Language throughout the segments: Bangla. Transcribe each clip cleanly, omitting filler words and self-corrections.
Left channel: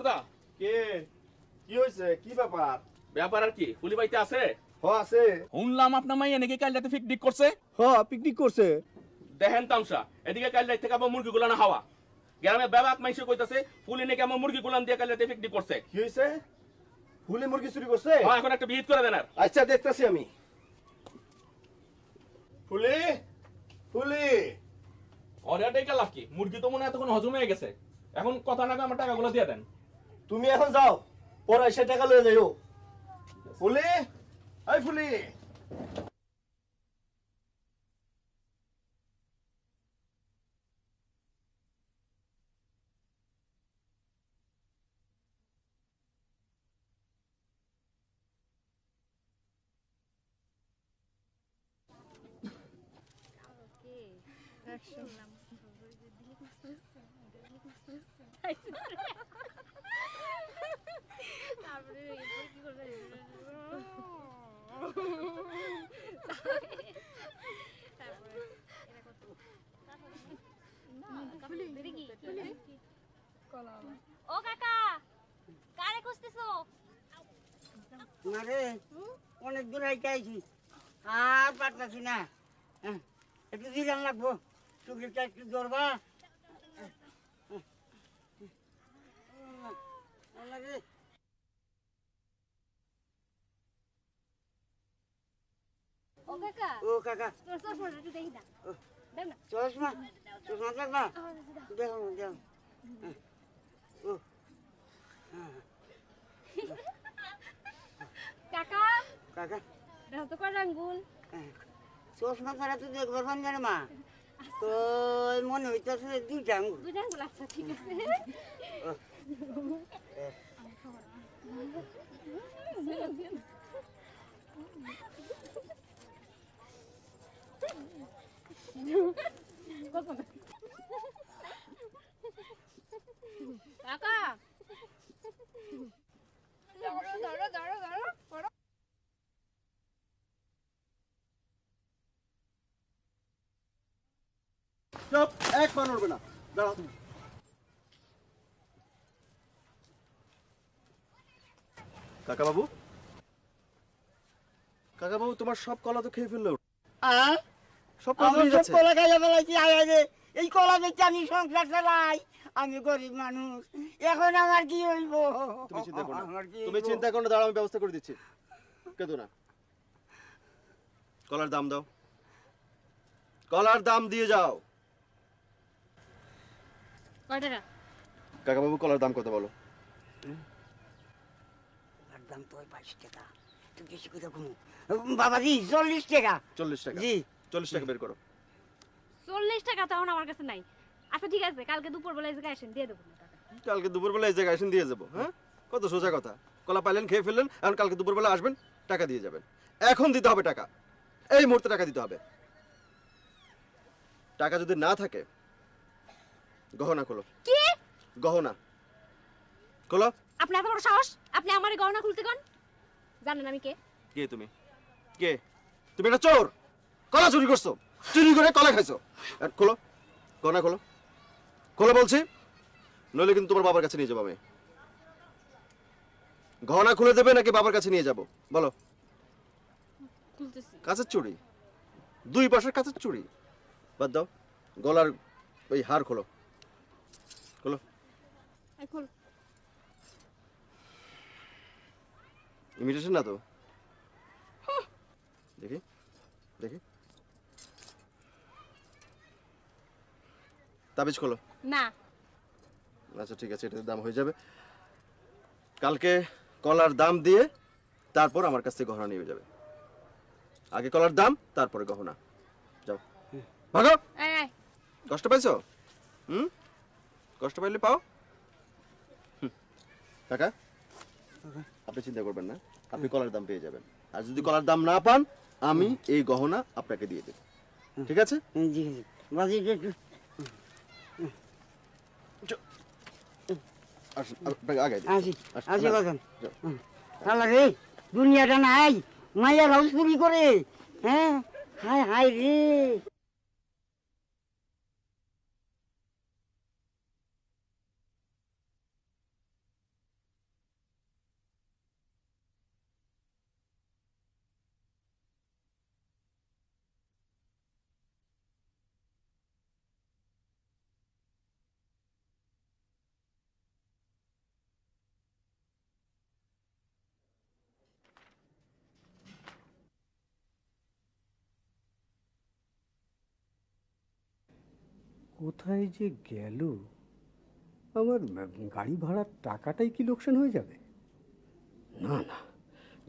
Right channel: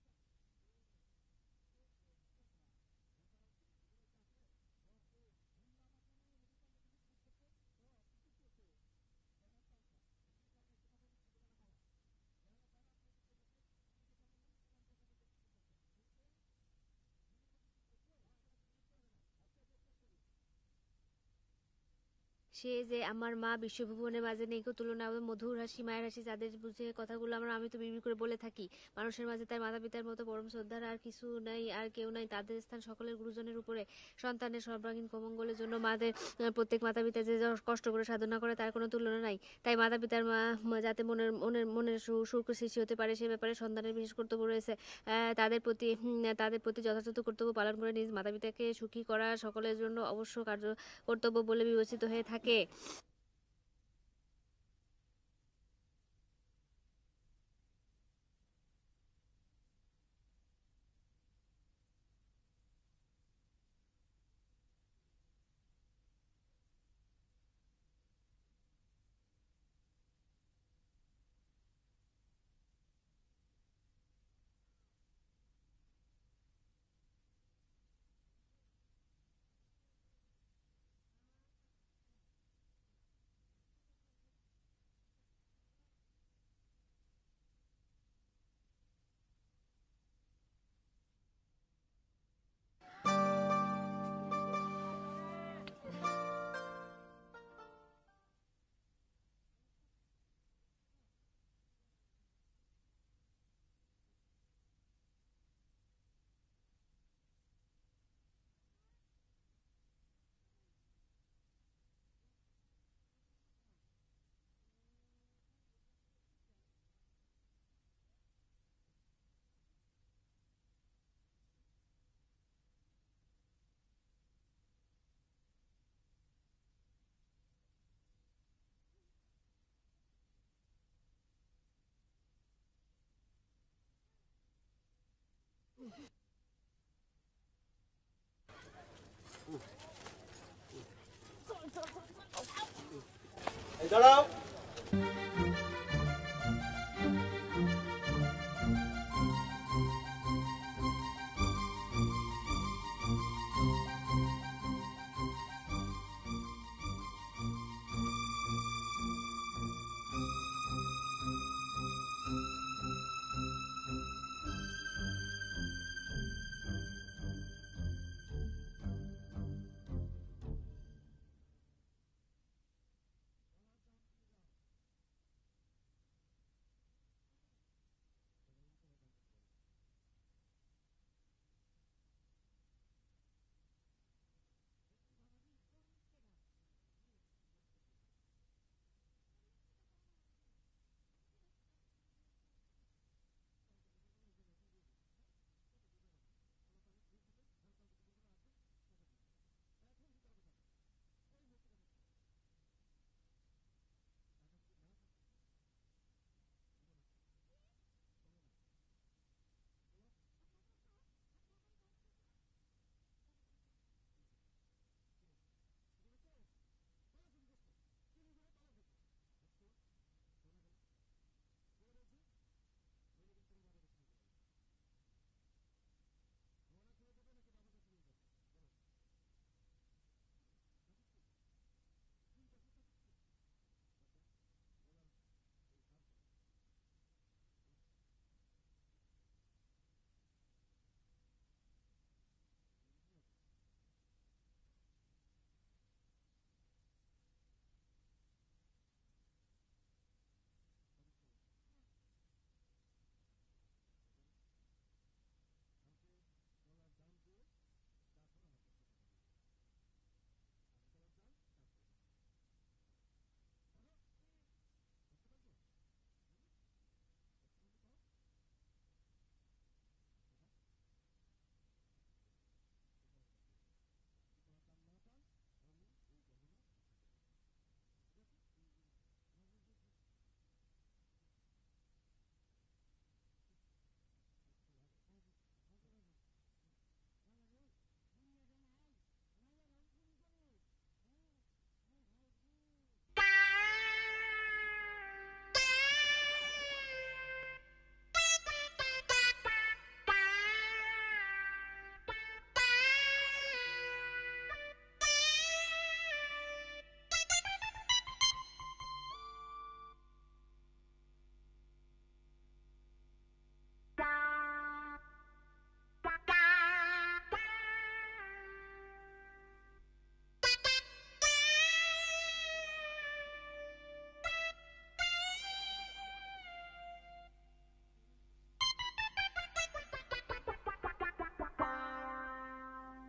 বর্দা কে কি হইছে কি ব্যাপার ব্যাপার আর কি ফুলি বাইতে আছে আছে শুনলাম আপনার মাইয়া নাকি কাল রাতে পিকনিক করছে পিকনিক করছে দেখেন তামসা এদিকে কাল রাত থেকে আমার মুরগি গুলানা হাওয়া গ্রামে ব্যাবাক মাইসে কইতাছে ফুলি নাকি আমার মুরগি গুলান দিয়ে কাল রাতে পিকনিক করছে কি হইছে ফুলে মুরগি চুরি করছে এখন একটা বিহিত করে দেন আর আচ্ছা দেখতাছি আমি ফুলি আমার মা বিশ্ববিদ্যালয়ের তুলনায় মধু অর্ডারটাই কাল কি মুরগি তো মনে এতক্ষণ হজম হয়ে গেছে এখন কথা না আমার টাকাগুলো দিয়ে দেন মাতা-পিতার মতো তুমি এখন যাও ওরা এসে টাকা লয়ে যাও সকলের গুরুজনের ফুলি সন্তানের ফুলি বলে জন্য মাদের প্রত্যেক মাতা-পিতা যে কষ্ট করে সাধনা করে তার কোনো তুলনা নাই তাই মাতা-পিতার যাতে মনের সুখ সৃষ্টি হতে পারে সে ব্যাপারে সন্তানের বিশেষ কর্তব্য রয়েছে তাদের প্রতি যথাযথ কর্তব্য পালন করে নিজ মাতা-পিতাকে সুখী করা সকলের জন্য অবশ্য কর্তব্য বলে বিবেচিত হয়ে থাকে ও কাকা কারে খুঁজতেছো মারে অনেক দূর আইতে আইছি আর পারতাছি না একটু জিরান লাগবো চুগলিটা একটু ধরবা ও কাকা চশমা চশমা দেখবা দেখো দেখো ও কাকা কাকা দেখো তো কয় আঙ্গুল চশমা ছাড়া তো দেখবার পান জানে মা তো মনে হইতেছে দুইটা আঙ্গুল আচ্ছা ঠিক আছে কাকা ধরো ধরো ধরো ধরো দাঁড়াও এক পা নড়বে না দাঁড়াও কাকা বাবু তোমার সব কলা তো খেয়ে ফেললো কলা খাইয়া ফেলাইছি এই কলা বেচে আমি সংসার চালাই আমি গরিব মানুষ এখন আমার কি হইব তুমি চিন্তা করো না দাঁড়াও আমি ব্যবস্থা করে দিচ্ছি কেঁদো না কলার দাম দাও কলার দাম দিয়ে যাও কয় টাকা কাকা বাবু কলার দাম কত বলো দাম তো 22 টাকা তুই বেশি করে ঘুমো বাবাজি 40 টাকা 40 টাকা জি 40 টাকা বের করো 40 টাকা তো আমার কাছে নাই আচ্ছা ঠিক আছে কালকে দুপুর বেলা এসে আসেন দিয়ে দেবো কালকে দুপুরবেলা এই জায়গায় আসেন দিয়ে যাবো হ্যাঁ কত সোজা কথা কলা পাইলেন খেয়ে ফেললেন এখন কালকে দুপুরবেলা আসবেন টাকা দিয়ে যাবেন এখন দিতে হবে টাকা এই মুহূর্তে টাকা দিতে হবে টাকা যদি না থাকে গহনা খোলো কি গহনা খোলো আপনি এত বড় সাহস আপনি আমারে গহনা খুলতে কোন জানেন আমি কে কে তুমি কে তুমি একটা চোর কলা চুরি করছো চুরি করে কলা খাইছো খোলো গহনা খোলো খোলো বলছি নইলে কিন্তু তোমার বাবার কাছে নিয়ে যাবো আমি গহনা খুলে দেবে নাকি বাবার কাছে নিয়ে যাবো বলো কাঁচের চুড়ি দুই পাশের কাঁচের চুড়ি বাদ দাও গলার ওই হার খোলো খোলো ইমিটেশন না তো দেখি দেখি তাবিজ খোলো না আচ্ছা ঠিক আছে এটার দাম হয়ে যাবে কালকে কলার দাম দিয়ে তারপর আমার কাছ থেকে গহনা নিয়ে যাবে আগে কলার দাম তারপরে গহনা যাও ভাগো কষ্ট পাইছো কষ্ট পাইলে পাও কাকা আপনি চিন্তা করবেন না আপনি কলার দাম পেয়ে যাবেন আর যদি কলার দাম না পান আমি এই গহনা আপনাকে দিয়ে দেব ঠিক আছে জি জি বাজি দুনিয়াটা নাই মাইয়া হাউস চুরি করে হ্যাঁ হায় হায় রে কোথায় যে গেল? আমার গাড়ি ভাড়ার টাকাটাই কি লোকসান হয়ে যাবে? না না,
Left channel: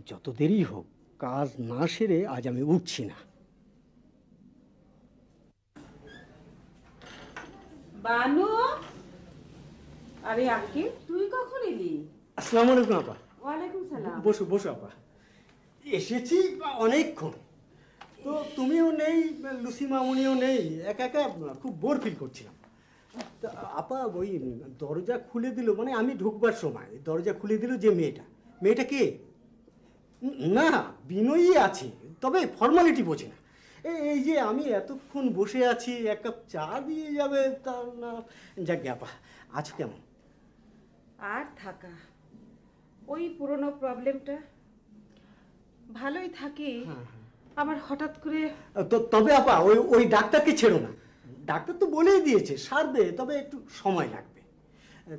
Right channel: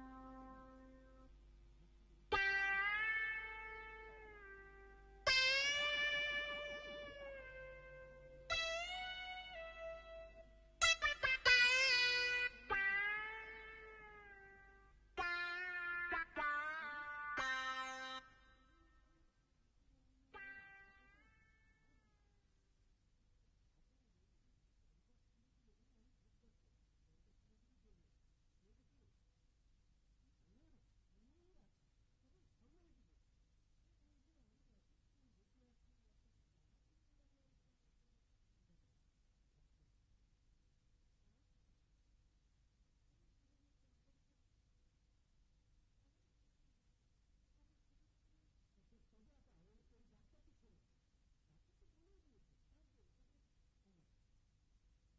যত দেরি হোক কাজ না সেরে আজ আমি উঠছি না। বানু, আরে আকি তুই কখন এলি? আসসালামু আলাইকুম আপা। ওয়ালাইকুম সালাম। বসো বসো আপা। এসেছি অনেকক্ষণ, তো তুমিও নেই, লুসি মামুনিও নেই, একা একা খুব বোর ফিল করছিলাম। তা আপা ওই দরজা খুলে দিল, মানে আমি ঢুকবার সময় দরজা খুলে দিল যে মেয়েটা কে? না, বিনয়ী আছে, তবে ফর্মালিটি বোঝে না। এই যে আমি এতক্ষণ বসে আছি, এক কাপ চা দিয়ে যাবে তা না। যাক আপা, আছো কেমন? আর থাকা ওই পুরনো প্রবলেমটা, ভালোই থাকি। আমার হঠাৎ করে তবে আপা ওই ডাক্তারকে ছেড়ো না। ডাক্তার তো বলেই দিয়েছে সারবে, তবে একটু সময় লাগবে।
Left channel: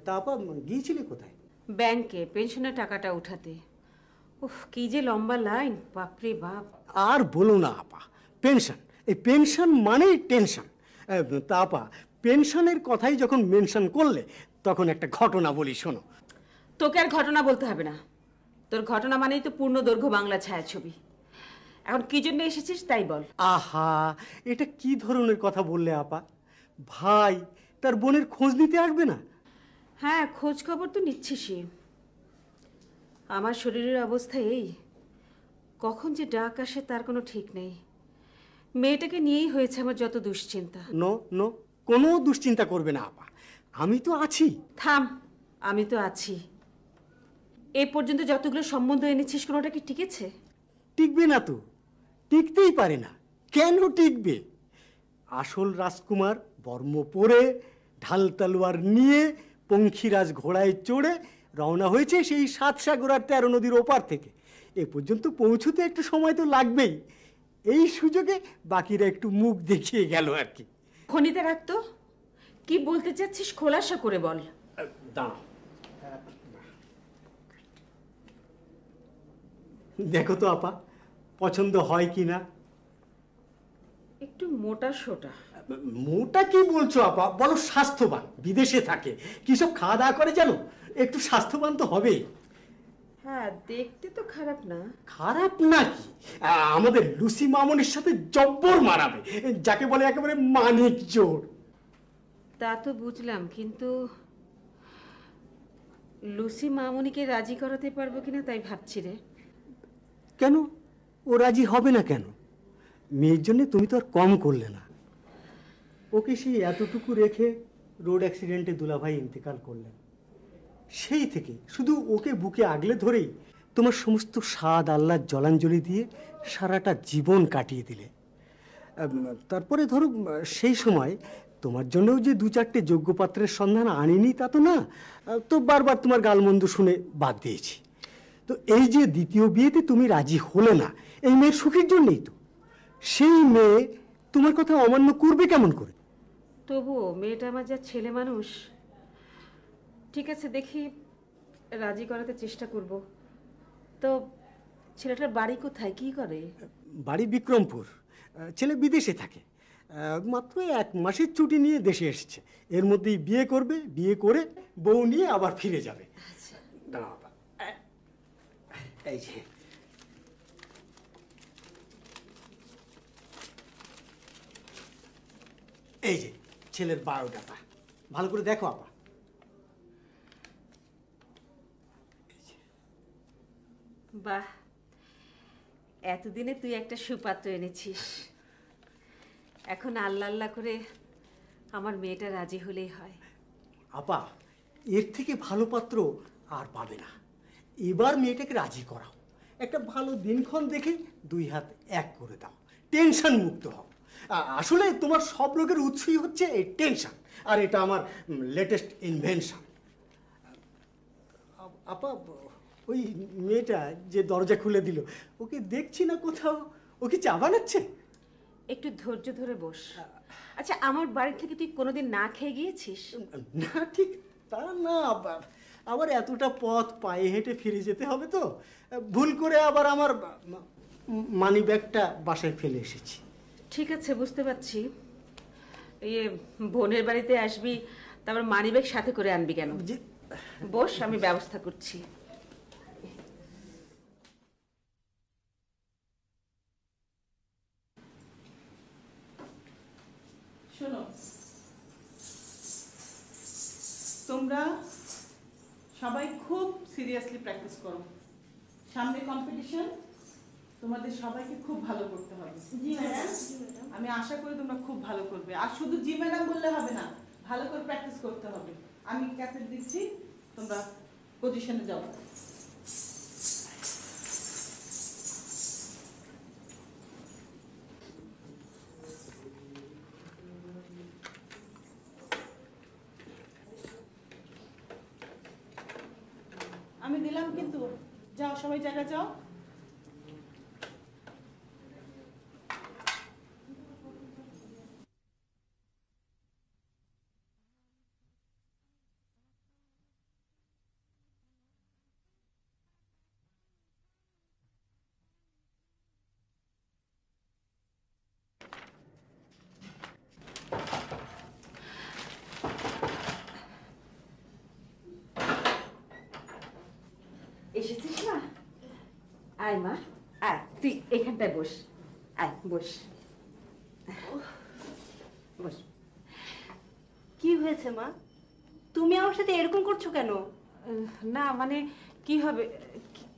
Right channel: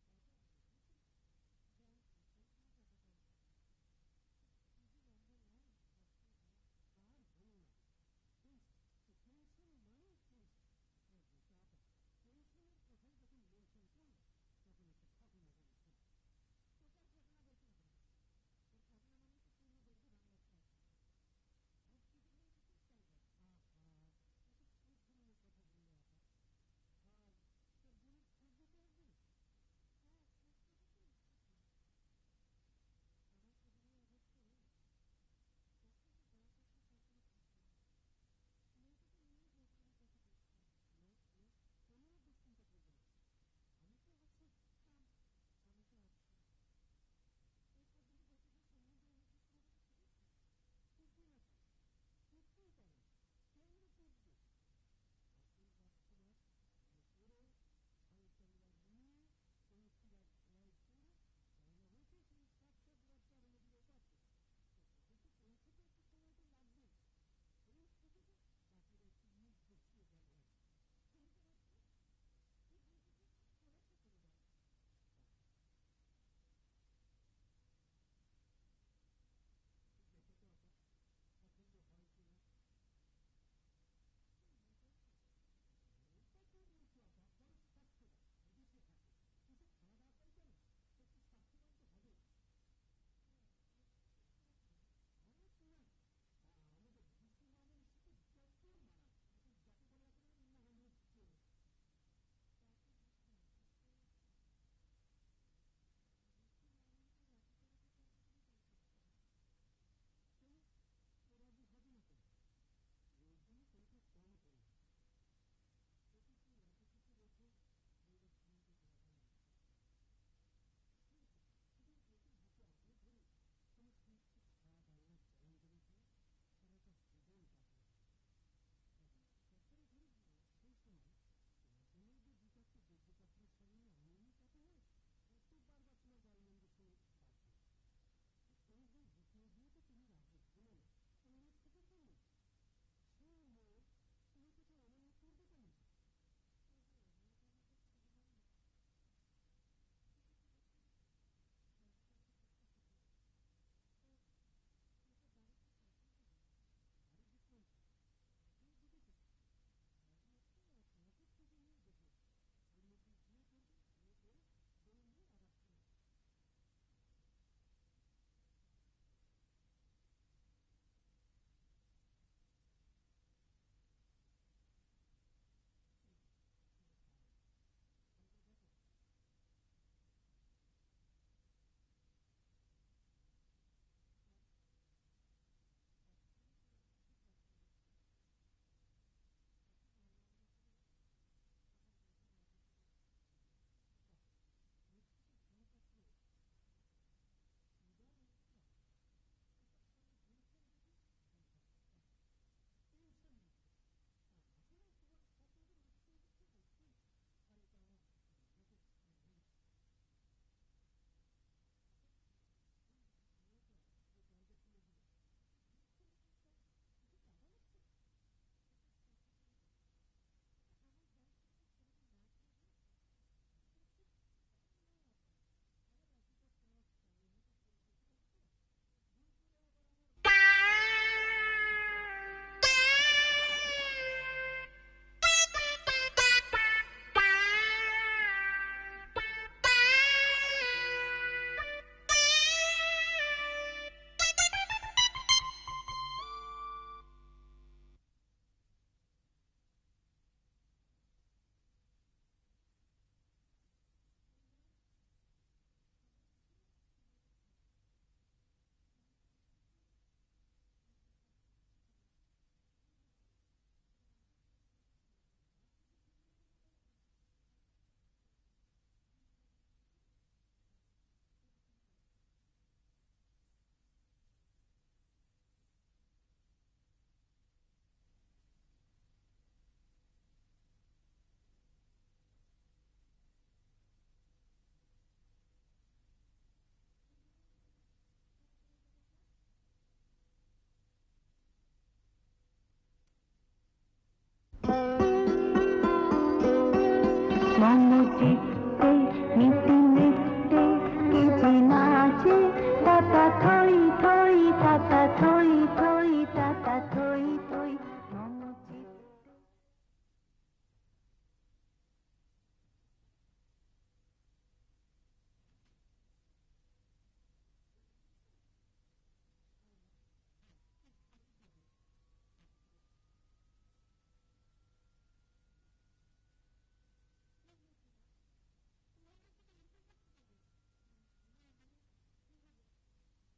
তা আপা গিয়েছিলে কোথায়? ব্যাংকে পেনশনের টাকাটা উঠাতে। উফ, কি যে লম্বা লাইন, বাপরে বাপ। আর বলো না আপা, পেনশন, এই পেনশন মানেই টেনশন। তা আপা পেনশনের কথাই যখন মেনশন করলে, তখন একটা ঘটনা বলি শোনো। তোকে আর ঘটনা বলতে হবে না, তোর ঘটনা মানেই তো পূর্ণ দৈর্ঘ্য বাংলা ছায়াছবি। এখন কি জন্য এসেছিস তাই বল। আহা, এটা কি ধরনের কথা বললে আপা? ভাই তার বোনের খোঁজ নিতে আসবে না? হ্যাঁ, খোঁজ খবর তো নিচ্ছিসই। আমার শরীরের অবস্থা এই, কখন যে ডাক আসে তার কোনো ঠিক নেই। মেয়েটাকে নিয়েই হয়েছে আমার যত দুশ্চিন্তা। নো নো, কোনো দুশ্চিন্তা করবে না আপা, আমি তো আছি। থাম, আমি তো আছি। এ পর্যন্ত যতগুলো সম্বন্ধ এনেছিস কোনোটা কি টিকেছে? টিকবে না তো, টিকতেই পারে না। কেন টিকবে? আসল রাজকুমার বর্ম পরে, ঢাল তলোয়ার নিয়ে, পঙ্খিরাজ ঘোড়ায় চড়ে রওনা হয়েছে সেই ৭ সাগর আর ১৩ নদীর ওপার থেকে। এ পর্যন্ত পৌঁছতে একটু সময় তো লাগবেই। এই সুযোগে বাকিরা একটু মুখ দেখিয়ে গেল আর কি। খনিতে রাখতো, কি বলতে চাচ্ছিস খোলাসা করে বল। দাঁড়াও, দেখো তো আপা, পছন্দ হয় কি না। একটু মোটা সোটা। মোটা কি বলছো আপা, বলো স্বাস্থ্যবান, বিদেশে থাকে, কি সব খাওয়া দাওয়া করে জানো, একটু স্বাস্থ্যবান তো হবে। হ্যাঁ, দেখতে তো খারাপ না। খারাপ নাকি? আমাদের লুসি মামনির সাথে জব্বর মারাবে, যাকে বলে একেবারে মানিক জোর। তা তো বুঝলাম, কিন্তু লুসি মামুনিকে রাজি করাতে পারবো কিনা তাই ভাবছি রে। কেন ও রাজি হবে না কেন? মেয়ের জন্য তুমি তো আর কম করলে না। ওকে সেই এতটুকু রেখে রোড অ্যাক্সিডেন্টে দুলাভাই ইন্তেকাল করলেন। সেই থেকে শুধু ওকে বুকে আগলে ধরেই তোমার সমস্ত স্বাদ আহ্লাদ জলাঞ্জলি দিয়ে সারাটা জীবন কাটিয়ে দিলে। তারপরে ধরো সেই সময় তোমার জন্যও যে ২-৪টে যোগ্য পাত্রের সন্ধান আনিনি তা তো না, তো বারবার তোমার গালমন্দ শুনে বাদ দিয়েছি। তো এই যে দ্বিতীয় বিয়েতে তুমি রাজি হলে না, এই মেয়ের সুখের জন্যই তো। সেই মেয়ে তোমার কথা অমান্য করবে কেমন করে? তবুও মেয়েটা আমার যা ছেলে মানুষ। ঠিক আছে, দেখি রাজি করাতে চেষ্টা করব। তো ছেলেটার বাড়ি কোথায়, কি করে? বাড়ি বিক্রমপুর, ছেলে বিদেশে থাকে, মাত্র ১ মাসের ছুটি নিয়ে দেশে এসেছে। এর মধ্যেই বিয়ে করবে, বিয়ে করে বউ নিয়ে আবার ফিরে যাবে। দাঁড়াও বাবা, এই যে এই যে ছেলের বায়োডাটা, ভালো করে দেখো আপা। বাহ, এতদিনে তুই একটা সুপাত্র এনেছিস। এখন আল্লাহ আল্লাহ করে আমার মেয়েটা রাজি হলেই হয়। আপা, এর থেকে ভালো পাত্র আর পাবে না। এবার মেয়েটাকে রাজি করাও, একটা ভালো দিনক্ষণ দেখে ২ হাত এক করে দাও, টেনশন মুক্ত হও। আসলে তোমার সব রোগের উৎসই হচ্ছে এই টেনশন, আর এটা আমার লেটেস্ট ইনভেনশন। আপা, ওই মেয়েটা যে দরজা খুলে দিল, ওকে দেখছি না কোথাও। ও কি চা বানাচ্ছে? একটু ধৈর্য ধরে বস। আচ্ছা, আমার বাড়ি থেকে তুই কোনোদিন না খেয়ে গিয়েছিস? না, ঠিক তা না, আবার এতটা পথ পায়ে হেঁটে ফিরে যেতে হবে তো। ভুল করে আবার আমার মানি ব্যাগটা বাসায় ফেলে এসেছি। ঠিক আছে, বুঝতে পারছি। ইয়ে বোনের বাড়িতে আসবি, তারপর মানিব্যাগ সাথে করে আনবি কেন? বস, আমি ব্যবস্থা করছি। শোনো, তোমরা সবাই খুব সিরিয়াসলি প্র্যাকটিস করো। সামনে কম্পিটিশন, তোমাদের সবাইকে খুব ভালো করতে হবে। আমি আশা করি তোমরা খুব ভালো করবে। আর শুধু জি ম্যাডাম বললে হবে না, ভালো করে প্র্যাকটিস করতে হবে। আমি ক্যাসেট দিচ্ছি, তোমরা পজিশনে যাও। আমি দিলাম কিন্তু, যাও সবাই জায়গা যাও। এসেছিস না? আয় মা, আয়, তুই এখানটায় বস। আয় বস, বস। কি হয়েছে মা? তুমি আমার সাথে এরকম করছো কেন? না মানে কি হবে,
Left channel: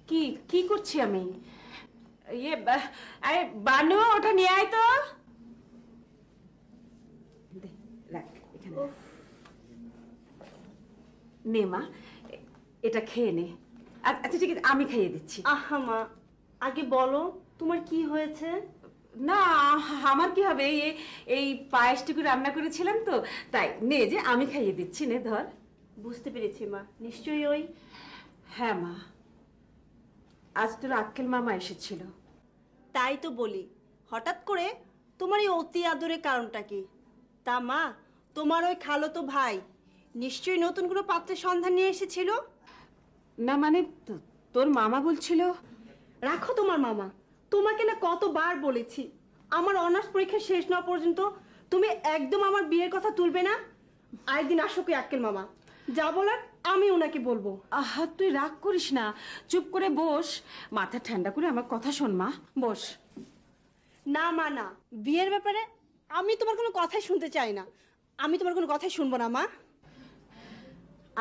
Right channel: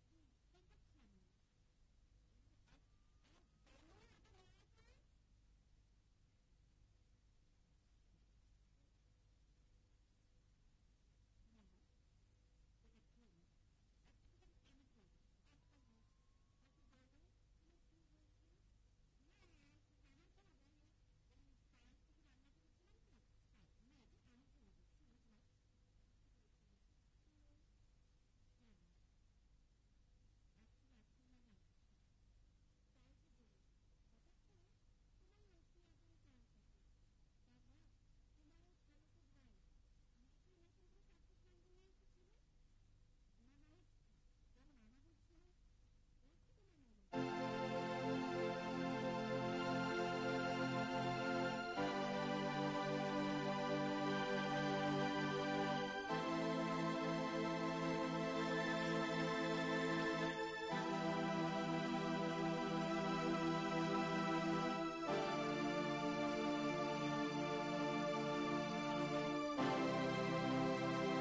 কি কি করছি আমি? ইয়ে আরে বানু, ওটা নিয়ে আয় তো। দে, রাখ এখানে। নে মা, এটা খেয়ে নে। আচ্ছা ঠিক আছে, আমি খাইয়ে দিচ্ছি। আহা মা, আগে বলো তোমার কি হয়েছে? না, আমার কি হবে, এই পায়েসটুকু রান্না করেছিলাম তো, তাই নে যে আমি খাইয়ে দিচ্ছি, নে ধর। বুঝতে পেরেছি মা, নিশ্চয়ই ওই। হ্যাঁ মা, আজ তোর আক্কেল মামা এসেছিল। তাই তো বলি, হঠাৎ করে তোমার এই অতি আদরের কারণটা কি? তা মা, তোমার ওই খালাতো ভাই নিশ্চয়ই নতুন কোনো পাত্রের সন্ধান নিয়ে এসেছিল। না মানে তোর মামা বলছিল। রাখো তোমার মামা, তোমাকে না কতবার বলেছি আমার অনার্স পরীক্ষা শেষ না পর্যন্ত তুমি একদম আমার বিয়ের কথা তুলবে না। আরেকদিন আসো কি আক্কেল মামা, যা বলার আমি ওনাকে বলবো। আহা, তুই রাগ করিস না, চুপ করে বস, মাথা ঠান্ডা করে আমার কথা শোন মা, বস। না মা না, বিয়ের ব্যাপারে আমি তোমার কোনো কথাই শুনতে চাই না। আমি তোমার কোনো কথাই শুনবো না মা।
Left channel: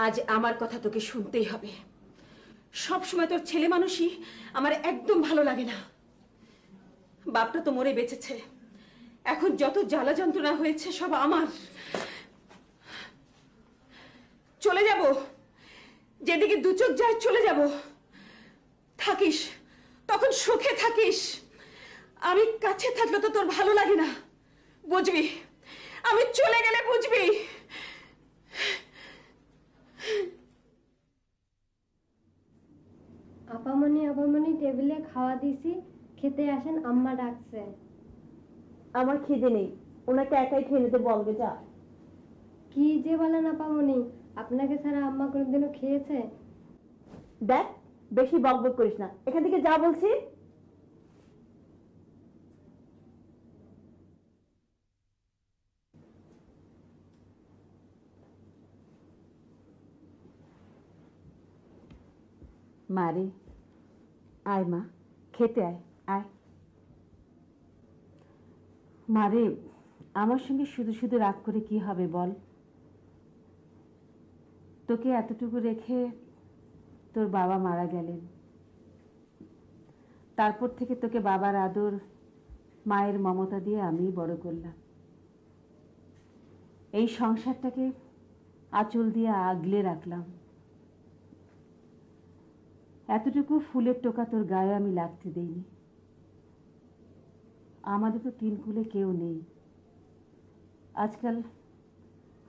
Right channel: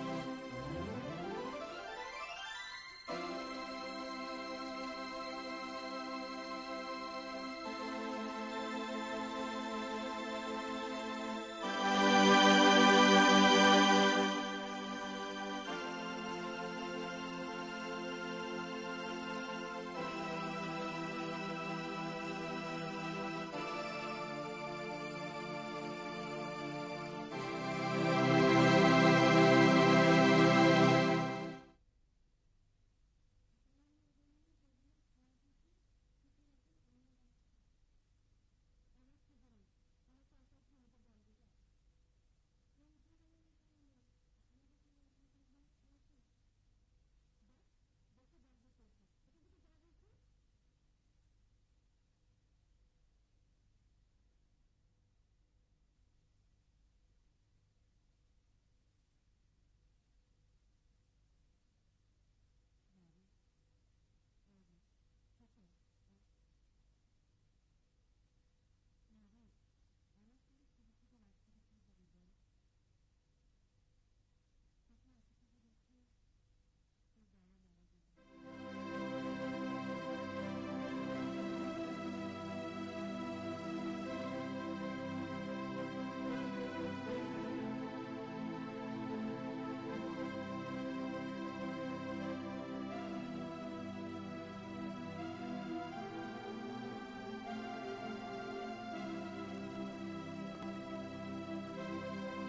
আজ আমার কথা তোকে শুনতেই হবে। সব সময় তোর ছেলে মানুষই আমার একদম ভালো লাগে না। বাপটা তো মরে বেঁচেছে, এখন যত জ্বালা যন্ত্রণা হয়েছে সব আমার। চলে যাব, যেদিকে দু চোখ যায় চলে যাব। থাকিস, তখন সুখে থাকিস। আমি কাছে থাকলে তো তোর ভালো লাগে না, বুঝবি? আমি চলে গেলে বুঝবি। আপামনি টেবিলে খাওয়া দিছি, খেতে আসেন, আম্মা ডাকছে। আমার খিদে নেই, ওনাকে একাই খেয়ে নিতে বলবে। যা। কি যে বলেন আপামনি, আপনাকে ছাড়া আম্মা কোনোদিনও খেয়েছে? দেখ, বেশি বকবক করিস না, এখান থেকে যা বলছি। মারে, আয় মা, খেতে আয়, আয়। মারে, আমার সঙ্গে শুধু শুধু রাগ করে কি হবে বল? তোকে এতটুকু রেখে তোর বাবা মারা গেলেন, তারপর থেকে তোকে বাবার আদর, মায়ের মমতা দিয়ে আমিই বড় করলাম। এই সংসারটাকে আঁচল দিয়ে আগলে রাখলাম। এতটুকু ফুলের টোকা তোর গায়ে আমি লাগতে দিই। আমাদের তো তিন ফুলে কেউ নেই। আজকাল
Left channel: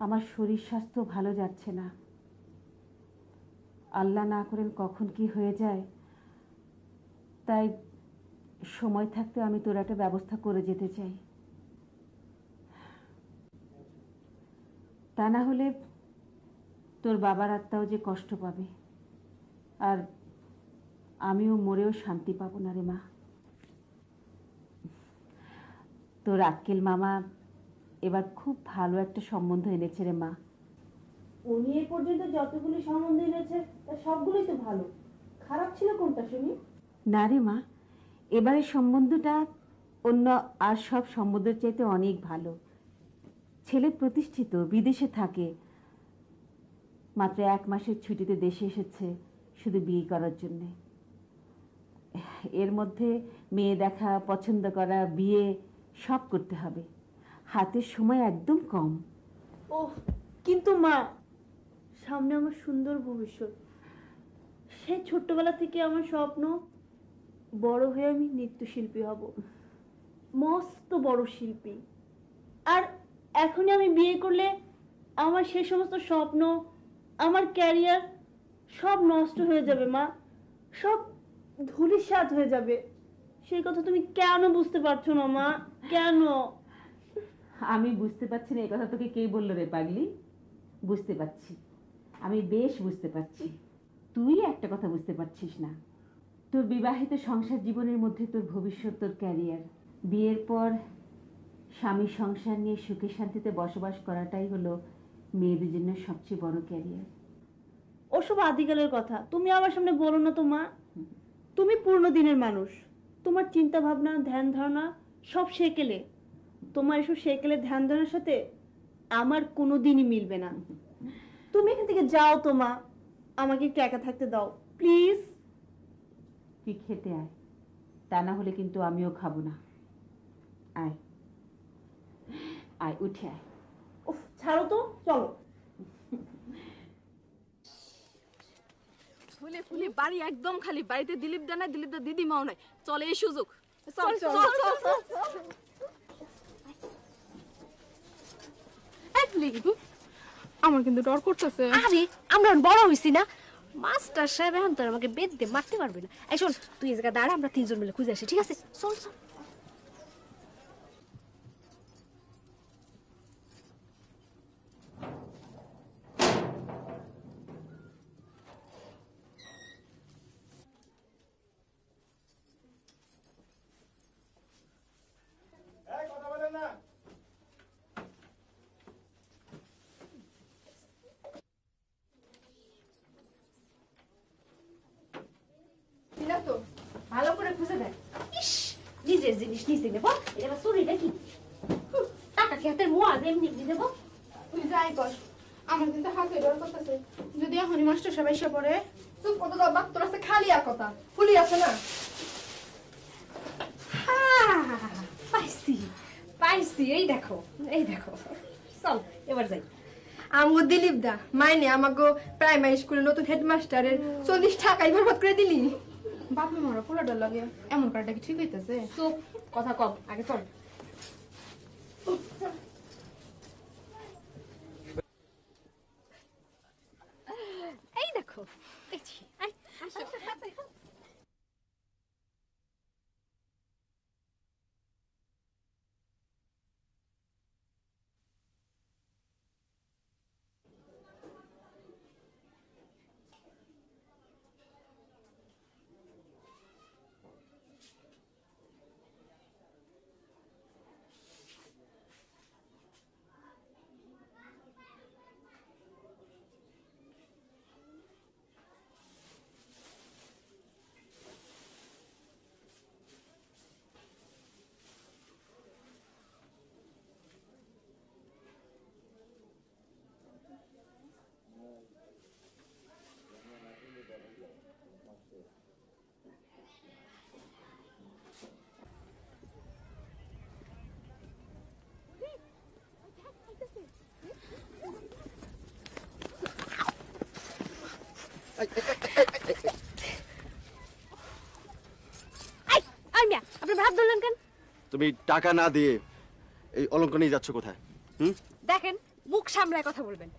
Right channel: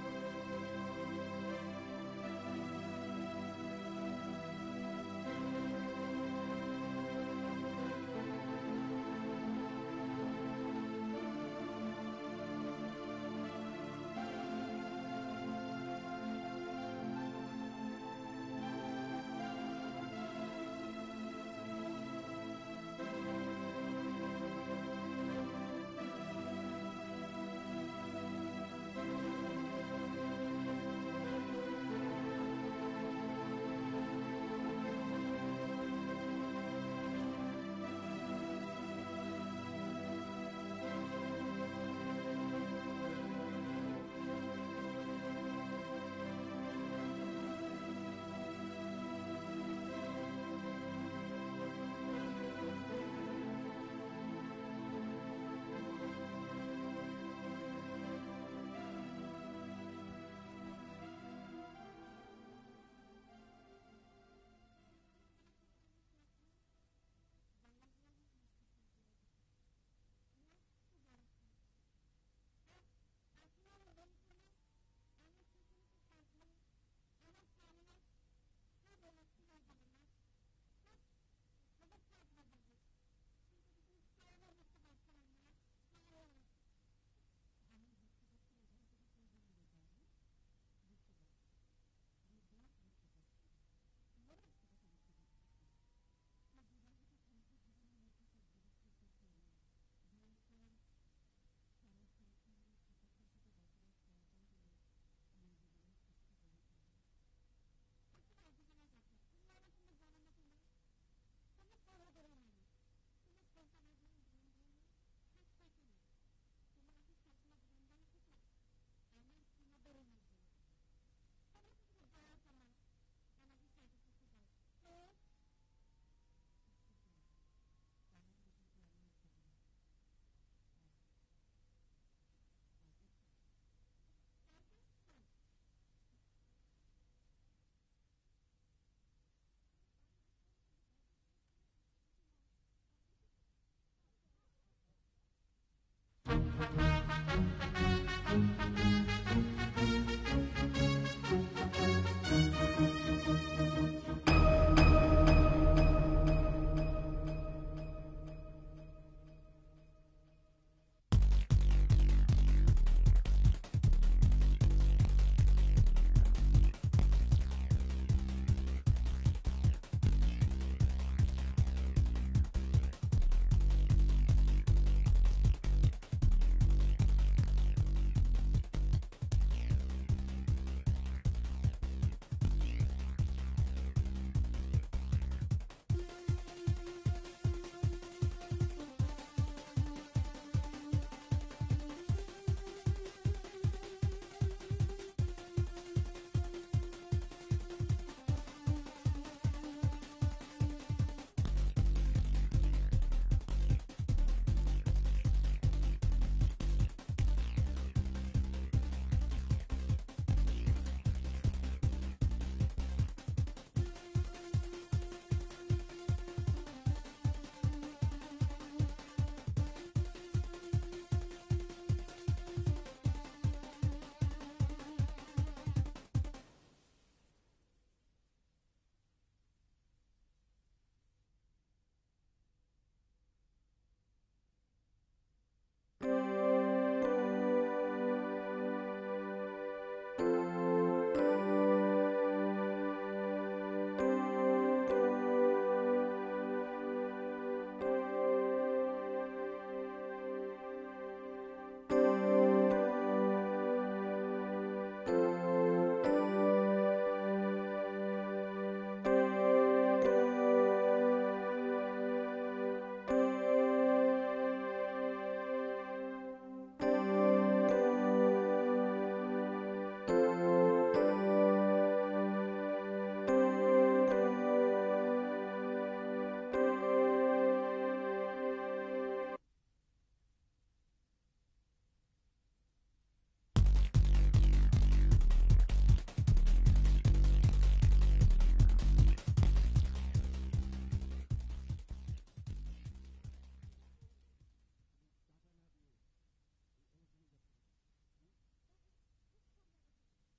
আমার শরীর স্বাস্থ্য ভালো যাচ্ছে না। আল্লাহ না করেন কখন কি হয়ে যায়, তাই সময় থাকতে আমি তোর একটা ব্যবস্থা করে যেতে চাই। তা না হলে তোর বাবার আত্মাও যে কষ্ট পাবে, আর আমিও মরেও শান্তি পাবো না রে মা। তোর আক্কেল মামা এবার খুব ভালো একটা সম্বন্ধ এনেছে রে মা। উনি এই পর্যন্ত যতগুলি সম্বন্ধ এনেছে সবগুলোই তো ভালো, খারাপ ছিল কোনটা শুনি? না রে মা, এবারের সম্বন্ধটা অন্য আর সব সম্বন্ধের চাইতে অনেক ভালো। ছেলে প্রতিষ্ঠিত, বিদেশে থাকে, মাত্র 1 মাসের ছুটিতে দেশে এসেছে শুধু বিয়ে করার জন্য। এর মধ্যে মেয়ে দেখা, পছন্দ করা, বিয়ে সব করতে হবে, হাতের সময় একদম কম। ও কিন্তু মা, সামনে আমার সুন্দর ভবিষ্যৎ। সেই ছোট্টবেলা থেকে আমার স্বপ্ন বড় হয়ে আমি নৃত্যশিল্পী হব, মস্ত বড় শিল্পী। আর এখনই আমি বিয়ে করলে আমার সেই সমস্ত স্বপ্ন, আমার ক্যারিয়ার সব নষ্ট হয়ে যাবে মা, সব ধূলিসাৎ হয়ে যাবে। সেই কথা তুমি কেন বুঝতে পারছো না মা? কেন? আমি বুঝতে পারছি না, এই কথা তোকে কে বললো রে পাগলি? বুঝতে পারছি, আমি বেশ বুঝতে পারছি। তুই একটা কথা বুঝতে পারছিস না, তোর বিবাহিত সংসার জীবনের মধ্যে তোর ভবিষ্যৎ, তোর ক্যারিয়ার। বিয়ের পর স্বামী সংসার নিয়ে সুখে শান্তিতে বসবাস করাটাই হলো মেয়েদের জন্য সবচেয়ে বড় ক্যারিয়ার। ওসব আদিকালের কথা তুমি আমার সামনে বলো না তো মা। তুমি পূর্ণ দিনের মানুষ, তোমার চিন্তা ভাবনা, ধ্যান ধারণা সব সেকেলে। তোমার এসব সেকেলে ধ্যান ধারণার সাথে আমার কোনোদিনই মিলবে না। তুমি এখান থেকে যাও তো মা, আমাকে একটু একা থাকতে দাও প্লিজ। তুই খেতে আয়, তা না হলে কিন্তু আমিও খাবো না। আয় আয়, উঠে আয়। উফ, ছাড়ো তো, চলো। ফুলে ফুলে বাড়ি একদম খালি, বাড়িতে দিলীপ দা নাই, দিলীপ দা দিদিমাও নাই। চলে এই সুযোগ, চল চল চল চল। আমার কিন্তু ডর করতেছে। আরে আমরা বড় হইছি না, মাস্টার সাহেব এখন তো আমাকে বেঁধতে মারতে পারবে না। এই শোন, তুই এই জায়গায় দাঁড়া, আমরা 3 জন মিলে খুঁজে আসি, ঠিক আছে? চল চল। ভালো করে খুঁজে দেখ। ইস, নিজের জিনিস নিজে নেব, এটা চুরি নাকি? টাকা খেতের মোয়া এমনি দিয়ে দেবো। তুই যাই কর, আমার কিন্তু হাতে ডর করতেছে। যদি এখনই মাস্টার সবাই এসে পড়ে, তুই কত দাও বাক্তর আছে, খালি আর কথা ফুলি আছে না। পাইছি পাইছি, এই দেখো এই দেখো। চল এবার যাই। আমগো দিলীপ দা মাইনে আমাগো প্রাইমারি স্কুলের নতুন হেডমাস্টারের 40 টাকাই বরবাদ করে দিলি। বাপরে মারা পুরো ডর লাগে, এমন করাটা কি ঠিক হইতেছে? চুপ, কথা কম, আগে চল। এই দেখো, দেখছি। আসো। তুমি টাকা না দিয়ে এই অলঙ্ক নিয়ে যাচ্ছ কোথায়? দেখেন, মুখ সামলায় কথা বলবেন।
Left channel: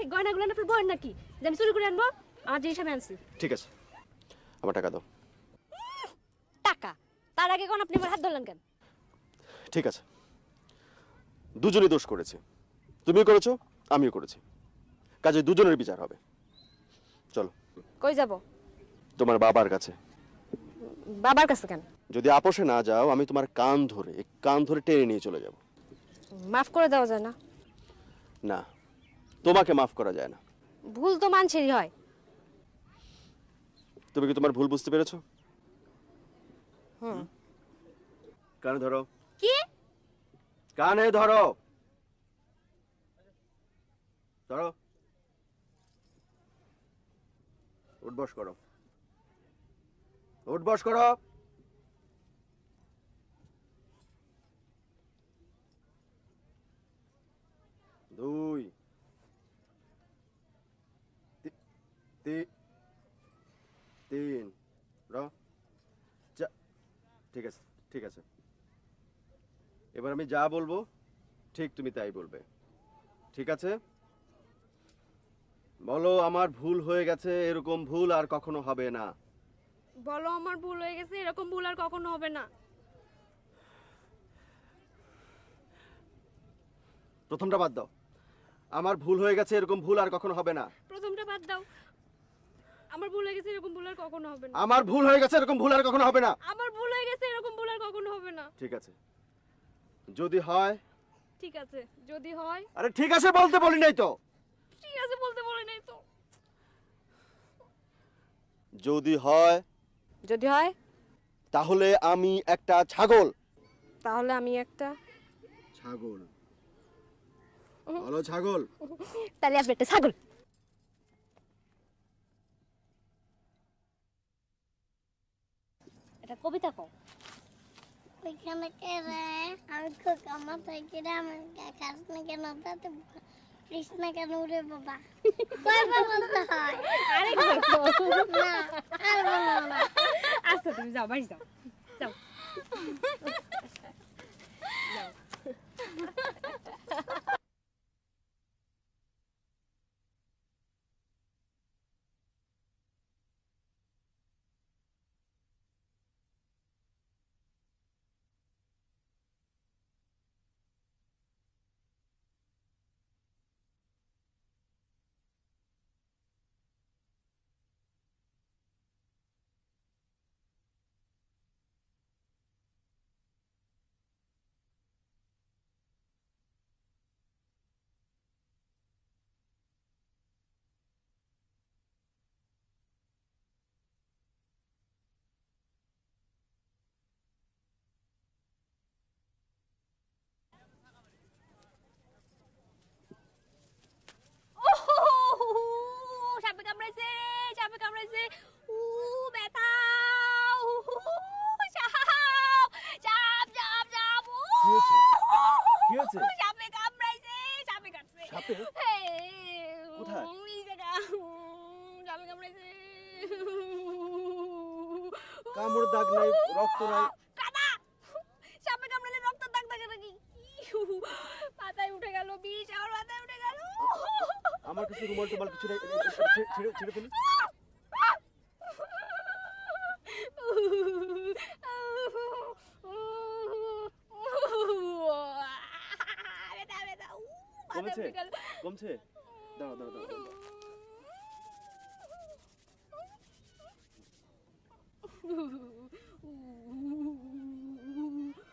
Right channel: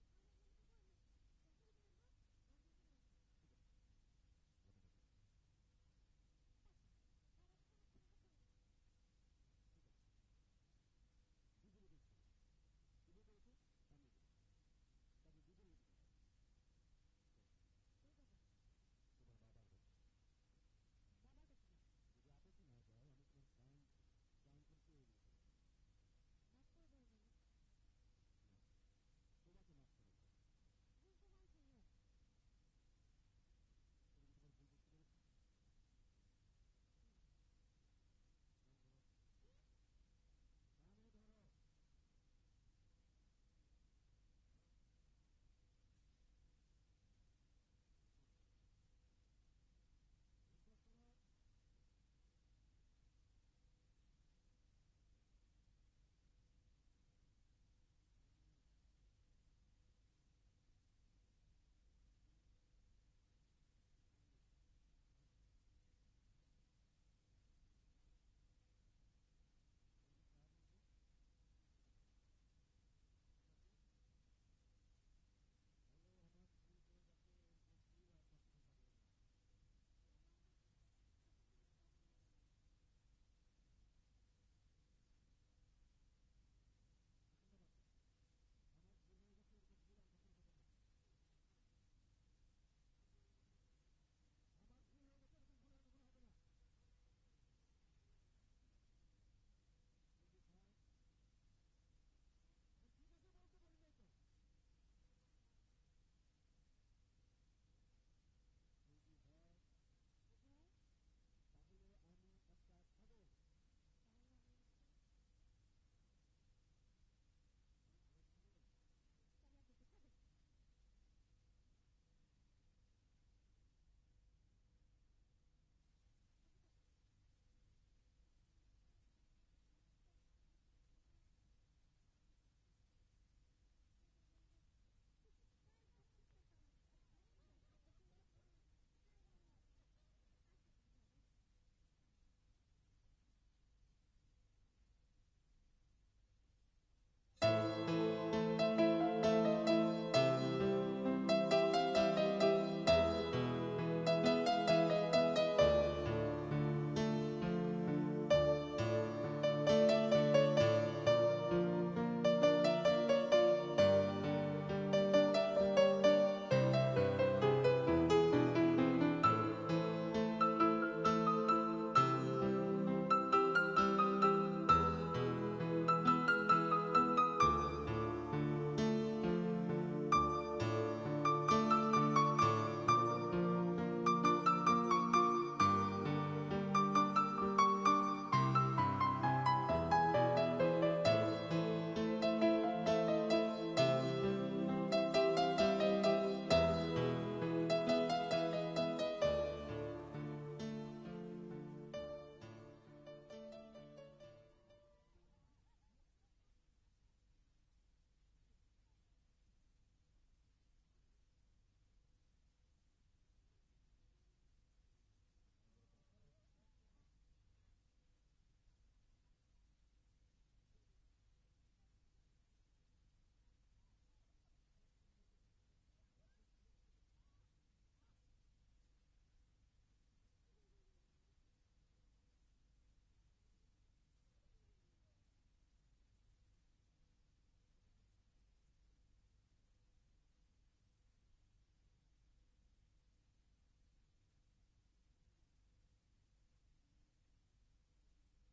এই গয়নাগুলো আপনার বয়েন নাকি যে আমি চুরি করে আনবো? আমার জিনিস আমি আনছি। ঠিক আছে, আমার টাকা দাও। টাকা? তার আগে কোন আপনি আমার হাত ধরলেন কেন? ঠিক আছে, দুজনেই দোষ করেছে, তুমিও করেছো আমিও করেছি, কাজে দুজনের বিচার হবে। চলো। কই যাব? তোমার বাবার কাছে। বাবার কাছে কেন? যদি আপোষে না যাও আমি তোমার কান ধরে টেনে নিয়ে চলে যাব। মাফ করে দেওয়া যায় না? না, তোমাকে মাফ করা যায় না। ভুল তো মানুষেরই হয়। তুমি কি তোমার ভুল বুঝতে পেরেছো? হুম। কানে ধরো। কি? কানে ধরো। ধরো। উঠবস করো। উঠবস করো। 2 3 ঠিক আছে, ঠিক আছে। এবার আমি যা বলবো ঠিক তুমি তাই বলবে, ঠিক আছে? বলো আমার ভুল হয়ে গেছে, এরকম ভুল আর কখনো হবে না। বলো আমার ভুল হয়ে গেছে, এরকম ভুল আর কখনো হবে না। প্রথমটা বাদ দাও। আমার ভুল হয়ে গেছে, এরকম ভুল আর কখনো হবে না। প্রথমটা বাদ দাও। আমার ভুল হয়ে গেছে, এরকম ভুল আর কখনো হবে না। আমার ভুল হয়ে গেছে, এরকম ভুল আর কখনো হবে না। আমার ভুল হয়ে গেছে, এরকম ভুল আর কখনো হবে না। ঠিক আছে, যদি হয়। ঠিক আছে, যদি হয়। আরে ঠিক আছে বলতে বলি নাই তো। ঠিক আছে বলতে বলি নাই তো। যদি হয়। যদি হয় তাহলে আমি একটা ছাগল। তাহলে আমি একটা ছাগল। বলো ছাগল। তাহলে আপনি একটা ছাগল। এটা কবিতা কও। ওইখানে কে রে? আমি খোকা মাথায় কেটে আমার খাস না কেন তাতে কৃষ্ণ কেন রে বাবা? কয়বার বলতে হয়? আরেকবার কও। না, আর বলবো না। আচ্ছা তুমি যাও, বাড়ি যাও। যাও। কামড় দাগ নাই, রক্ত নাই। কাদা সাপে কামড়ালে রক্ত দাগ থাকে নাকি? মাথায় উঠে গেল বিষ, আমার মাথায় উঠে গেল। আমার কাছে রুমাল টুমাল কিছু নাই, ছেড়ে ফেলি। কমেছে? কমছে? দাঁড়াও দাঁড়াও দাঁড়াও।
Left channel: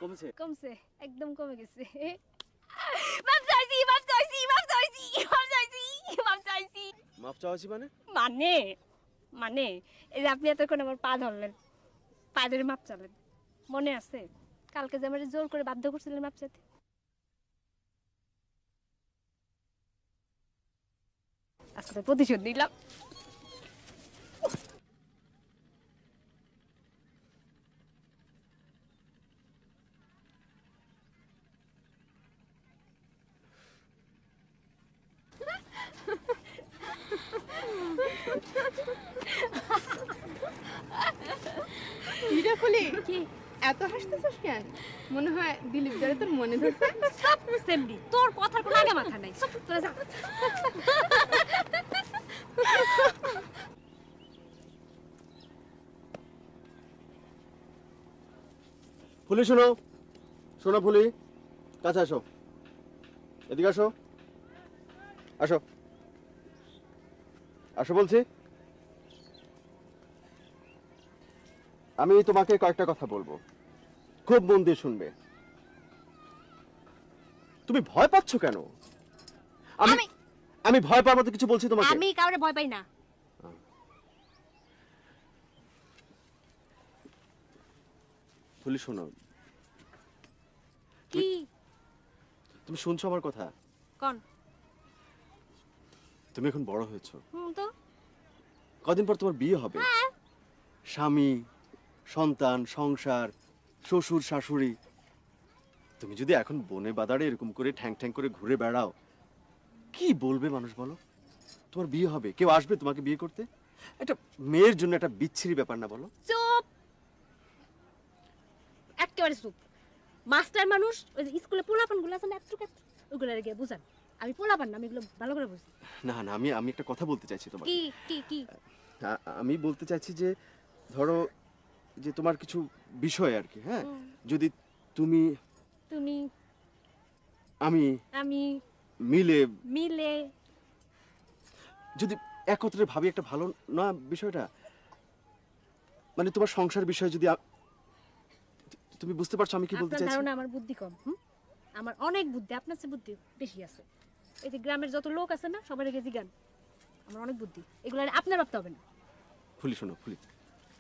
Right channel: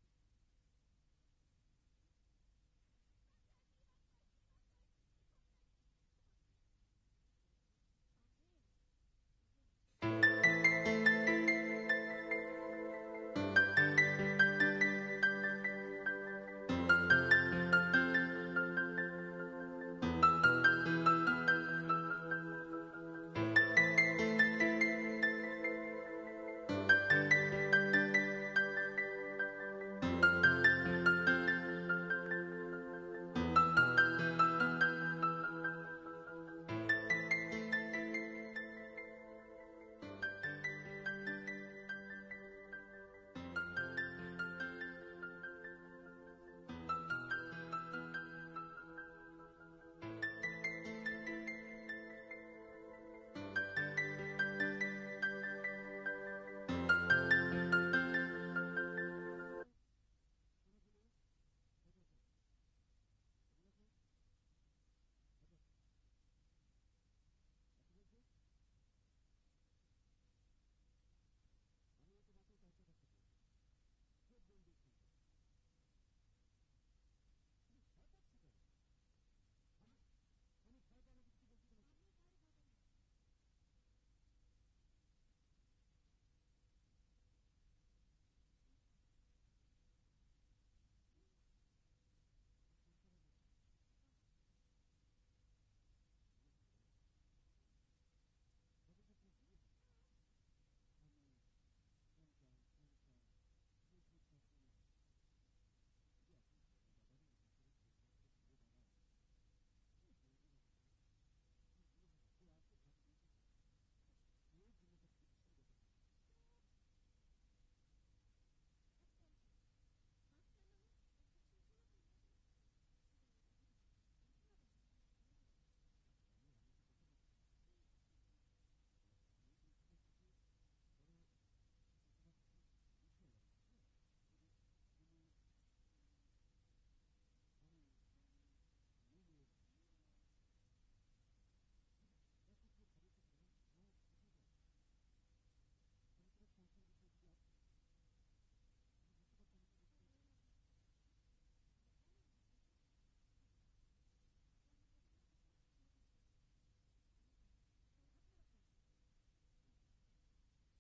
কমেছে? কমছে, একদম কমে গেছে। মাপ চাইছি, মাপ চাইছি, মাপ চাইছি, মাপ চাইছি, মাপ চাইছি। মাপ চাওয়াছি মানে? মানে মানে এই যে আপনি এতক্ষণ আমার পা ধরলেন, পা ধরে মাপ চাবেন, মনে আছে? কালকে যে আমার জোর করে বাধ্য করছিলেন মাপ চাইতে। আচ্ছা প্রতিশোধ নিলাম। মিরাফুলি কি এত হাসতেছিস কেন? মনে হয় দিলীপ দারে তোর মনে ধরছে। সব সেমডি, তোর কথার কোনো আগে মাথা নাই। তোরা যা। ফুলি শোনো, শোনো ফুলি, কাছে আসো, এদিকে আসো, আসো, আসো বলছি। আমি তোমাকে কয়েকটা কথা বলবো, খুব মন দিয়ে শুনবে। তুমি ভয় পাচ্ছ কেন? আমি ভয় পাওয়ার মতো কিছু বলছি তোমাকে? আমি কাউরে ভয় পাই না। ফুলি শোনো। কি? তুমি শুনছো আমার কথা? কোন? তুমি এখন বড় হয়েছো। তো কদিন পর তোমার বিয়ে হবে। স্বামী, সন্তান, সংসার, শ্বশুর শাশুড়ি। তুমি যদি এখন বনে বাদারে এরকম করে ঠ্যাং ঠ্যাং করে ঘুরে বেড়াও, কি বলবে মানুষ বলো? তোমার বিয়ে হবে, কেউ আসবে তোমাকে বিয়ে করতে? একটা মেয়ের জন্য একটা বিচ্ছিরি ব্যাপার না বলো? চুপ, একেবারে চুপ। মাস্টার মানুষ, ওই যে স্কুলে পোলাপানগুলো আছে না, ওগুলো গিয়ে বুঝান। আমি পোলাপান না, আমি এগুলো ভালো করে বুঝি। না না, আমি একটা কথা বলতে চাইছি তোমাকে। কি কি কি? আমি বলতে চাইছি যে ধরো যে তোমার কিছু বিষয় আর কি, হ্যাঁ, যদি তুমি আমি মিলে যদি একত্রে ভাবি, একটা ভালো না বিষয়টা? মানে তোমার সংসার বিষয় যদি তুমি বুঝতে পারছো আমি কি বলতে চাইছি? আপনার আমার বুদ্ধি কম। আমার অনেক বুদ্ধি, আপনার চেয়ে বুদ্ধি বেশি আছে। এই যে গ্রামের যত লোক আছে না, সবার আগে জিগান। আমার অনেক বুদ্ধি, এগুলো আপনার ভাবতে হবে না। ফুলি শোনো, ফুলি।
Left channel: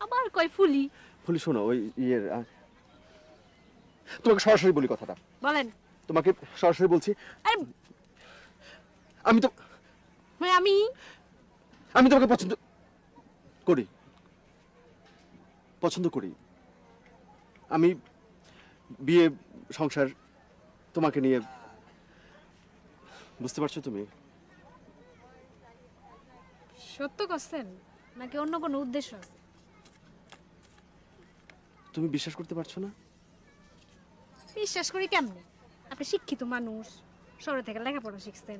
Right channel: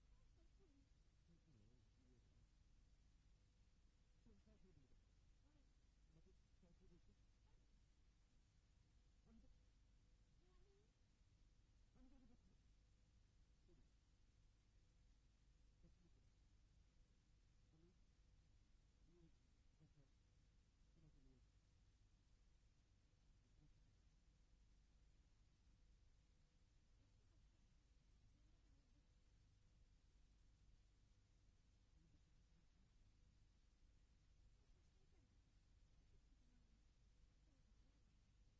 আবার কই ফুলি? ফুলি শোনো, ওই ইয়ের তোমাকে সরাসরি বলি কথাটা। বলেন। তোমাকে সরাসরি বলছি। আমি তো আমি তোমাকে পছন্দ করি। আমি বিয়ে সংসার তোমাকে নিয়ে, বুঝতে পারছো তুমি? সত্য করছেন নাকি অন্য কোনো উদ্দেশ্য আছে? তুমি বিশ্বাস করতে পারছো না? বিশ্বাস করি কেমনে? আপনি শিক্ষিত মানুষ, শহরে থেকে লেখাপড়া শিখছেন,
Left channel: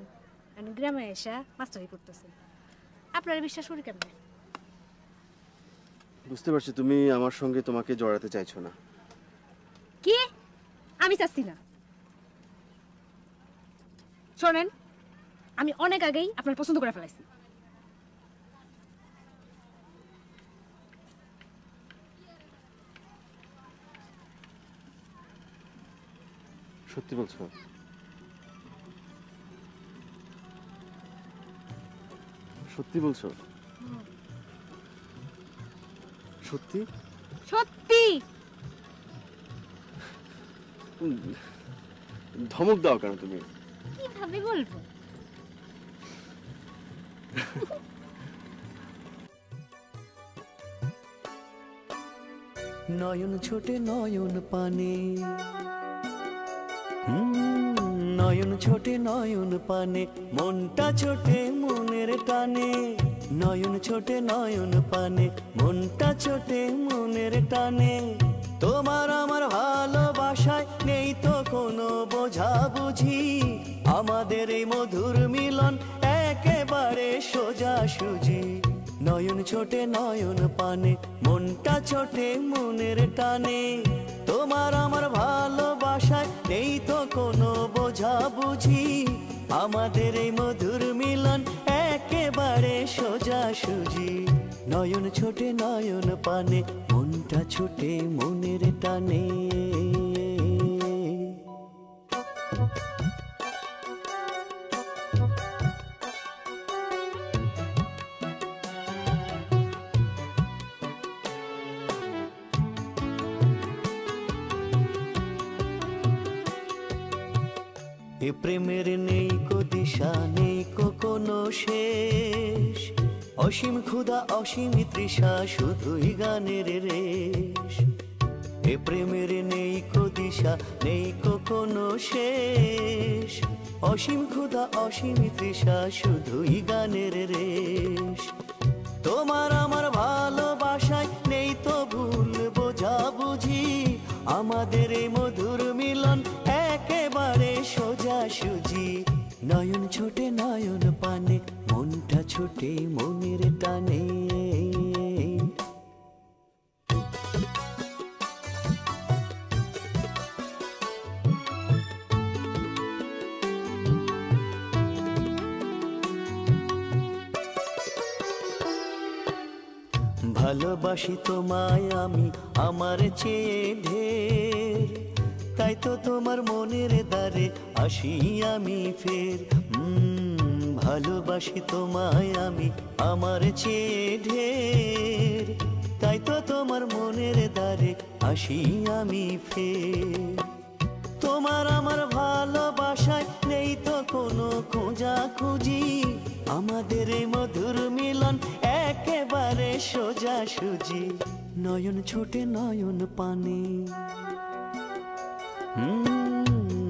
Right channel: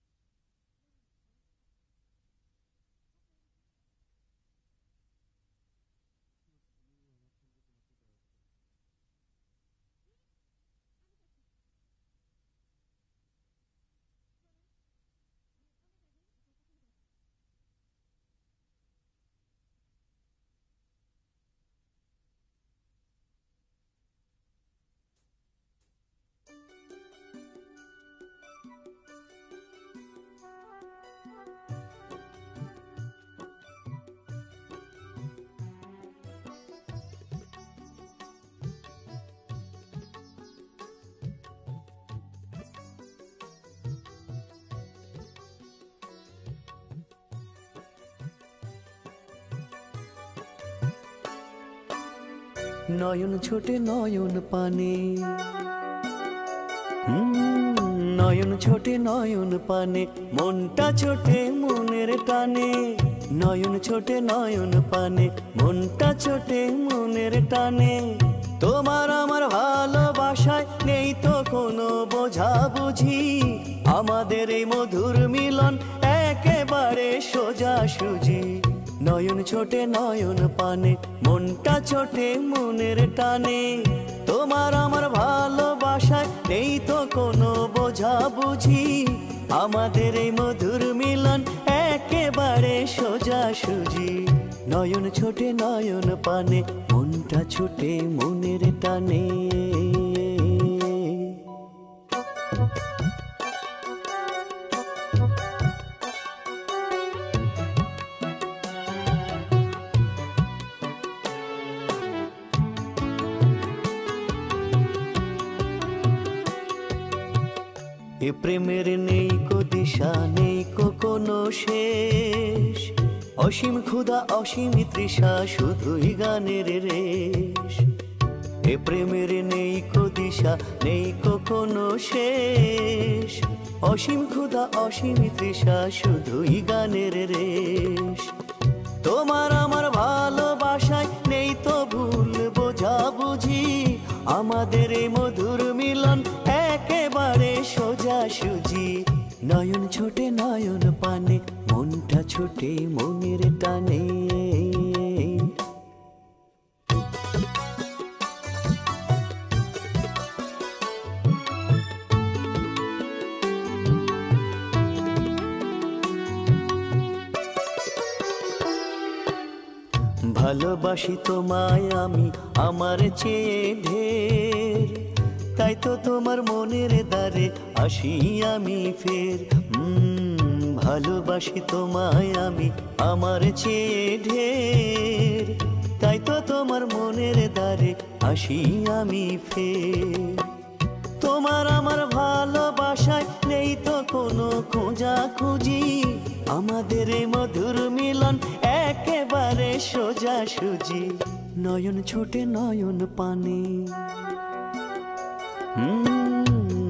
গ্রামে এসে মাস্টারি করতেছেন, আপনারা বিশ্বাস করি কেমনে? বুঝতে পারছি তুমি আমার সঙ্গে তোমাকে জড়াতে চাইছো না। কি? আমি চাচ্ছি না। শোনেন, আমি অনেক আগেই আপনার পছন্দ করে ফেলাইছি। সত্যি বলছো? সত্যি বলছো? সত্যি সত্যি? ধমক দাও কেন তুমি? কিভাবে বলবো? নয়ন ছোটে নয়ন পানে, নয়ন ছোটে নয়ন পানে, মনটা ছোটে মনের টানে। নয়ন ছোটে নয়ন পানে, মনটা ছোটে মনের টানে। তোমার আমার ভালোবাসায় নেই তো কোনো বোঝাবুঝি, আমাদের এই মধুর মিলন একেবারে সোজাসুজি। নয়ন ছোটে নয়ন পানে, মনটা ছোটে মনের টানে। তোমার আমার ভালোবাসায় নেই তো কোনো বোঝাবুঝি, আমাদের এই মধুর মিলন একেবারে সোজাসুজি। নয়ন ছোটে নয়ন পানে, মনটা ছোটে মনের টানে। এ প্রেমের নেই কো দিশা, নেই কো কোনো শেষ, অসীম ক্ষুধা অসীম তৃষা, শুধুই গানের রেশ। এ প্রেমের নেই কো দিশা, নেই কো কোনো শেষ, অসীম ক্ষুধা অসীম তৃষা, শুধুই গানের রেশ। তোমার আমার ভালোবাসায় নেই তো ভুল বোঝাবুঝি, আমাদের এই মধুর মিলন একেবারে সোজাসুজি। নয়ন ছোটে নয়ন পানে, মনটা ছোটে মনের টানে। ভালোবাসি তোমায় আমি আমার চেয়ে ঢের, তাই তো তোমার মনের দ্বারে আসি আমি ফের। ভালোবাসি তোমায় আমি আমার চেয়ে ঢের, তাই তো তোমার মনের দ্বারে আসি আমি ফের। তোমার আমার ভালোবাসায় নেই তো কোনো খোঁজাখুঁজি, আমাদের এই মধুর মিলন একেবারে সোজাসুজি। নয়ন ছোটে নয়ন পানে,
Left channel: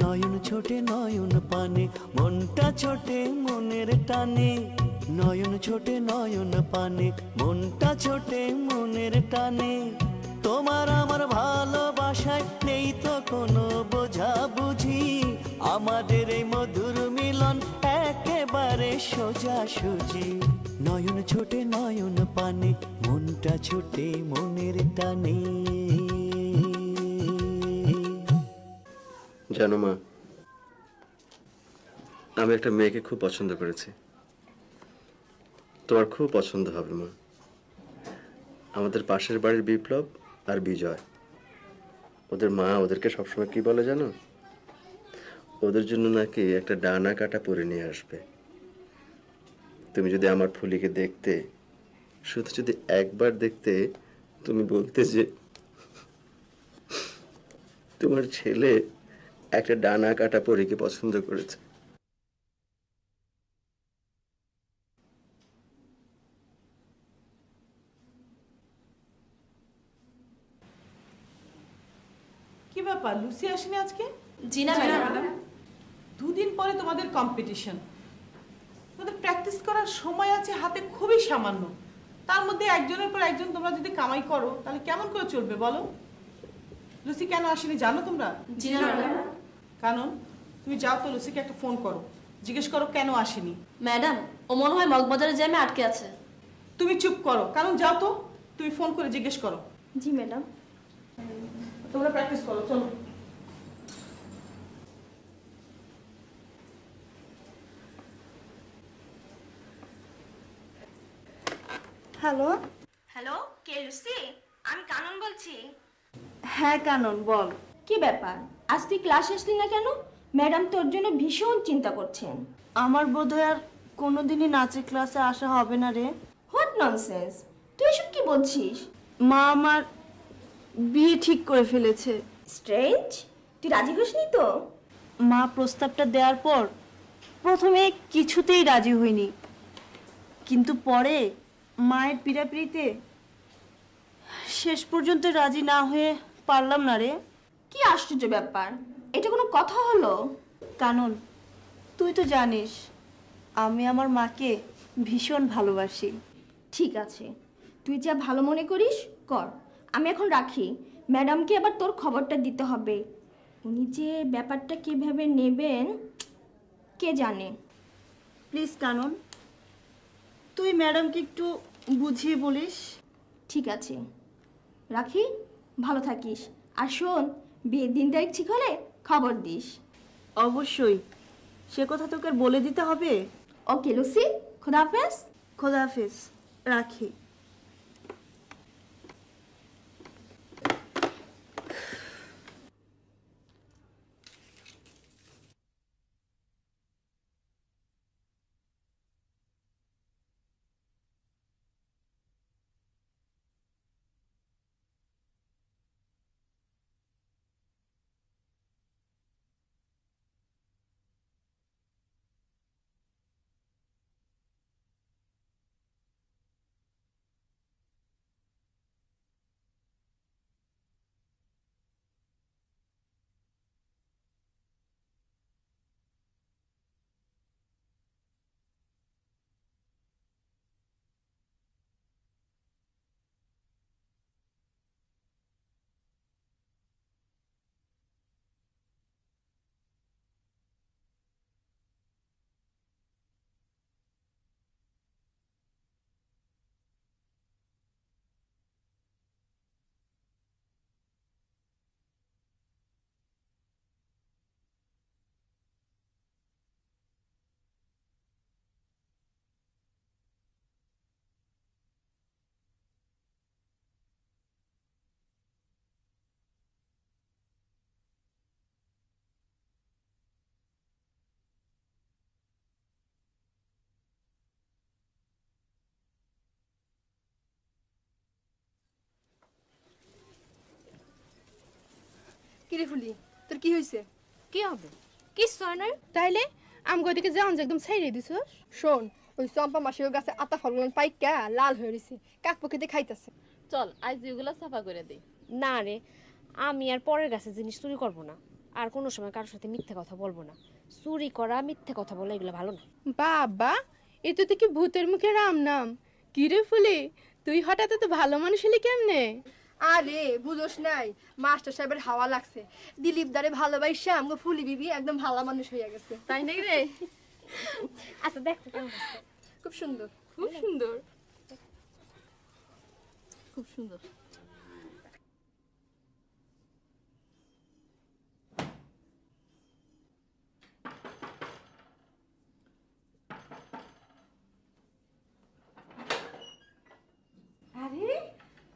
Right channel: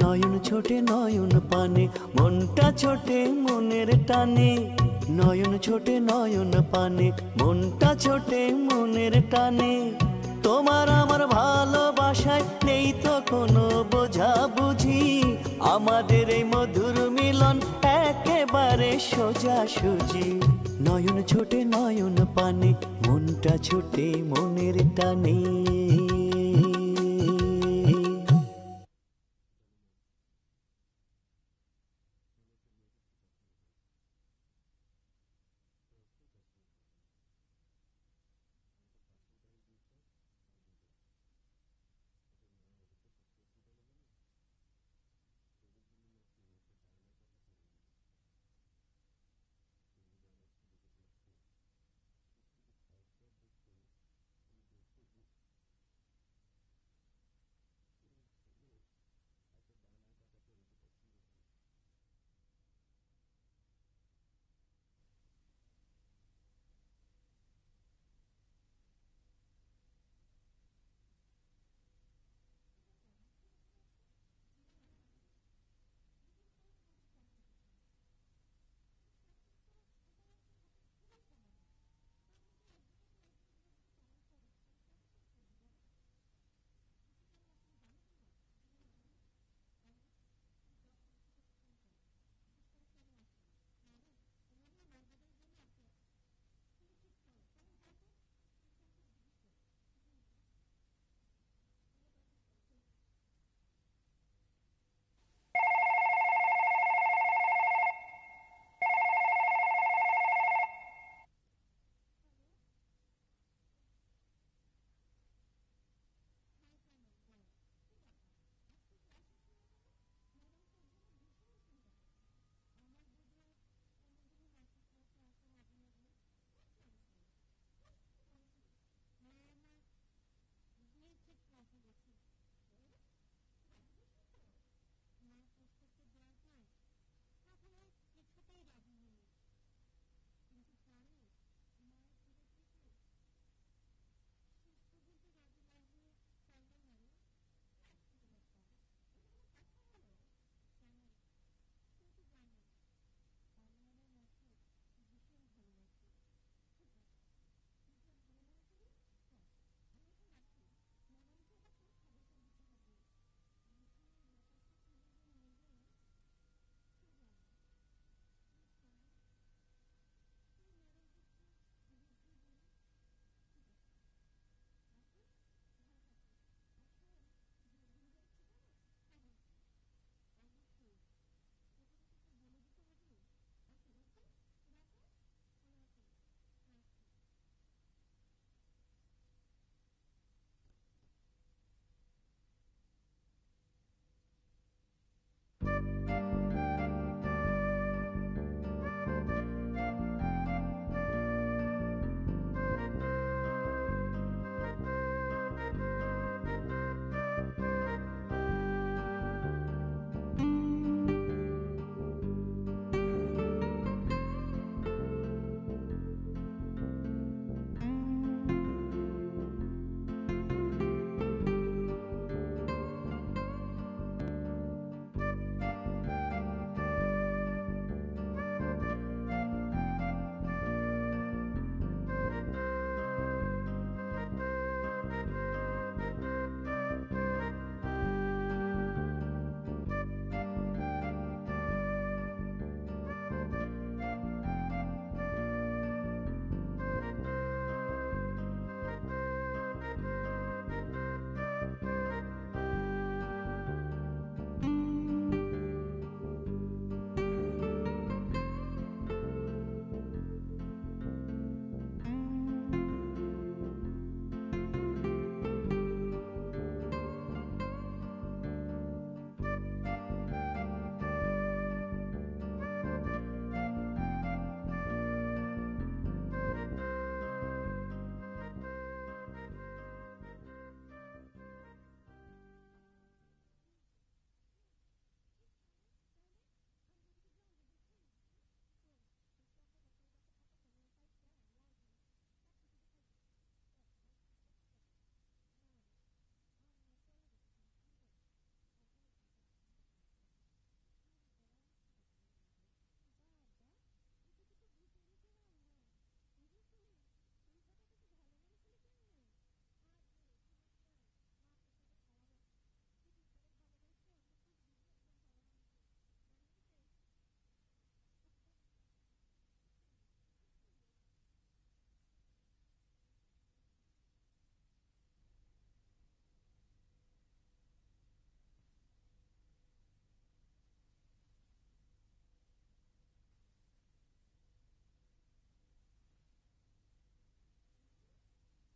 নয়ন ছোটে নয়ন পানে, মনটা ছোটে মনের টানে। নয়ন ছোটে নয়ন পানে, মনটা ছোটে মনের টানে। তোমার আমার ভালোবাসায় নেই তো কোনো বোঝাবুঝি, আমাদের এই মধুর মিলন একেবারে সোজাসুজি। নয়ন ছোটে নয়ন পানে, মনটা ছোটে মনের টানে। জানো মা, আমি একটা মেয়েকে খুব পছন্দ করেছি। তোমার খুব পছন্দ হবে মা। আমাদের পাশের বাড়ির বিপ্লব আর বিজয়, ওদের মা ওদেরকে সবসময় কি বলে জানো? ওদের জন্য নাকি একটা ডানা কাটা পরে নিয়ে আসবে। তুমি যদি আমার ফুলিকে দেখতে, শুধু যদি একবার দেখতে, তুমি বলতে যে তোমার ছেলে একটা ডানা কাটা পরীকে পছন্দ করেছে। কি ব্যাপার, লুসি আসেনি আজকে? জি না ম্যাডাম। দুদিন পরে তোমাদের কম্পিটিশন, তোমাদের প্র্যাকটিস করার সময় আছে হাতে খুবই সামান্য। তার মধ্যে একজনের পর একজন তোমরা যদি কামাই করো তাহলে কেমন করে চলবে বলো? লুসি কেন আসেনি জানো তোমরা? জি না ম্যাডাম। কারণ তুমি যাও তো লুসিকে একটা ফোন করো, জিজ্ঞেস করো কেন আসেনি। ম্যাডাম, ও মনে হয় মগবাজারের জ্যামে আটকে আছে। তুমি চুপ করো, কারণ যাও তো, তুমি ফোন করে জিজ্ঞেস করো। জি ম্যাডাম। তোমরা প্র্যাকটিস করো, চলো। হ্যালো। হ্যালো, কে লুসি? আমি কানন বলছি। হ্যাঁ কানন, বল। কি ব্যাপার, আজ তুই ক্লাস আসলি না কেন? ম্যাডাম তোর জন্য ভীষণ চিন্তা করছেন। আমার বোধহয় আর কোনোদিনই নাচের ক্লাসে আসা হবে না রে। হোয়াট ননসেন্স, তুই এসব কি বলছিস? মা আমার বিয়ে ঠিক করে ফেলেছে। স্ট্রেঞ্জ, তুই রাজি হসনি তো? মা প্রস্তাবটা দেওয়ার পর প্রথমে কিছুতেই রাজি হইনি, কিন্তু পরে মায়ের পীড়াপিড়িতে শেষ পর্যন্ত রাজি না হয়ে পারলাম না রে। কি আশ্চর্য ব্যাপার, এটা কোনো কথা হলো? কানন, তুই তো জানিস আমি আমার মাকে ভীষণ ভালোবাসি। ঠিক আছে, তুই যা ভালো মনে করিস কর। আমি এখন রাখি, ম্যাডামকে আবার তোর খবরটা দিতে হবে। উনি যে ব্যাপারটা কিভাবে নেবেন কে জানে। প্লিজ কানন, তুই ম্যাডামকে একটু বুঝিয়ে বলিস। ঠিক আছে, রাখি, ভালো থাকিস। আর শোন, বিয়ের দিন তারিখ ঠিক হলে খবর দিস। অবশ্যই, সে কথা তোকে আর বলে দিতে হবে। ওকে লুসি, খোদাহাফেজ। খোদাহাফেজ, রাখি। কিরে ফুলি তোর কি হইছে? কি হবে? কিচ্ছু হয় নাই। তাইলে আমগো দিকে যাওন যে একদম ছাইরে দিছস। শোন, ওই চম্পা মাসির গাছে আতা ফলগুলো পাইকা লাল হয়ে রইছে, কাক পক্ষিতে খাইতেছে। চল আজ এগুলো সাফা করে দেই। না রে, আমি আর পরের গাছে জিনিস চুরি করব না, আর কোনো সময় কারোর সাথে মিথ্যে কথা বলবো না। চুরি করা, মিথ্যে কথা বলা এগুলো ভালো না। বাবা, এতো তো কি ভূতের মুখে রাম নাম। কিরে ফুলি, তুই হঠাৎ তো ভালো মানুষ হলি কেমনে? আরে বুঝোস নাই, মাস্টার সাহেবের হাওয়া লাগছে। দিলীপ দারে ভালোবাসা আমগো ফুলি বিবি একদম ভালো মানুষ হইয়া গেছে। তাই নাকি রে? আচ্ছা দেখতে কেমন আছে? খুব সুন্দর, খুব সুন্দর, খুব সুন্দর। আরে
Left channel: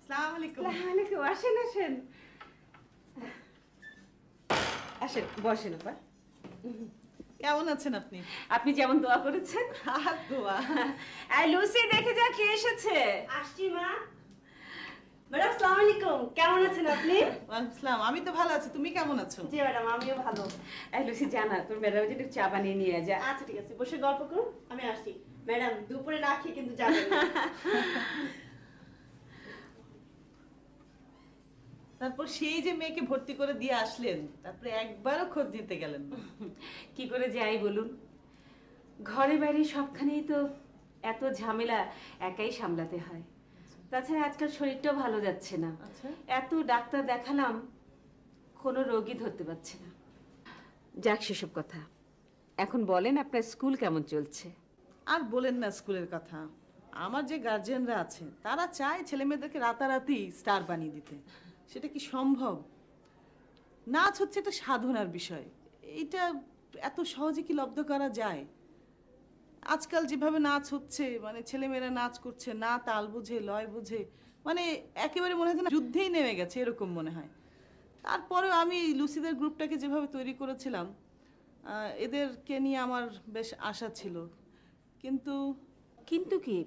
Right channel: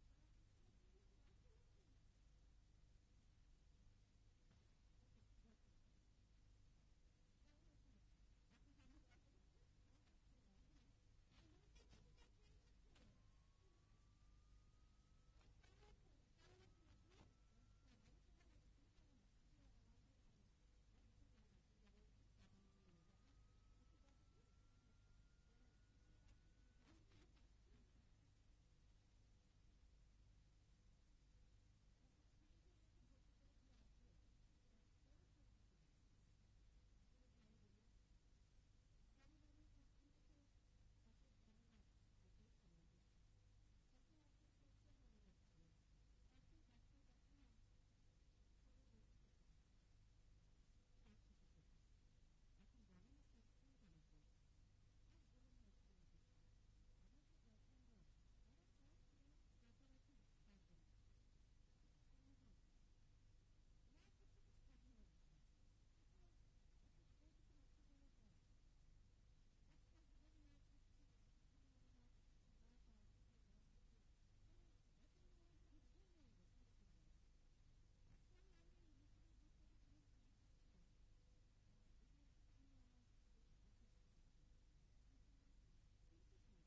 আসসালামু আলাইকুম। আসসালামু আলাইকুম, আসেন আসেন আসেন, বসেন আপা। কেমন আছেন আপনি? আপনি যেমন দোয়া করেছেন। আর দোয়া। এই লুসি, দেখে যা কে এসেছে। আসছি মা। ম্যাডাম আসসালামু আলাইকুম, কেমন আছেন আপনি? ওয়ালাইকুম আসসালাম। আমি তো ভালো আছি, তুমি কেমন আছো? জি ম্যাডাম, আমিও ভালো। এই লুসি, জানা তোর ম্যাডাম যদি একটু চা বানিয়ে নিয়ে যা। আচ্ছা ঠিক আছে, বসে গল্প করুন, আমি আসছি। ম্যাডাম দুপুরে না খেয়ে কিন্তু যাবেন না। তারপর সেই যে মেয়েকে ভর্তি করে দিয়ে আসলেন, তারপরে একবারও খোঁজ নিতে গেলেন না। কি করে যাই বলুন, ঘরে বাইরে সবখানেই তো এত ঝামেলা একাই সামলাতে হয়। তাছাড়া আজকাল শরীরটাও ভালো যাচ্ছে না। এত ডাক্তার দেখালাম, কোনো রোগী ধরতে পারছে না। যাক সেসব কথা, এখন বলেন আপনার স্কুল কেমন চলছে? আর বলেন না স্কুলের কথা। আমার যে গার্জিয়ানরা আছে তারা চায় ছেলে মেয়েদেরকে রাতারাতি স্টার বানিয়ে দিতে। সেটা কি সম্ভব? নাচ হচ্ছে একটা সাধনার বিষয়, এটা এত সহজে কি লব্ধ করা যায়? আজকাল যেভাবে নাচ হচ্ছে, মানে ছেলেমেয়েরা নাচ করছে না তাল বুঝে লয় বুঝে, মানে একেবারে মনে হয় না যুদ্ধেই নেমে গেছে, এরকম মনে হয়। তারপরেও আমি লুসিদের গ্রুপটাকে যেভাবে তৈরি করেছিলাম, এদেরকে নিয়ে আমার বেশ আশা ছিল। কিন্তু কিন্তু কি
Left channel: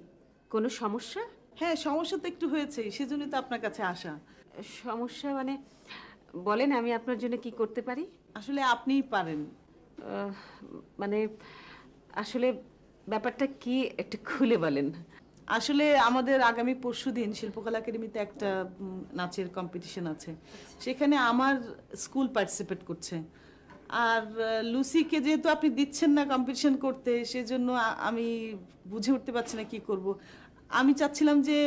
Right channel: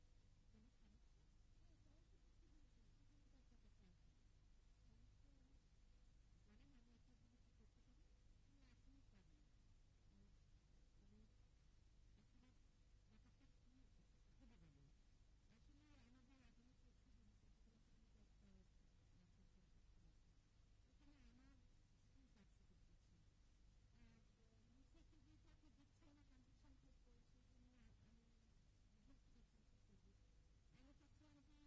কোনো সমস্যা? হ্যাঁ, সমস্যা তো একটু হয়েছে, সেজন্যই তো আপনার কাছে আসা। সমস্যা মানে বলেন, আমি আপনার জন্য কি করতে পারি? আসলে আপনিই পারেন। মানে আসলে ব্যাপারটা কি একটু খুলে বলেন। আসলে আমাদের আগামী পরশুদিন শিল্পকলা একাডেমিতে একটা নাচের কম্পিটিশন আছে, সেখানে আমার স্কুল পার্টিসিপেট করছে। আর লুসিকে যেহেতু আপনি দিচ্ছেন না কম্পিটিশন করতে, সেজন্য আমি বুঝে উঠতে পারছি না কি করব। আমি চাচ্ছিলাম যে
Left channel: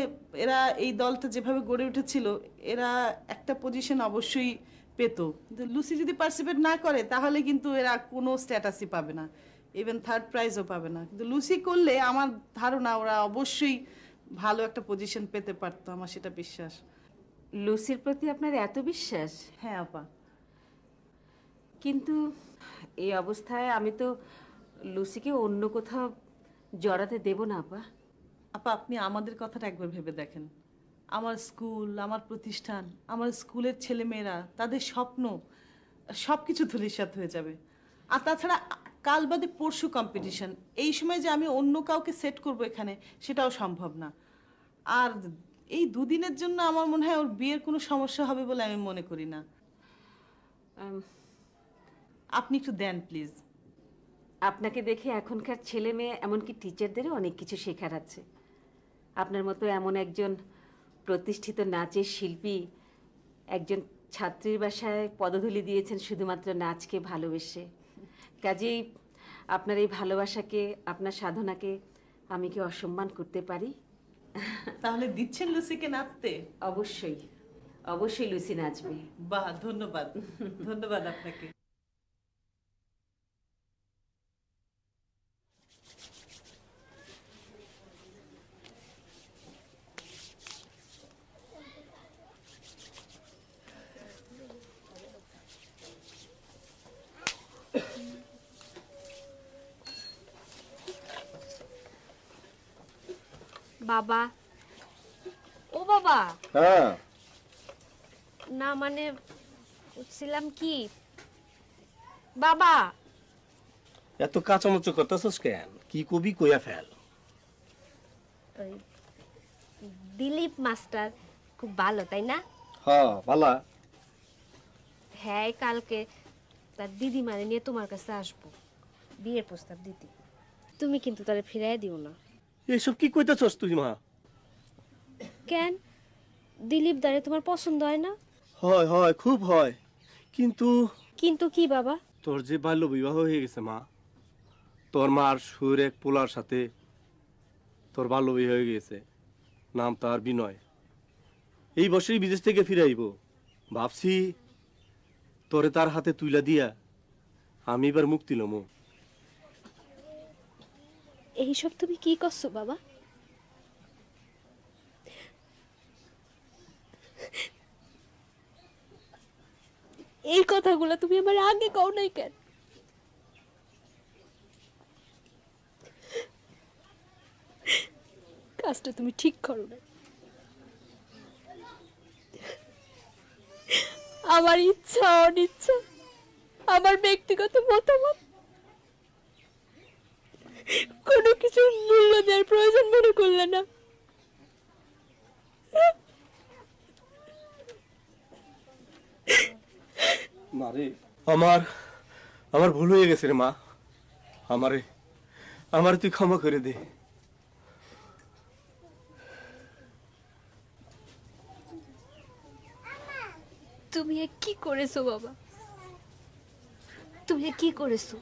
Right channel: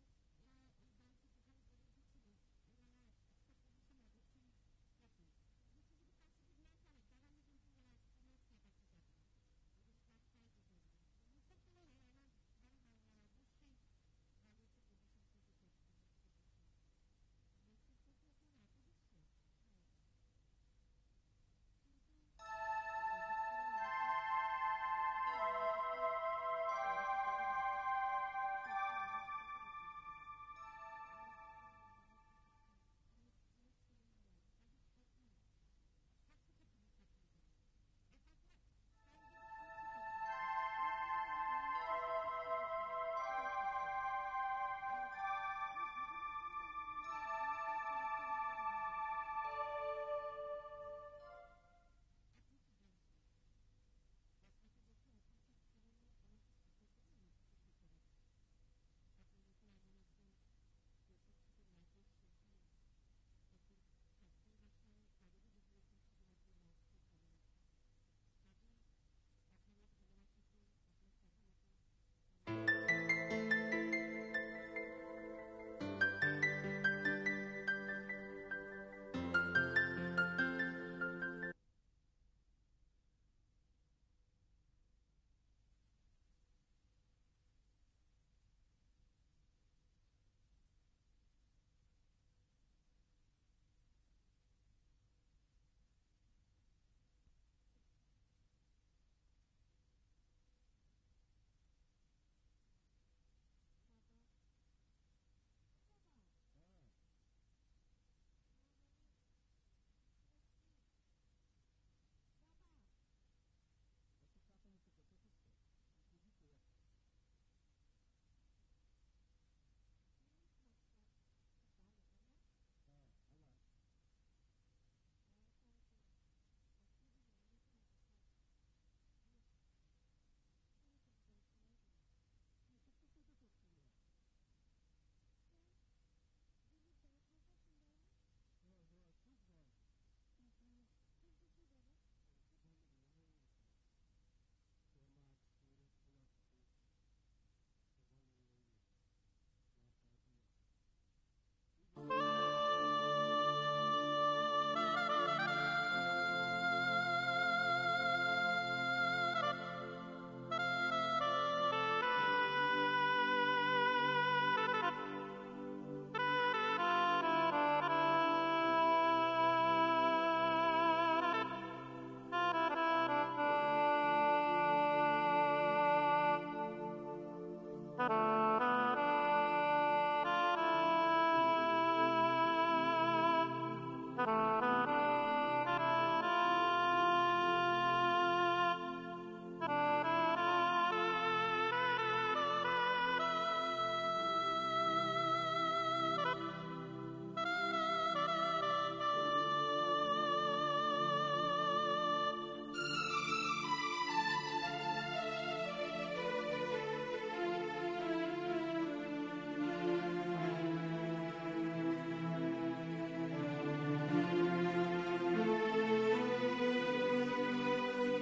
এরা এই দলটা যেভাবে গড়ে উঠেছিল, এরা একটা পজিশন অবশ্যই পেত। কিন্তু লুসি যদি পার্টিসিপেট না করে তাহলে কিন্তু এরা কোনো স্ট্যাটাসই পাবে না, ইভেন থার্ড প্রাইজও পাবে না। কিন্তু লুসি করলে আমার ধারণা ওরা অবশ্যই ভালো একটা পজিশন পেতে পারতো, আমার সেটা বিশ্বাস। লুসির প্রতি আপনার এত বিশ্বাস? হ্যাঁ আপা। কিন্তু এই অবস্থায় আমি তো লুসিকে অন্য কোথাও জড়াতে দেব না আপা। আপা, আপনি আমাদের কথাটা একবার ভেবে দেখেন। আমার স্কুল, আমার প্রতিষ্ঠান, আমার স্কুলের ছেলেমেয়েরা, তাদের স্বপ্ন সব কিছু ধূলিসাৎ হয়ে যাবে। আর তাছাড়া কাল বাদে পরশু কম্পিটিশন, এই সময় যে আমি অন্য কাউকে সেট করব এখানে, সেটাও সম্ভব না। আর এই দুদিনের জন্য আমার মনে হয় ওর বিয়ের কোনো সমস্যা হবে বলে আমি মনে করি না। আপনি একটু দেন প্লিজ। আপনাকে দেখে এখনকার ছেলে মেয়ে, এমনকি টিচারদেরও অনেক কিছু শেখার আছে। আপনার মতো এমন একজন প্রতিষ্ঠিত নাচের শিল্পী একজন ছাত্রীর বাসায় পদধূলি দিয়েছেন শুধুমাত্র নাচকে ভালোবেসে। কাজেই আপনার এই ভালোবাসাকে, আপনার সাধনাকে আমি কি অসম্মান করতে পারি? তাহলে দিচ্ছেন লুসিকে নাচতে? অবশ্যই, অবশ্যই লুসি নাচবে। বাহ, ধন্যবাদ, ধন্যবাদ আপনাকে। বাবা, ও বাবা। হ্যাঁ, না মানে বলছিলাম কি বাবা, এত কাঁচামুচো করতেছস কেন? কি কবি কইয়া ফেল। ওই দিলীপ মাস্টার খুব ভালো, তাই না? হ্যাঁ, ভালা। হ্যাঁ কালকে তার দিদিমারে নিয়ে তোমার কাছে আসবো বিয়ের প্রস্তাব দিতে। তুমি কিন্তু তারে ফিরাই দিও না। এইসব কি কইতাছস তুই মা? কেন দিলীপ দারে তোমার পছন্দ হয় না? হয় হয় খুব হয়, কিন্তু কিন্তু কি বাবা? তোর যে বাল্য বিবাহ হয়ে গেছে মা, তোর মার সুর এক পোলার সাথে তোর বাল্য বিবাহ হয়ে গেছে, নাম তার বিনয়। এই বছরই বিদেশ থেকে ফিরে আইব। ভাবছি তোরে তার হাতে তুইলা দিয়া আমি এবার মুক্তি লমু। এইসব তুমি কি করছো বাবা? এই কথাগুলো তুমি আমার আগে কও নাই কেন? কাজটা তুমি ঠিক করো না। আমার ইচ্ছা অনিচ্ছা, আমার ব্যক্তিগত মতামত কোনো কিছু মূল্য দেওয়ার প্রয়োজন মনে করলে না। আমার ভুল হয়ে গেছে রে মা, আমারে তুই ক্ষমা করে দে। তুমি কি করেছো বাবা? তুমি কি করেছো?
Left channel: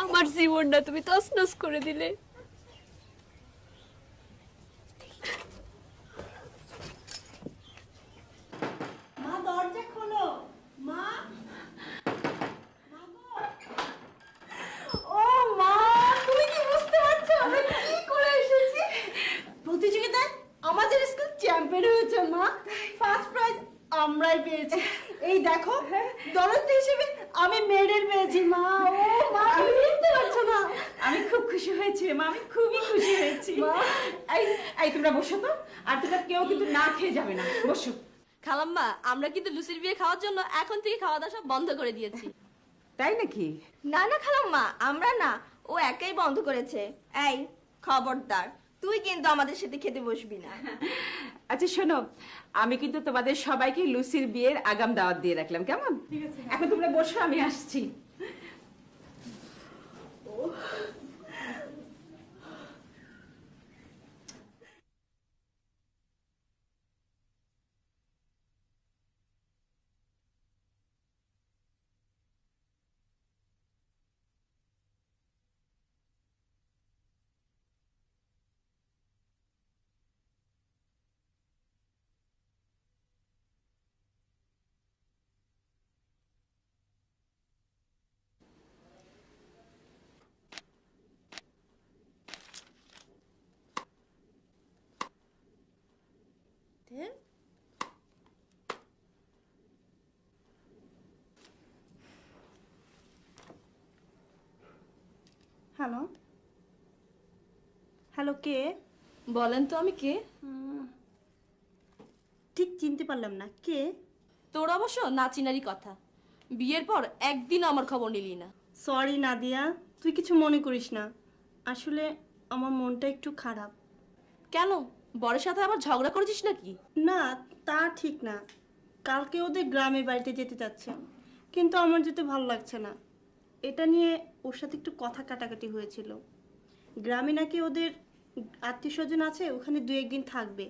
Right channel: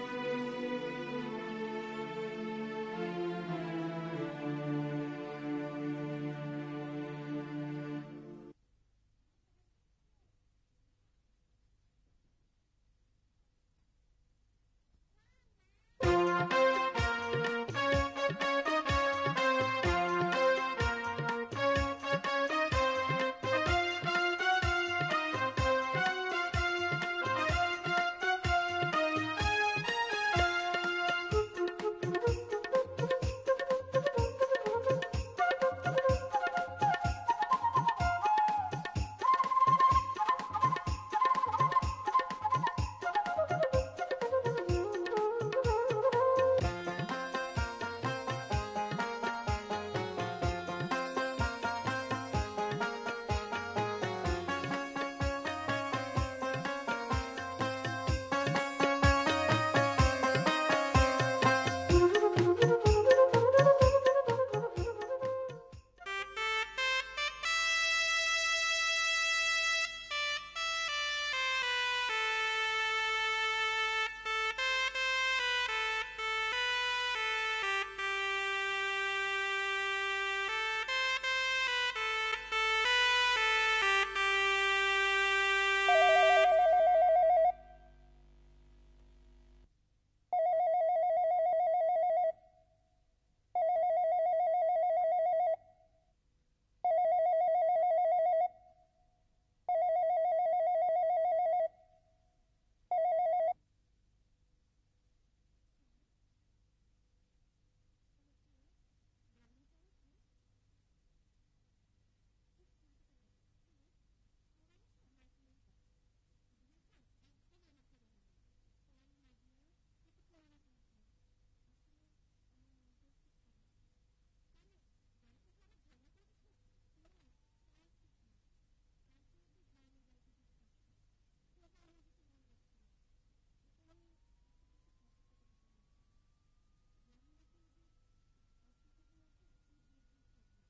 আমার জীবনটা তুমি তছনছ করে দিলে। মা দরজা খোলো। মা ও মা, তুমি কি বুঝতে পারছো আমি কি করে এসেছি? প্রতিযোগিতায় আমাদের স্কুল চ্যাম্পিয়ন হয়েছে মা। ফার্স্ট প্রাইজ আমরাই পেয়েছি। এই দেখো দলতি হিসেবে আমি মেডেল পেয়েছি মা। ও মা, তুমি বুঝতে পারছো না? আমি খুব খুশি হয়েছি মা, আমি খুবই খুশি হয়েছি মা। এই তোমরা বসো তো, আর তোমরা কেউ কিন্তু না খেয়ে যাবে না, বসো। খালাম্মা, আমরা কিন্তু লুচির বিয়ে খাওয়ার জন্য এখন থেকে খাওয়া দাওয়া সব বন্ধ করে দিয়েছি। তাই নাকি? না না খালাম্মা, আমরা না, ও একাই বন্ধ করেছে। এই খবরদার, তুই কিন্তু আমাদের সাথে খেতে বসবি না। আচ্ছা শোনো, আমি কিন্তু তোমাদের সবাইকে লুসির বিয়ের আগাম দাওয়াত দিয়ে রাখলাম, কেমন? এখন তোমরা বসো, আমি আসছি। হ্যালো হ্যালো, কে বলেন তো আমি কে? ঠিক চিনতে পারলাম না, কে? তোর অবশ্য নাচিনারি কথা, বিয়ের পর একদিন আমার খবর নিলি না। সরি নাদিয়া, তুই কিছু মনে করিস না, আসলে আমার মনটা একটু খারাপ। কেন, বরের সাথে আবার ঝগড়া করেছিস নাকি? না তা ঠিক না, কালকে ওদের গ্রামে বাড়িতে যেতে চাচ্ছে, কিন্তু আমার যেতে ভালো লাগছে না। এটা নিয়ে ওর সাথে একটু কথা কাটাকাটি হয়েছিল। গ্রামে নাকি ওদের আত্মীয় স্বজন আছে, ওখানে 2-1 দিন থাকবে।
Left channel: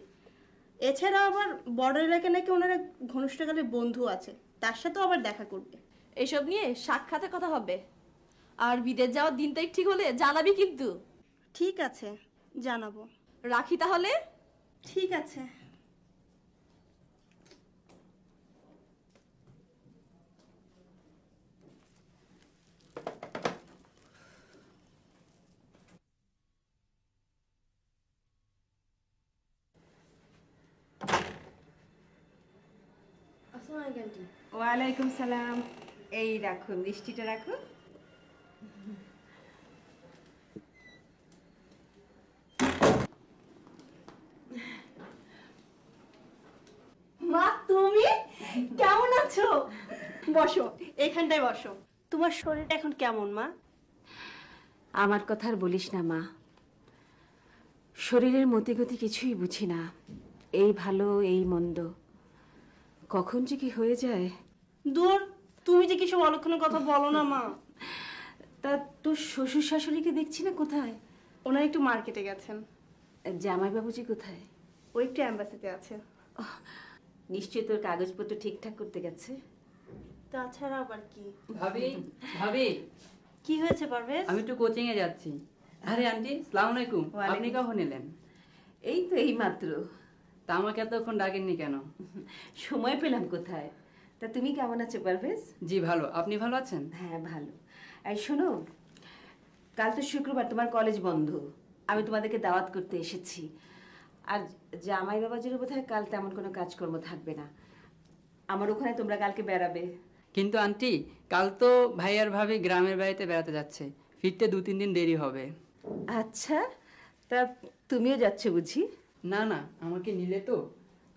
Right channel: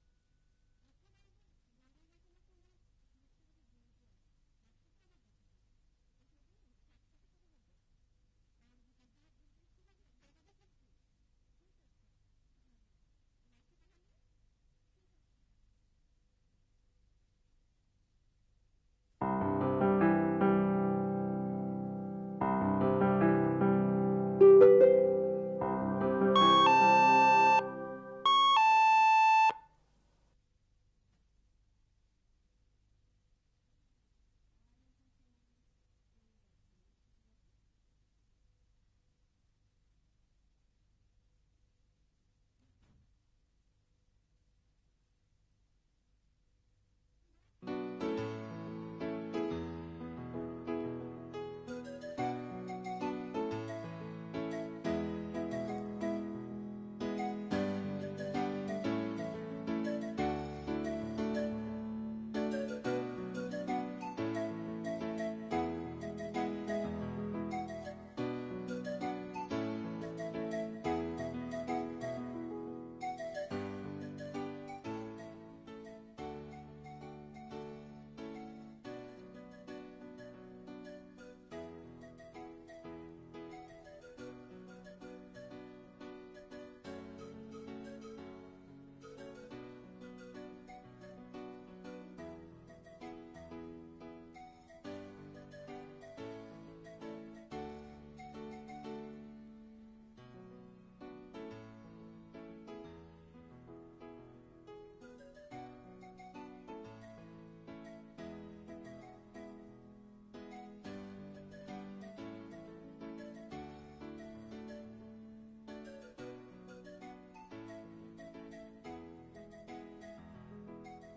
এছাড়া আবার বর্ডার এলাকায় নাকি ওনারা ঘনিষ্ঠকালের বন্ধু আছে, তার সাথেও আবার দেখা করবে। এসব নিয়ে সাক্ষাতে কথা হবে, আর বিদেশ যাওয়ার দিন তারিখ ঠিক হলে জানাবি কিন্তু। ঠিক আছে, জানাবো। রাখি তাহলে। ঠিক আছে। ওয়ালাইকুম সালাম। এই রাখো, মিষ্টিটা রাখো। মা, তুমি কেমন আছো? বসো, এখানটায় বসো। তোমার শরীরটা এখন কেমন মা? আমার কথা আর বলিস না মা, শরীরের মতি গতি কিছুই বুঝি না, এই ভালো এই মন্দ, কখন যে কি হয়ে যায়। দূর, তুমি যে কিছু অলক্ষণের কথা বলো না মা। তা তোর শ্বশুর শাশুড়িকে দেখছি না, কোথায়? ওনারা একটু মার্কেটে গেছেন। জামাই বাবুজি কোথায়? ও একটু অ্যাম্বাসিতে আছে। নিশ্চয়ই তোর কাগজপত্র ঠিকঠাক করতে গেছে। তাছাড়া আবার কি? ভাবি ভাবি কি হয়েছে পারভেজ? আমি একটু কোচিং এ যাচ্ছি। আরে আন্টি আসসালামু আলাইকুম। আপনি কখন এলেন? এই তো এই মাত্র। তা আমাকে এতক্ষণ ডাকেননি কেন? সময় পেলাম কোথায়। তা তুমি কেমন আছো পারভেজ? জি ভালো, আপনি ভালো আছেন? হ্যাঁ ভালো। এই শোনো, কাল তো শুক্রবার, তোমার কলেজ বন্ধ, আমি তোমাদেরকে দাওয়াত করতে এসেছি। আর জামাই বাবাজির বোধহয় কাল তেমন কোনো কাজকর্ম থাকবে না, আমার ওখানে তোমরা কালকে বেড়াবে। কিন্তু আন্টি কাল তো ভাই আর ভাবি গ্রামের বাড়িতে বেড়াতে যাচ্ছে, ফিরতে 2-3 দিন দেরি হবে। আচ্ছা, তা তুমিও যাচ্ছ বুঝি? না না, আমাকে নিলে তো।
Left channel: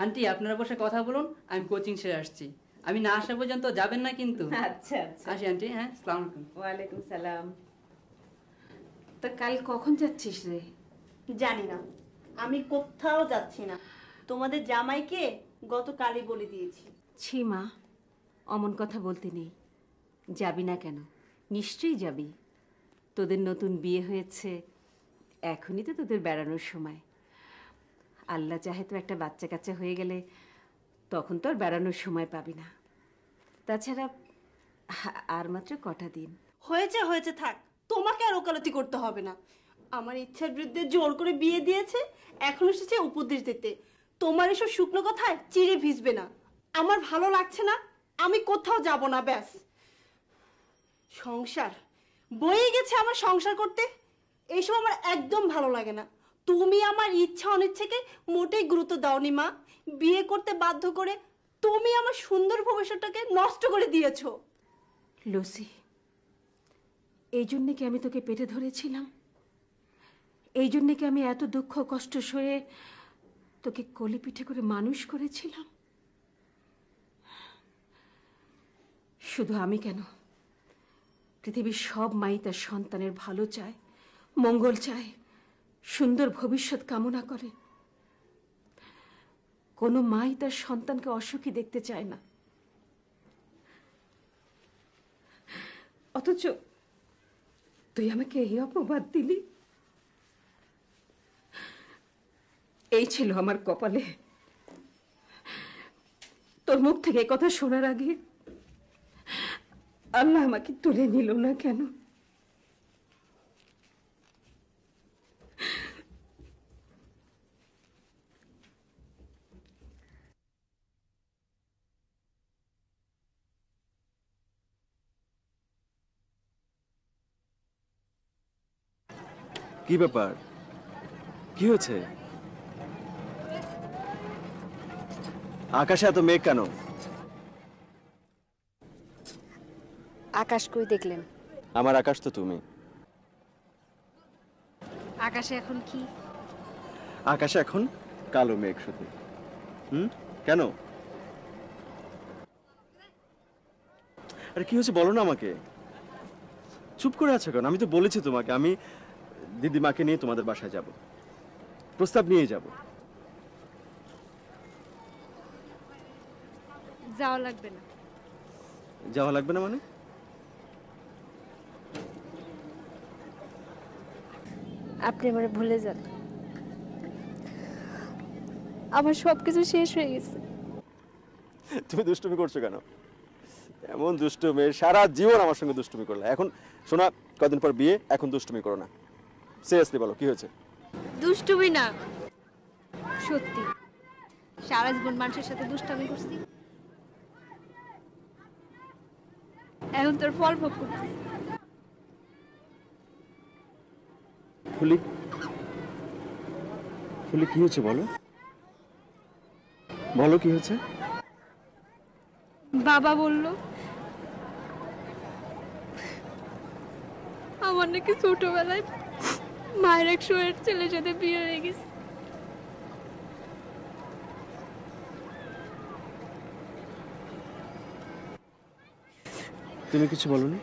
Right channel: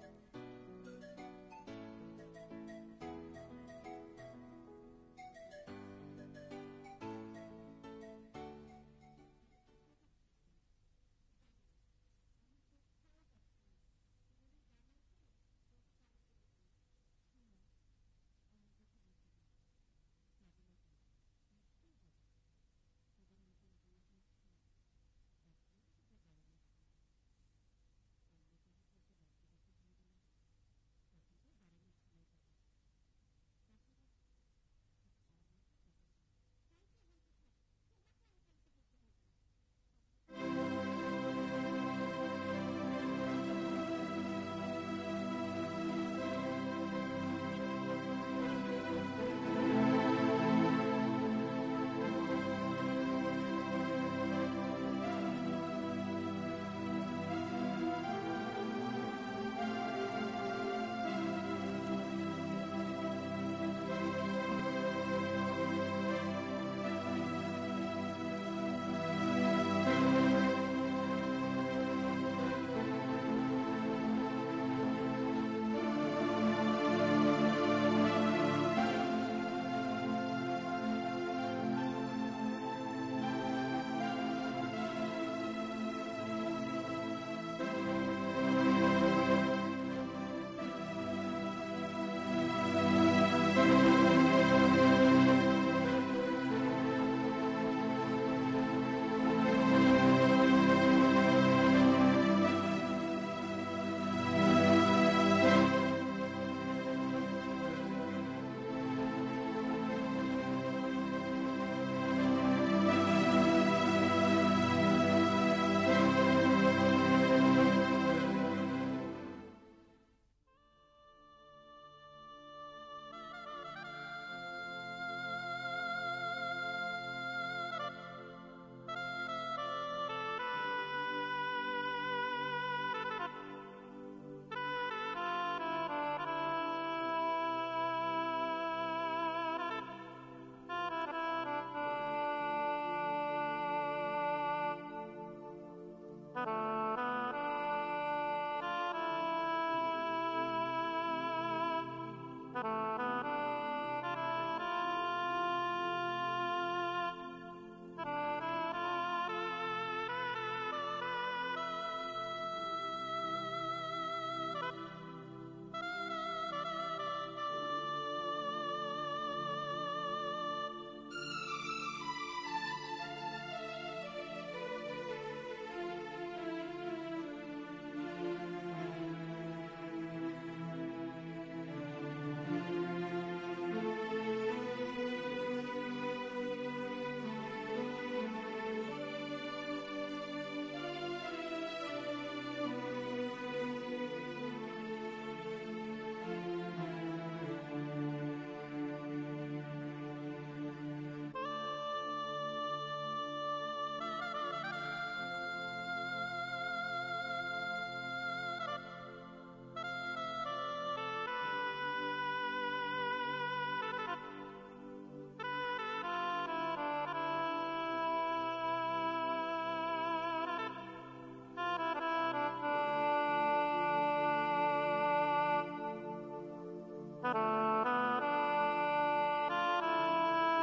আন্টি আপনারা বসে কথা বলুন, আমি কোচিং সেরে আসছি। আমি না আসা পর্যন্ত যাবেন না কিন্তু। আচ্ছা আচ্ছা, আসি আন্টি। হ্যাঁ, আসসালামু আলাইকুম। ওয়ালাইকুম সালাম। তা কাল কখন যাচ্ছিস রে? জানি না, আমি কোথাও যাচ্ছি না। তোমাদের জামাইকে গতকালই বলে দিয়েছি। ছি মা, অমন কথা বলতে নেই। যাবি না কেন? নিশ্চয়ই যাবি। তোদের নতুন বিয়ে হয়েছে, এখনই তো তোদের বেড়ানোর সময়। আল্লাহ চাহে তো একটা বাচ্চা কাচ্চা হয়ে গেলে তখন তো আর বেড়ানোর সময় পাবি না। তাছাড়া আর মাত্র কটা দিন। হয়েছে হয়েছে, থাক, তোমাকে আর ওকালতি করতে হবে না। আমার ইচ্ছার বিরুদ্ধে জোর করে বিয়ে দিয়েছে, এখন এসেছে উপদেশ দিতে। তোমার এসব শুকনো কথায় চিড়ে ভিজবে না। আমার ভালো লাগছে না, আমি কোথাও যাব না, ব্যাস। সংসার বয়ে গেছে আমার সংসার করতে, এইসব আমার একদম ভালো লাগে না। তুমি আমার ইচ্ছা অনিচ্ছাকে মোটেই গুরুত্ব দাওনি মা। বিয়ে করতে বাধ্য করে তুমি আমার সুন্দর ভবিষ্যৎটাকে নষ্ট করে দিয়েছো। লুসি, এই জন্য কি আমি তোকে পেটে ধরেছিলাম? এই জন্য কি আমি এত দুঃখ কষ্ট সয়ে তোকে কোলে পিঠে করে মানুষ করেছিলাম? শুধু আমি কেন, পৃথিবীর সব মাই তার সন্তানের ভালো চায়, মঙ্গল চায়, সুন্দর ভবিষ্যৎ কামনা করে। কোনো মাই তার সন্তানকে অসুখী দেখতে চায় না। অথচ তুই আমাকে এই অপবাদ দিলি। এই ছিল আমার কপালে। তোর মুখ থেকে কথা শোনার আগে আল্লাহ আমাকে তুলে নিল না কেন? কি ব্যাপার? কি হয়েছে? আকাশে এত মেঘ কেন? আকাশ কই দেখলেন? আমার আকাশ তো তুমি। আকাশে এখন কি? আকাশে এখন কালো মেঘ শুধু। কেন? আরে কি হয়েছে বলো না আমাকে। চুপ করে আছো কেন? আমি তো বলেছি তোমাকে আমি দিদিমাকে নিয়ে তোমাদের বাসায় যাব, প্রস্তাব নিয়ে যাব। যাওয়া লাগবে না। যাওয়া লাগবে না মানে? আপনি আমারে ভুলে যান, আমার সবকিছু শেষ হয়ে গেছে। তুমি দুষ্টুমি করছো কেন? এমন দুষ্টু মেয়ে, সারা জীবন আমার সঙ্গে দুষ্টুমি করলে, এখন শোনা কদিন পর বিয়ে, এখন দুষ্টুমি করো না। সিরিয়াসলি বলো কি হয়েছে? দুষ্টুমি না, সত্যি। সারা জীবন মানুষের সাথে দুষ্টামি করছি, এখন তোর ফল ভোগ করছি। ফুলি, ফুলি কি হয়েছে বলো? বলো কি হয়েছে? বাবা বলল আমার নাকি ছোটবেলায় মায়ের এক শোয়ের ছেলের সাথে বিয়ে হয়ে গেছে। তুমি কিছু বলনি?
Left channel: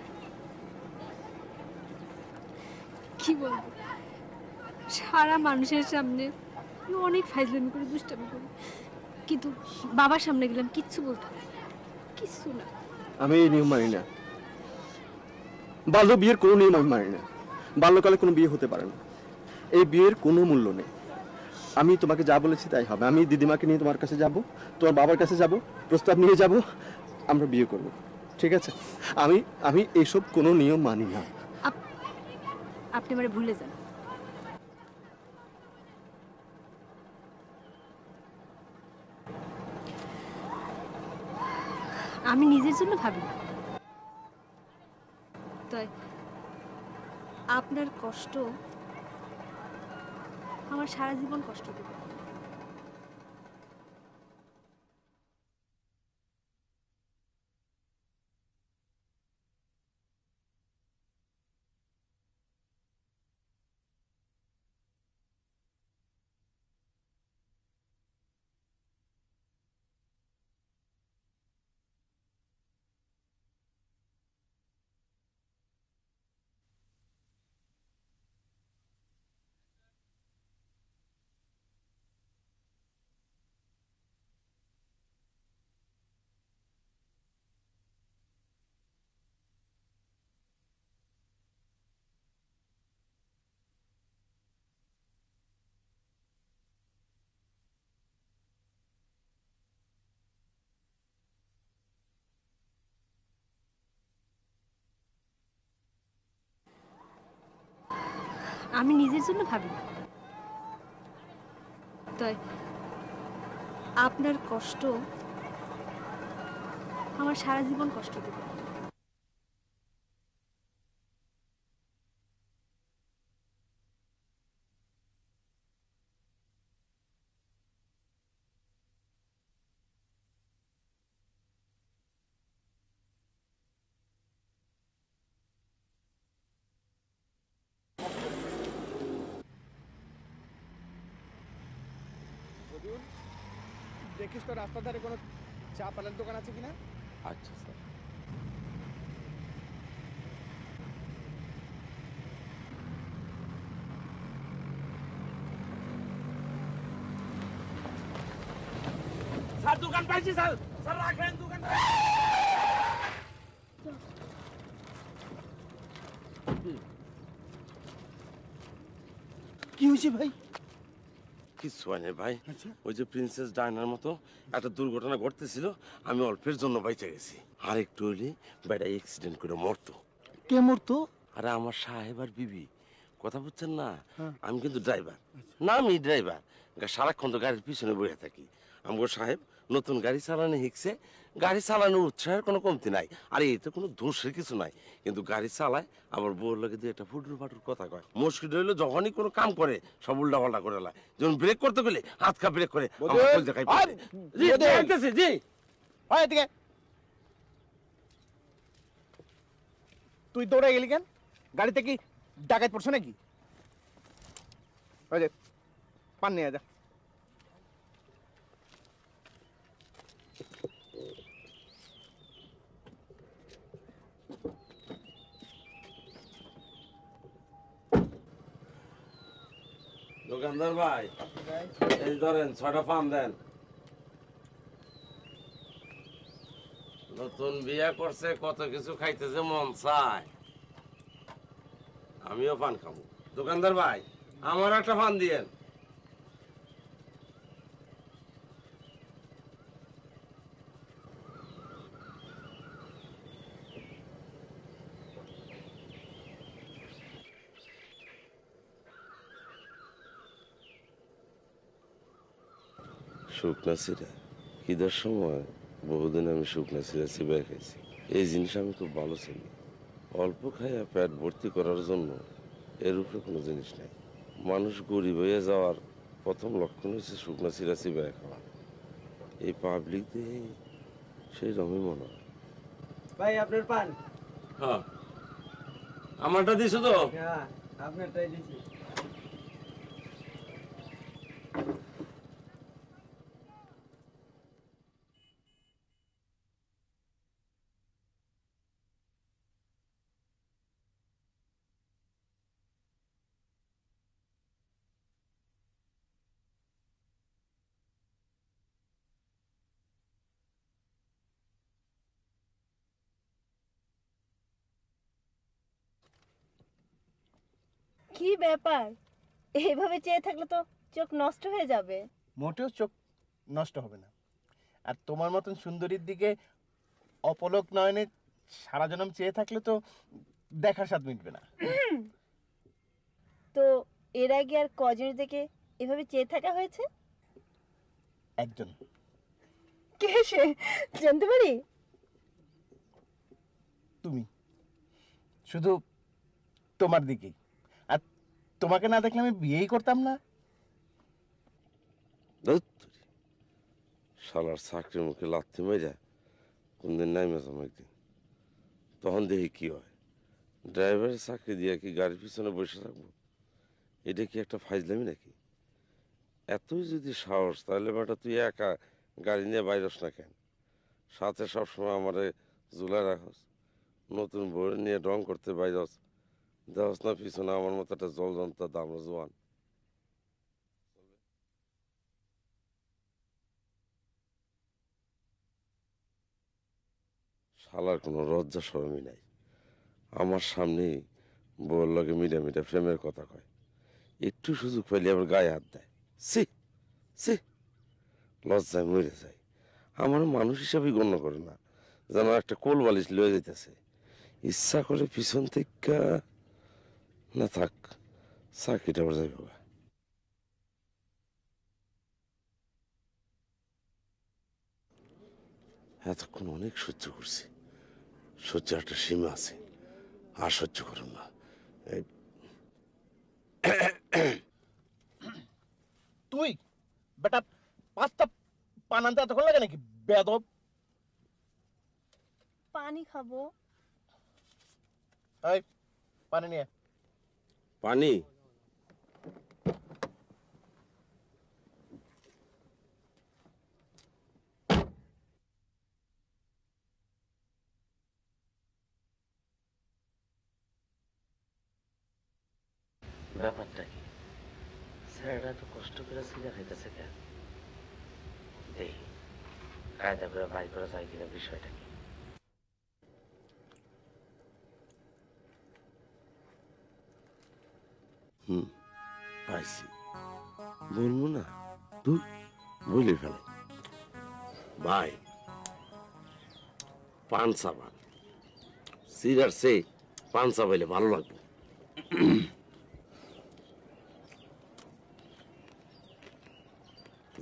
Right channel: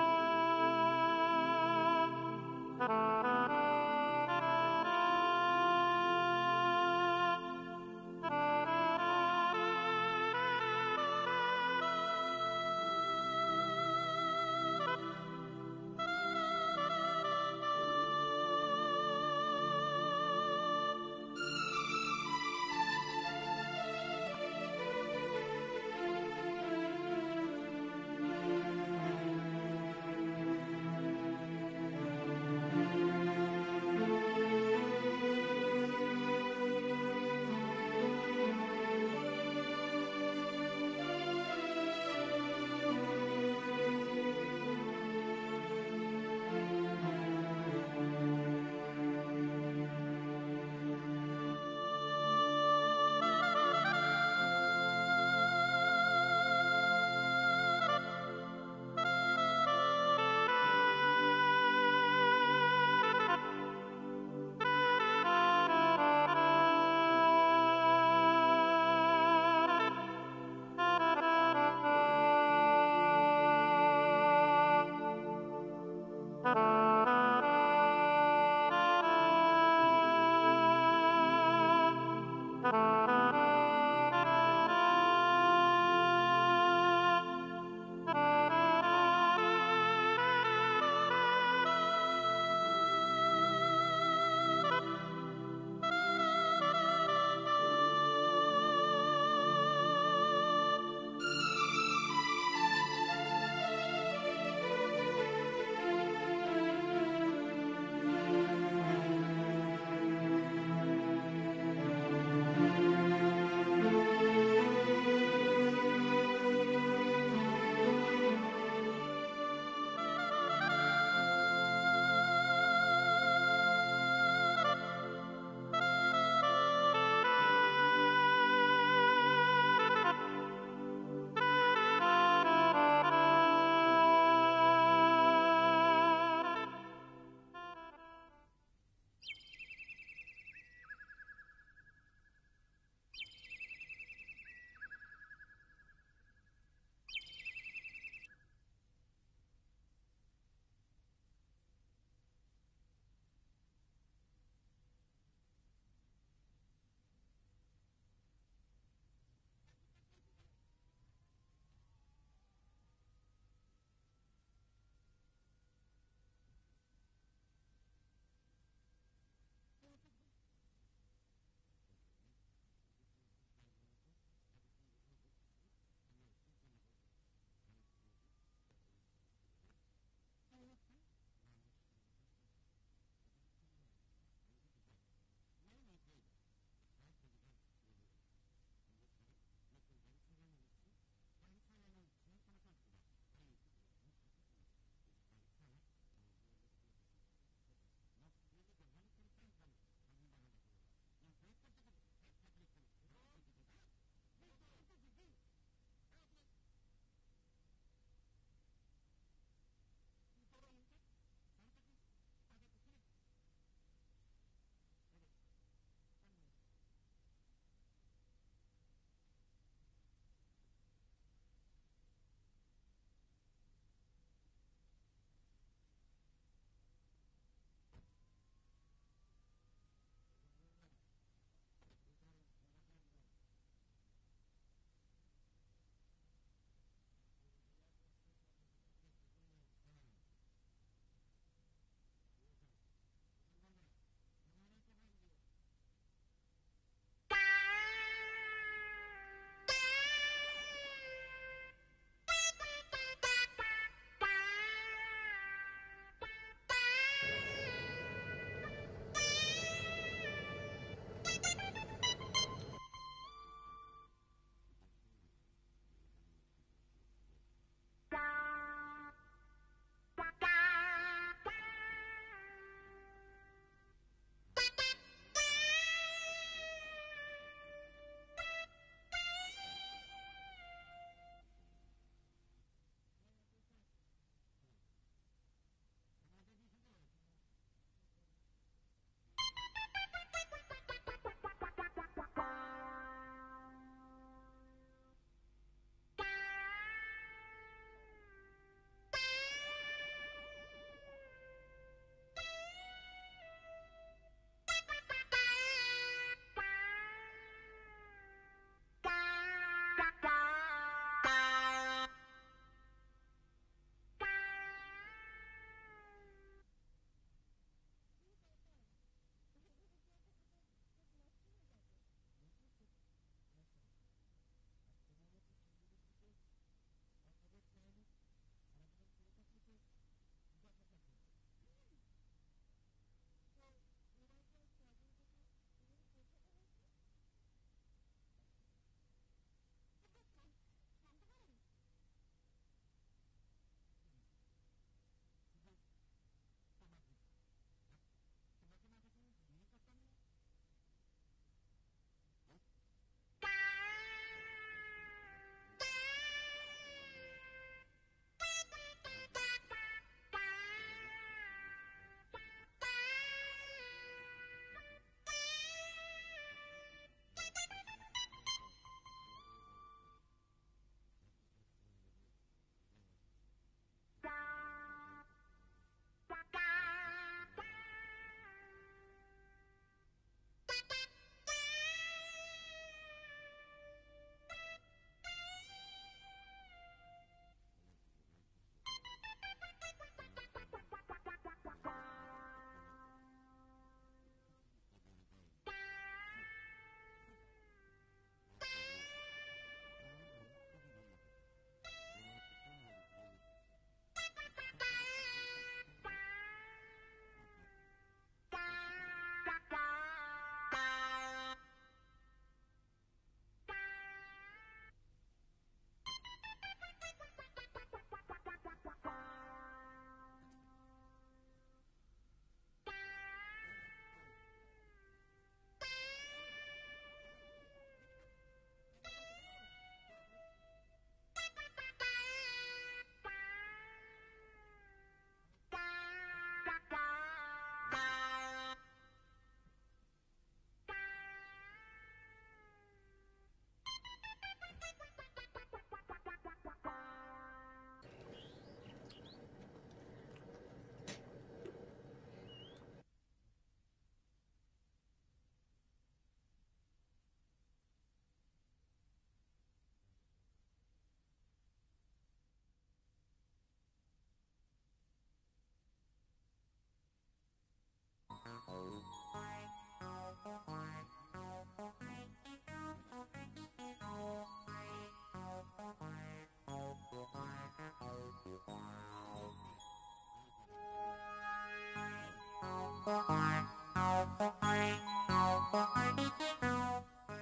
কি বল? সারা মানুষের সামনে আমি অনেক ফাইজলামি করে দুষ্টামি করি, কিন্তু বাবার সামনে গেলাম কিচ্ছু বলতে পারি না, কিচ্ছু না। আমি এই নিয়ম মানি না, বাল্য বিয়ের কোনো নিয়ম আমি মানি না। বাল্যকালে কোনো বিয়ে হতে পারে না, এই বিয়ের কোনো মূল্য নেই। আমি তোমাকে যা বলেছি তাই হবে। আমি দিদিমাকে নিয়ে তোমার কাছে যাব, তোমার বাবার কাছে যাব, প্রস্তাব নিয়ে যাব, আমরা বিয়ে করব, ঠিক আছে? আমি আমি এইসব কোনো নিয়ম মানি না। আপনি মানে ভুলে যান। আমি নিজের জন্য ভাবি, তাই আপনার কষ্ট আমার সারা জীবন কষ্ট দেবে। আমি নিজের জন্য ভাবি, তাই আপনার কষ্ট আমার সারা জীবন কষ্ট দেবে। দেখিস তো রাস্তার ধারে কোনো চা পানের দোকান আছে কিনা। আচ্ছা স্যার। স্যার দোকান পাইছি স্যার, স্যার রাখেন দোকান। কি হয়েছে ভাই? কিছু হয় না ভাই, ওই যে প্রিন্সেস ডায়নার মতো একটা দুর্ঘটনা ঘটতেছিল, আমি অল্পের জন্য বাইচে গেছি। আর একটু হইলে বেটা অ্যাক্সিডেন্ট করে মরতো। কে মরতো? আরে আমার সাহেব আর বিবি, কথা বুঝছেন না? আমি কিন্তু ড্রাইভার না, আমি ড্রাইভার, সারাক্ষণ তো গাড়ির পিছনে বসে থাকি। আমার সাহেব নতুন গাড়ি চালানো শিখছে, গাড়ি চালানোর উৎসাহের কোনো কমতি নাই, আর এতে কোনো দোষের কিছু নাই, কিন্তু গাড়ি চালায় আবার বউর লাগে দিয়ে একটা ফুটুর ফাটুর কথা কয়। মুশকিল হইলো যখনই কোনো কাম করে সব উল্টা পাল্টা করে লাই, যেমন ব্রেক করতে গেলে হাত খা ব্রেক করে। তুই দৌড়ে গেলি কেন? গাড়িতে কি ডাকাত পড়ছে নাকি? পান নিয়ে যা। দোকানদার ভাই, এই ধরেন 6টা পান দেন। নতুন বিয়া করছে, কত কিছু খাইতেছে মন চায়, আমিও পান খাবো। দোকানদার ভাই, আমার একটা পান দিয়েন। শুকনা চিরা খিদার সময় বহুদিন আমি শুকনা চিরা চিবাই খাইছি। এই জিনিস আমি খুব ভালো চিনি। অল্প খাইয়া পেট ভর্তি করার জন্য এর উপরে কোনো জিনিস নাই। মানুষ গরিব হয়ে যাওয়ার প্রথম লক্ষণ হচ্ছে শুকনা চিরা চিবাই খাওয়া। এই পাবলিক দিয়ে সেই রকমই মনে হয়। ভাই আপনার পান। হ্যাঁ, আমারটা দিছো তো? হ্যাঁ, আপনারটাই দিছি। কি ব্যাপার, এইভাবে চেয়ে থাকলে তো চোখ নষ্ট হয়ে যাবে। মোটেও চোখ নষ্ট হবে না। আর তোমার মতন সুন্দরীর দিকে অপলক নয়নে সারা জনম চেয়ে থাকলে তো দেখার স্বাদ মিটবে না। তো এর আগে আর কজনের দিকে এভাবে চেয়ে থাকা হয়েছে? একজন। কে সে, জানতে পারি? তুমি, শুধু তোমার দিকেই। আর তোমাকে না দেখলে আমি বিয়েই করতাম না। শালার চাকরির মুখে লাথি মেরে কোনদিন নাই মেজাম একদিন, তখন দেখি কি হয়। ড্রাইভারের চাকরি দিয়ে কি গাড়ির পিছনে বসে থাকবে? এটা কি একটা ফাইজলামি নাকি? এতই যদি সাহস, তাহলে বেটা তুই একা গাড়ি নিয়ে বাইরস না কেন? সাথে সবসময় আমারে ঝুলা রাখস, নতুন বই নিয়ে রং করতে বাইরস, যাস না পিছনে আমার মতো একটা জল যন্ত্র দাম জোয়ান। শালার কোনো লজ্জা শরমই নাই, আমার সামনেই বউর লগে মিডা মিডা প্রেমের কথা কয়, একটু সুযোগ পাইলে আবার গায়ে হাত দেয়। সি সি, লজ্জায় মরে যায়। আমার মানুষ হিসাবেই গণ্য করে না, যেন একটা কোল বালিশ লয়ে যেতেছে। ইচ্ছা করে পিছন থেকে না থাক, চাকরিটা আবার যাইব। এতক্ষণ অনেক সহ্য করছি, সহ্য একটা সীমা আছে, আর সহ্য করুন না। তুই বেটা 5টা পান আনতে এতক্ষণ লাগে নাকি বেয়াদব? পানি খাবো। এই পানি নিয়ে। পানি? ব্যাপারটা কি? স্যাররা তো কষ্ট করে সিগা খাইতেছে কেন? দেখি কায়দা করে বাই করা যায় কিনা বিষয়টা কি। পাইছি, বলবো না? দূর, বলে ফেল। ভাই, পান সাবান সিগার সে পান চাবাইলে ভালো লাগবে।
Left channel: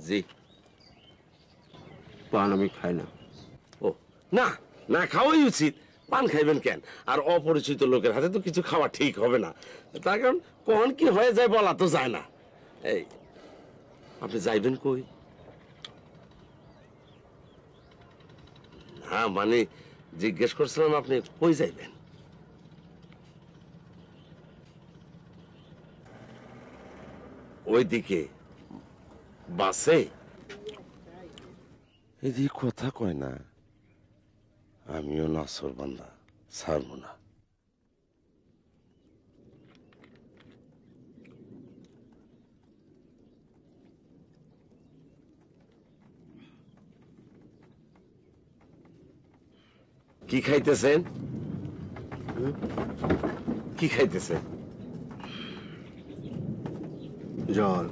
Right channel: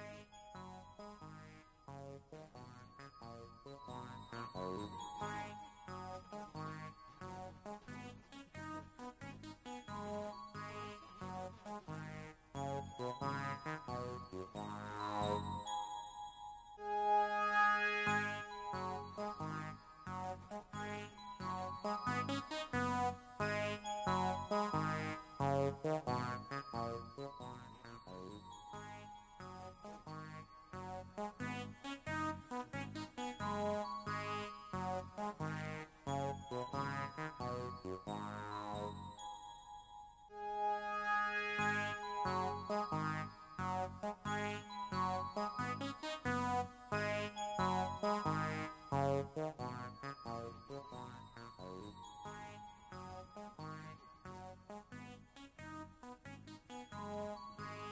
জি, পান আমি খাই না। ও না, না খাওয়াই উচিত। পান খাইবেন কেন? আর অপরিচিত লোকের হাতে তো কিছু খাওয়া ঠিক হবে না, তার কারণ কখন কি হয়ে যায় বলা তো যায় না। এই আপনি যাইবেন কই? হ্যাঁ মানে জিজ্ঞেস করছিলাম আপনি কই যাইবেন? ওইদিকে বাসে? এদিকে কথা কয় না, আমিও নাসর বান্দা, ছাড়বো না। কি খাইতেছেন? কি খাইতেছেন? জল।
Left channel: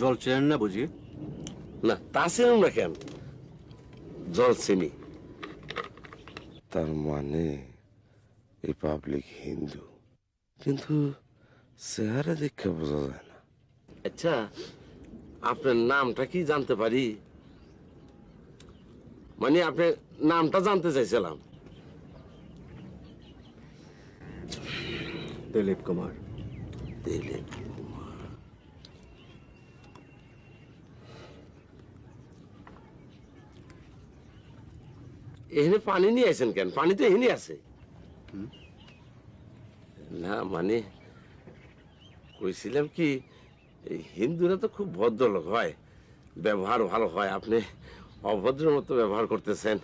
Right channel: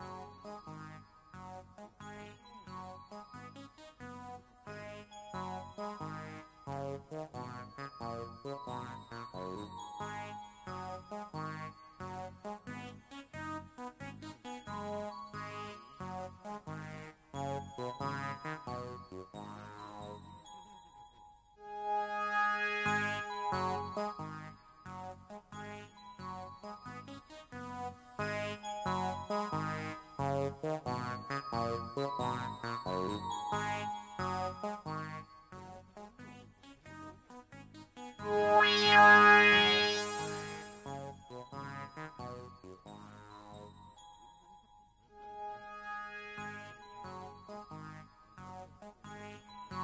জল চেনেন না বুঝি? না, তা চেনেন না কেন? জল চিনি। তার মানে এই পাবলিক হিন্দু, কিন্তু চেহারা দেখে বোঝা যায় না। আচ্ছা, আপনার নামটা কি জানতে পারি? মানে আপনার নামটা জানতে চাইছিলাম। দিলীপ কুমার। দিলীপ এখানে পানি নিয়ে আসেন কেন? পানি তো এখানে আছে। না মানে কইছিলাম কি, এই হিন্দুরা তো খুব ভদ্রলোক হয়, ব্যবহার ভালো হয়, আপনি অভদ্রের মতো ব্যবহার করতেছেন।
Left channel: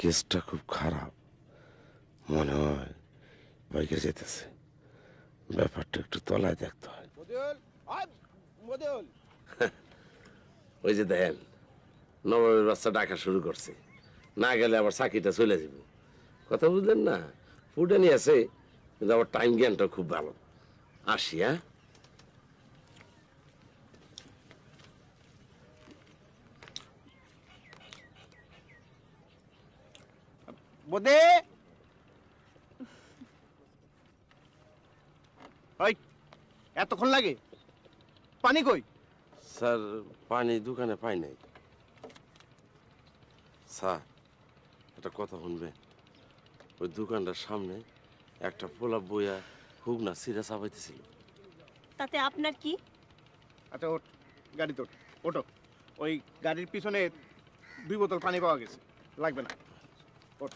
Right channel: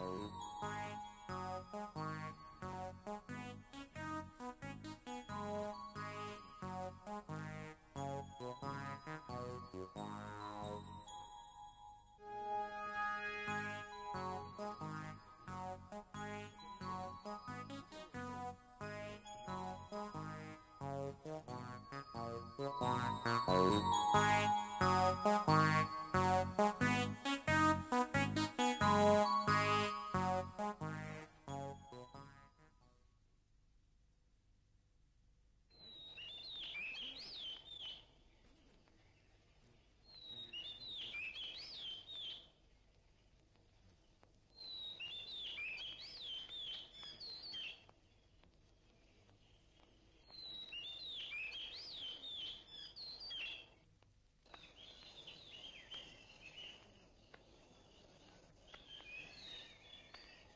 কেসটা খুব খারাপ মনে হয়, বাইকে যেতেছে, ব্যাপারটা একটু তলায় দেখতে হয়। ওই যে দেখেন নবাবের বাচ্চা ডাকা শুরু করছে, না গেলে আবার চাকরিটা চলে যাবে। কথা বুঝলেন না? উডানি আছে কিন্তু আমার টাইম জ্ঞানটা খুব ভালো। আসি, হ্যাঁ? বোদে ওই এতক্ষণ লাগে? পানি কই? স্যার পানি দোকানে পাই নাই। স্যার একটা কথা শুনবেন? ওই দোকানটার সামনে একটা পোলা বইয়া হুক না সিরা চাপাইতেছিল। তাতে আপনার কি? আচ্ছা ওঠ, গাড়ি তোর ওটো। ওই গাড়ির পিছনে 2 বোতল পানি পাওয়া গেছে, লাগবে না। ওঠ।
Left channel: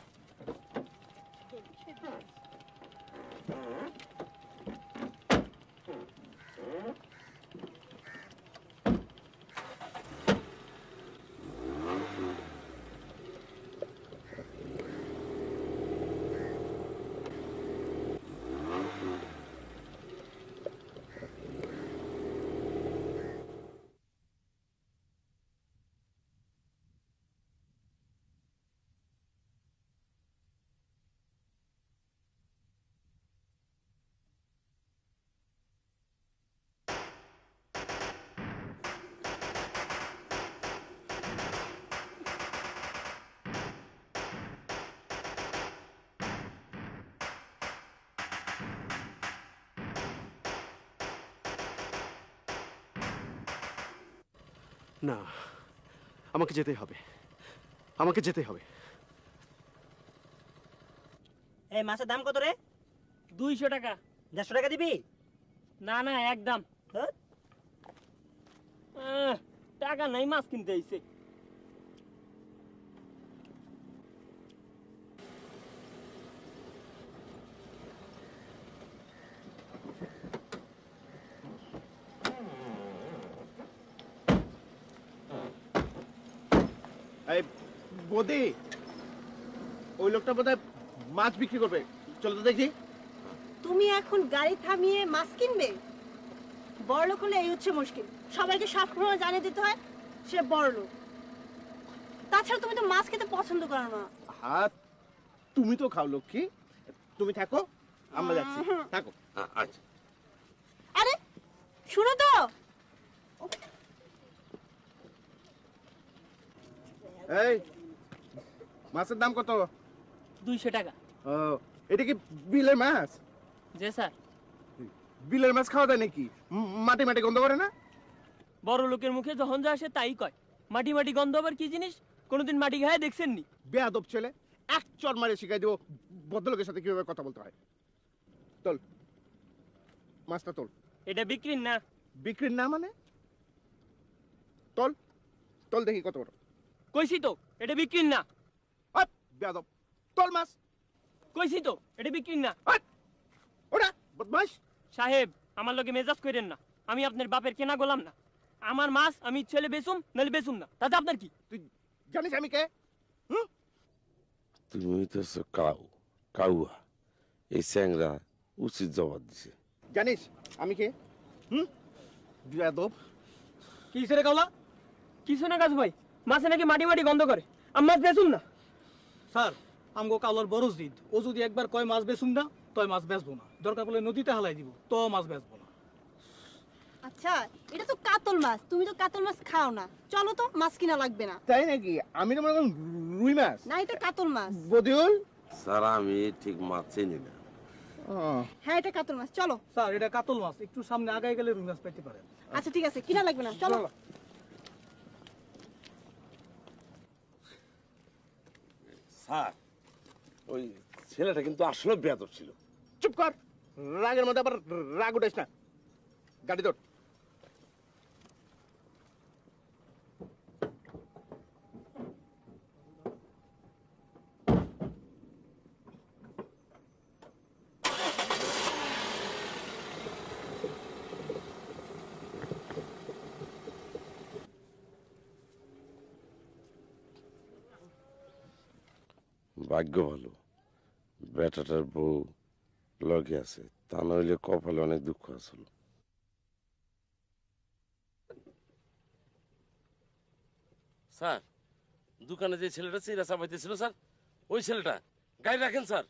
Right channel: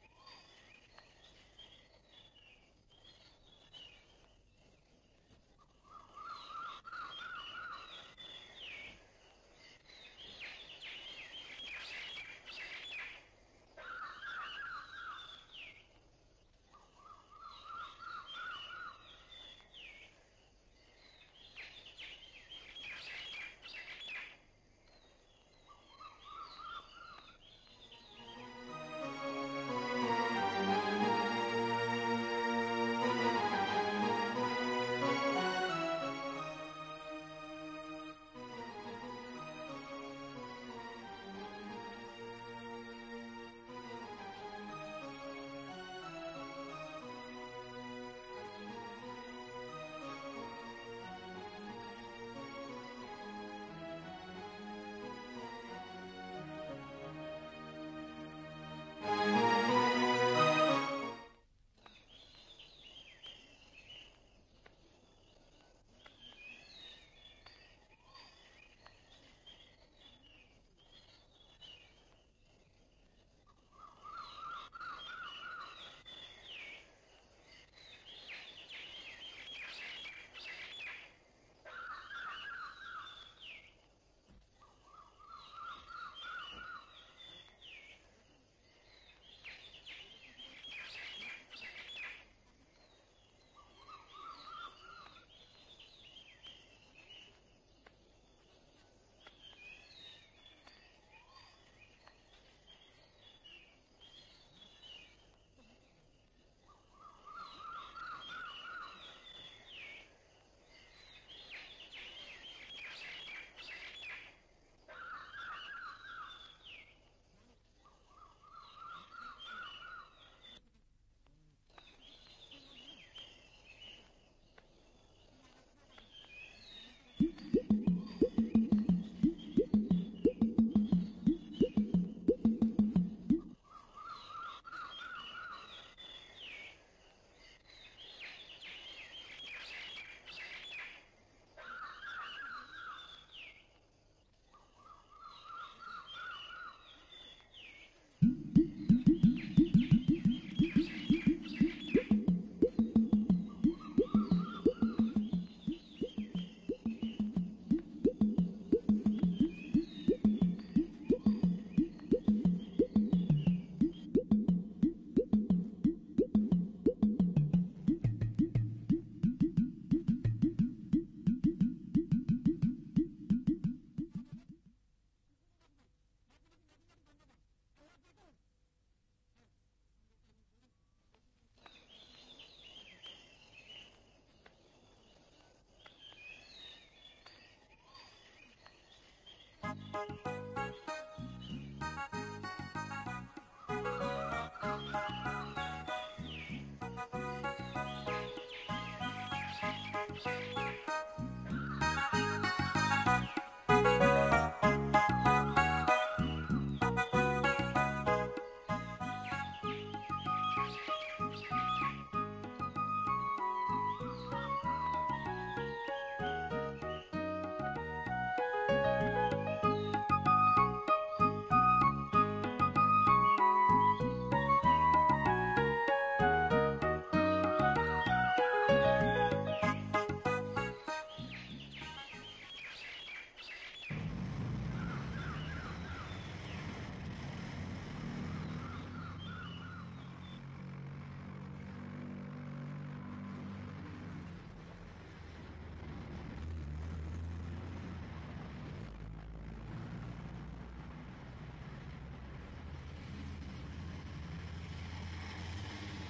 না, আমাকে যেতে হবে, আমাকে যেতে হবে। এই মাছের দাম কত রে? 200 টাকা। 150 টাকা দিবি? না না একদম। টাকা নাই, মাছ কিনতে আইছে। এই বোদে, ওই লোকটা বোধহয় মাছ বিক্রি করবে, চলো তো দেখি। তুমি এখন গাড়ি থামিয়ে মাছ কিনবে? বড় লোক হলে এই হচ্ছে মুশকিল, সবাইকে সবসময় জানিয়ে দিতে হয় সে বড় লোক। তাছাড়া তুমি তো মাছ খেতে পছন্দ করো না। হ্যাঁ, তুমি তো খাও লক্ষ্মী। তুমি থাকো, আমরা যাচ্ছি। থাকো। আচ্ছা। আরে শুনো তো, এই মাছের দাম কত? 200 টাকা। ও, এটা কি বিলের মাছ? জি স্যার। বিলের মাছ খাওয়া যায় নাকি? মাটি মাটি গন্ধ করে না? বড় লোকের মুখে যখন যা আসে তাই কয়। মাটি মাটি গন্ধ আবার কি জিনিস? কোনোদিন মাটি খায় দেখছেন নি? বেয়াদব ছেলে, এক চড় মারে শিখাই দেবো ভদ্রলোকের সাথে কিভাবে কথা বলতে হয়। চল, মাছটা তোল। এটা বিক্রির না। বিক্রির না মানে? তোল, তোল দেখি কত। কইছি তো এটা বিক্রির না। বেয়াদব, তোল মাছ। কইছি তো এটা বিক্রির না। ওরা মাছ সাহেব, আমার লগে মেজাজ করেন না। আমি আপনার বাপের কেনা গোলাম না। আমার মাছ আমি ছেলে বেচুম নাহলে বেচুম না, তাতে আপনার কি? জানিস আমি কে? তুমি তো কাউয়া। এই স্যাংরা উচিত জবাব দিছে। জানিস আমি কে? বেয়াদব। কি রে কাউলা? কিছু না কাজু ভাই, মাছে নাকি মাটি মাটি গন্ধ করে। আমি মাছ বেচুম না। স্যার, আমগো কাউলার বড় জিদ। ও যদি একবার কয় মাছ বেচুম না, তয় মাছ বেচবো না। দরকার পড়লে নদীতে হালাই দিব, তো মাছ বেচবো না। আচ্ছা এটা তো কাতল মাছ, তুমি তো কাতল মাছ খাও না। চলো তো, মাছ কিনা লাগবে না। তাই নাকি? আমি তো মনে করি রুই মাছ। না, এটা কাতল মাছ। বদিউল, স্যার আমি ঠিক মাছ চিনি না। হ্যাঁ এটা কাতল মাছ, চলো। স্যার এটা কাতল মাছ, একটু সামনে আগায় গেলে রুই মাছ পাওয়া যাবে। আচ্ছা ঠিক আছে, কিনা লাগবে না, চলো। স্যার ওই ছেলেটা কিন্তু আসলে বেয়াদব ছিল। চুপ কর, রাগের মধ্যে আবার রাগ উঠাইস না। গাড়ি তোর। ভাগ্য ভালো বেটাটার বউ লগে আছে, তা নইলে কপালে অনেক দুঃখ আছে। স্যার দোকানে যে ছেলেটা চিরা চাপাইতেছিল স্যার ওই ছেলেটা গাড়ি রাখেন স্যার।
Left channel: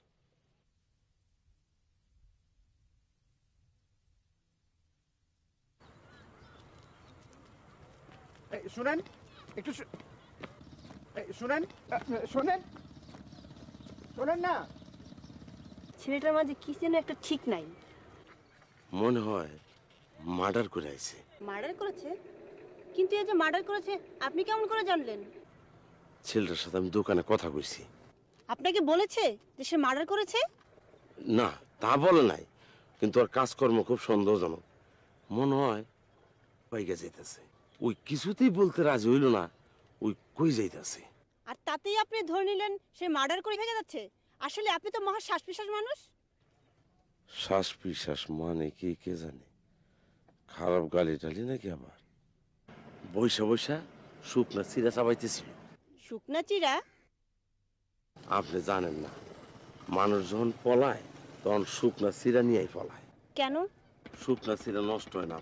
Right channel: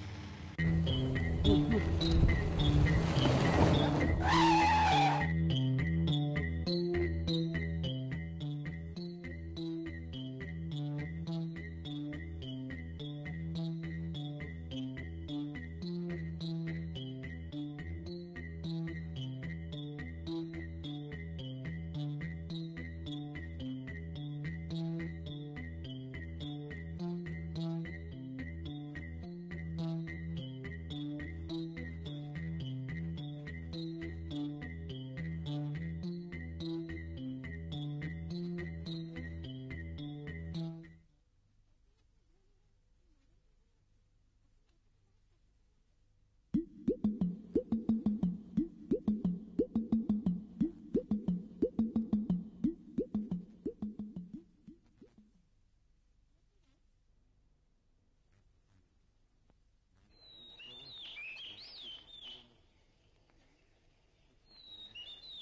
শুনেন একটু শুনেন শোনেন শোনেন না, ছেলেটার মাঝে কি যেন একটা ঠিক নাই। মনে হয় মার্ডার করে আইছে। মার্ডার করেছে? কিন্তু এই যে মার্ডার করেছে আপনি কেমন করে জানলেন? ছেলেটার সাথে আমি দোকানে কথা কইছি। আপনাকে বলেছে যে সে মার্ডার করেছে? না তা বলে নাই, কিন্তু ওর কাজকর্ম খুব সন্দেহজনক। মনে হয় বাইকে যাইতেছে। ওই কিছুতেই বলতে রাজি হইল না ওই কই যাইতেছে। আর তাতেই আপনি ধরে নিলেন সে মার্ডার করে ভেগে যাচ্ছে? আসলে আপনি তো মহা শ্বাস-প্রশ্বাস মানুষ। শ্বাস বিশ্বাস মানে কি কে জানে, খারাপ গালি টালি নাকি আবার। বৈশা বৈশা শুকনা চিরা চাবাইতেছিল। শুকনা চিরা? আপনি জানেন না, মানুষ যখন পলায় তখন শুকনা চিরা নিয়েই পলায়। কেন? শুকনা চিরা নষ্ট হয় না,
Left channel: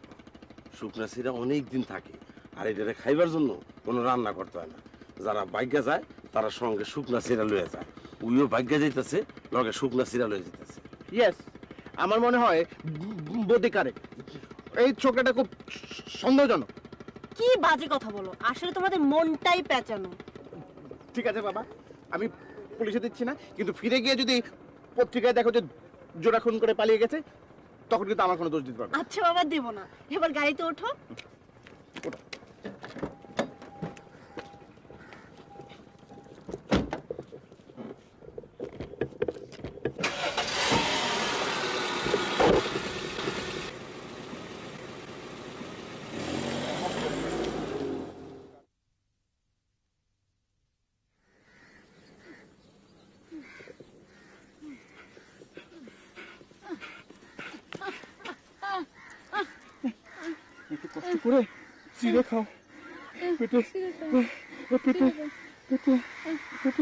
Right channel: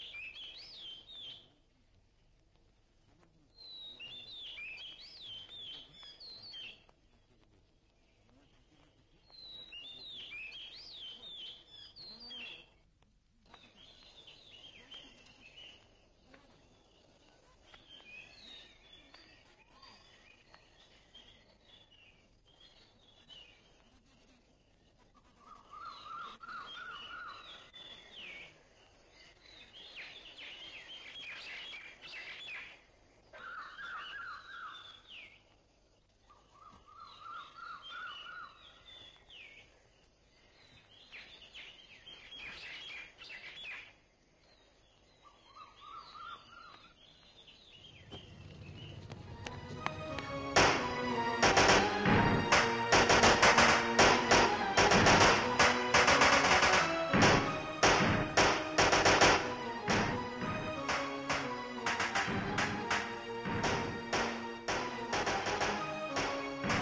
শুকনা চিরা অনেক দিন থাকে। আর এটা খাইবার জন্য কোনো রান্না করতে হয় না। যারা ভাগ্যে যায় তারা সঙ্গে শুকনা চিরা লয়ে যায়। উইও ভাগ্যে যাইতেছে, লগে শুকনা চিরা লয়ে যেতেছে। ইয়েস, আমার মনে হয় বডি কারেক্ট। এই ছোকরাটা খুব সন্দেহজনক। কি বাজে কথা বলো, আসলে তোমাদের মনটাই পেঁচানো। ঠিক আছে বাবা, আমি পুলিশে দিচ্ছি না, কিন্তু ফিরে গিয়ে যদি পত্রিকায় দেখো যে জোড়া খুন করে পালিয়ে গেছে, তখন কিন্তু আমার কোনো দোষ দিতে পারবে। আচ্ছা বাবা, দেব না। এবার গাড়িতে ওঠো।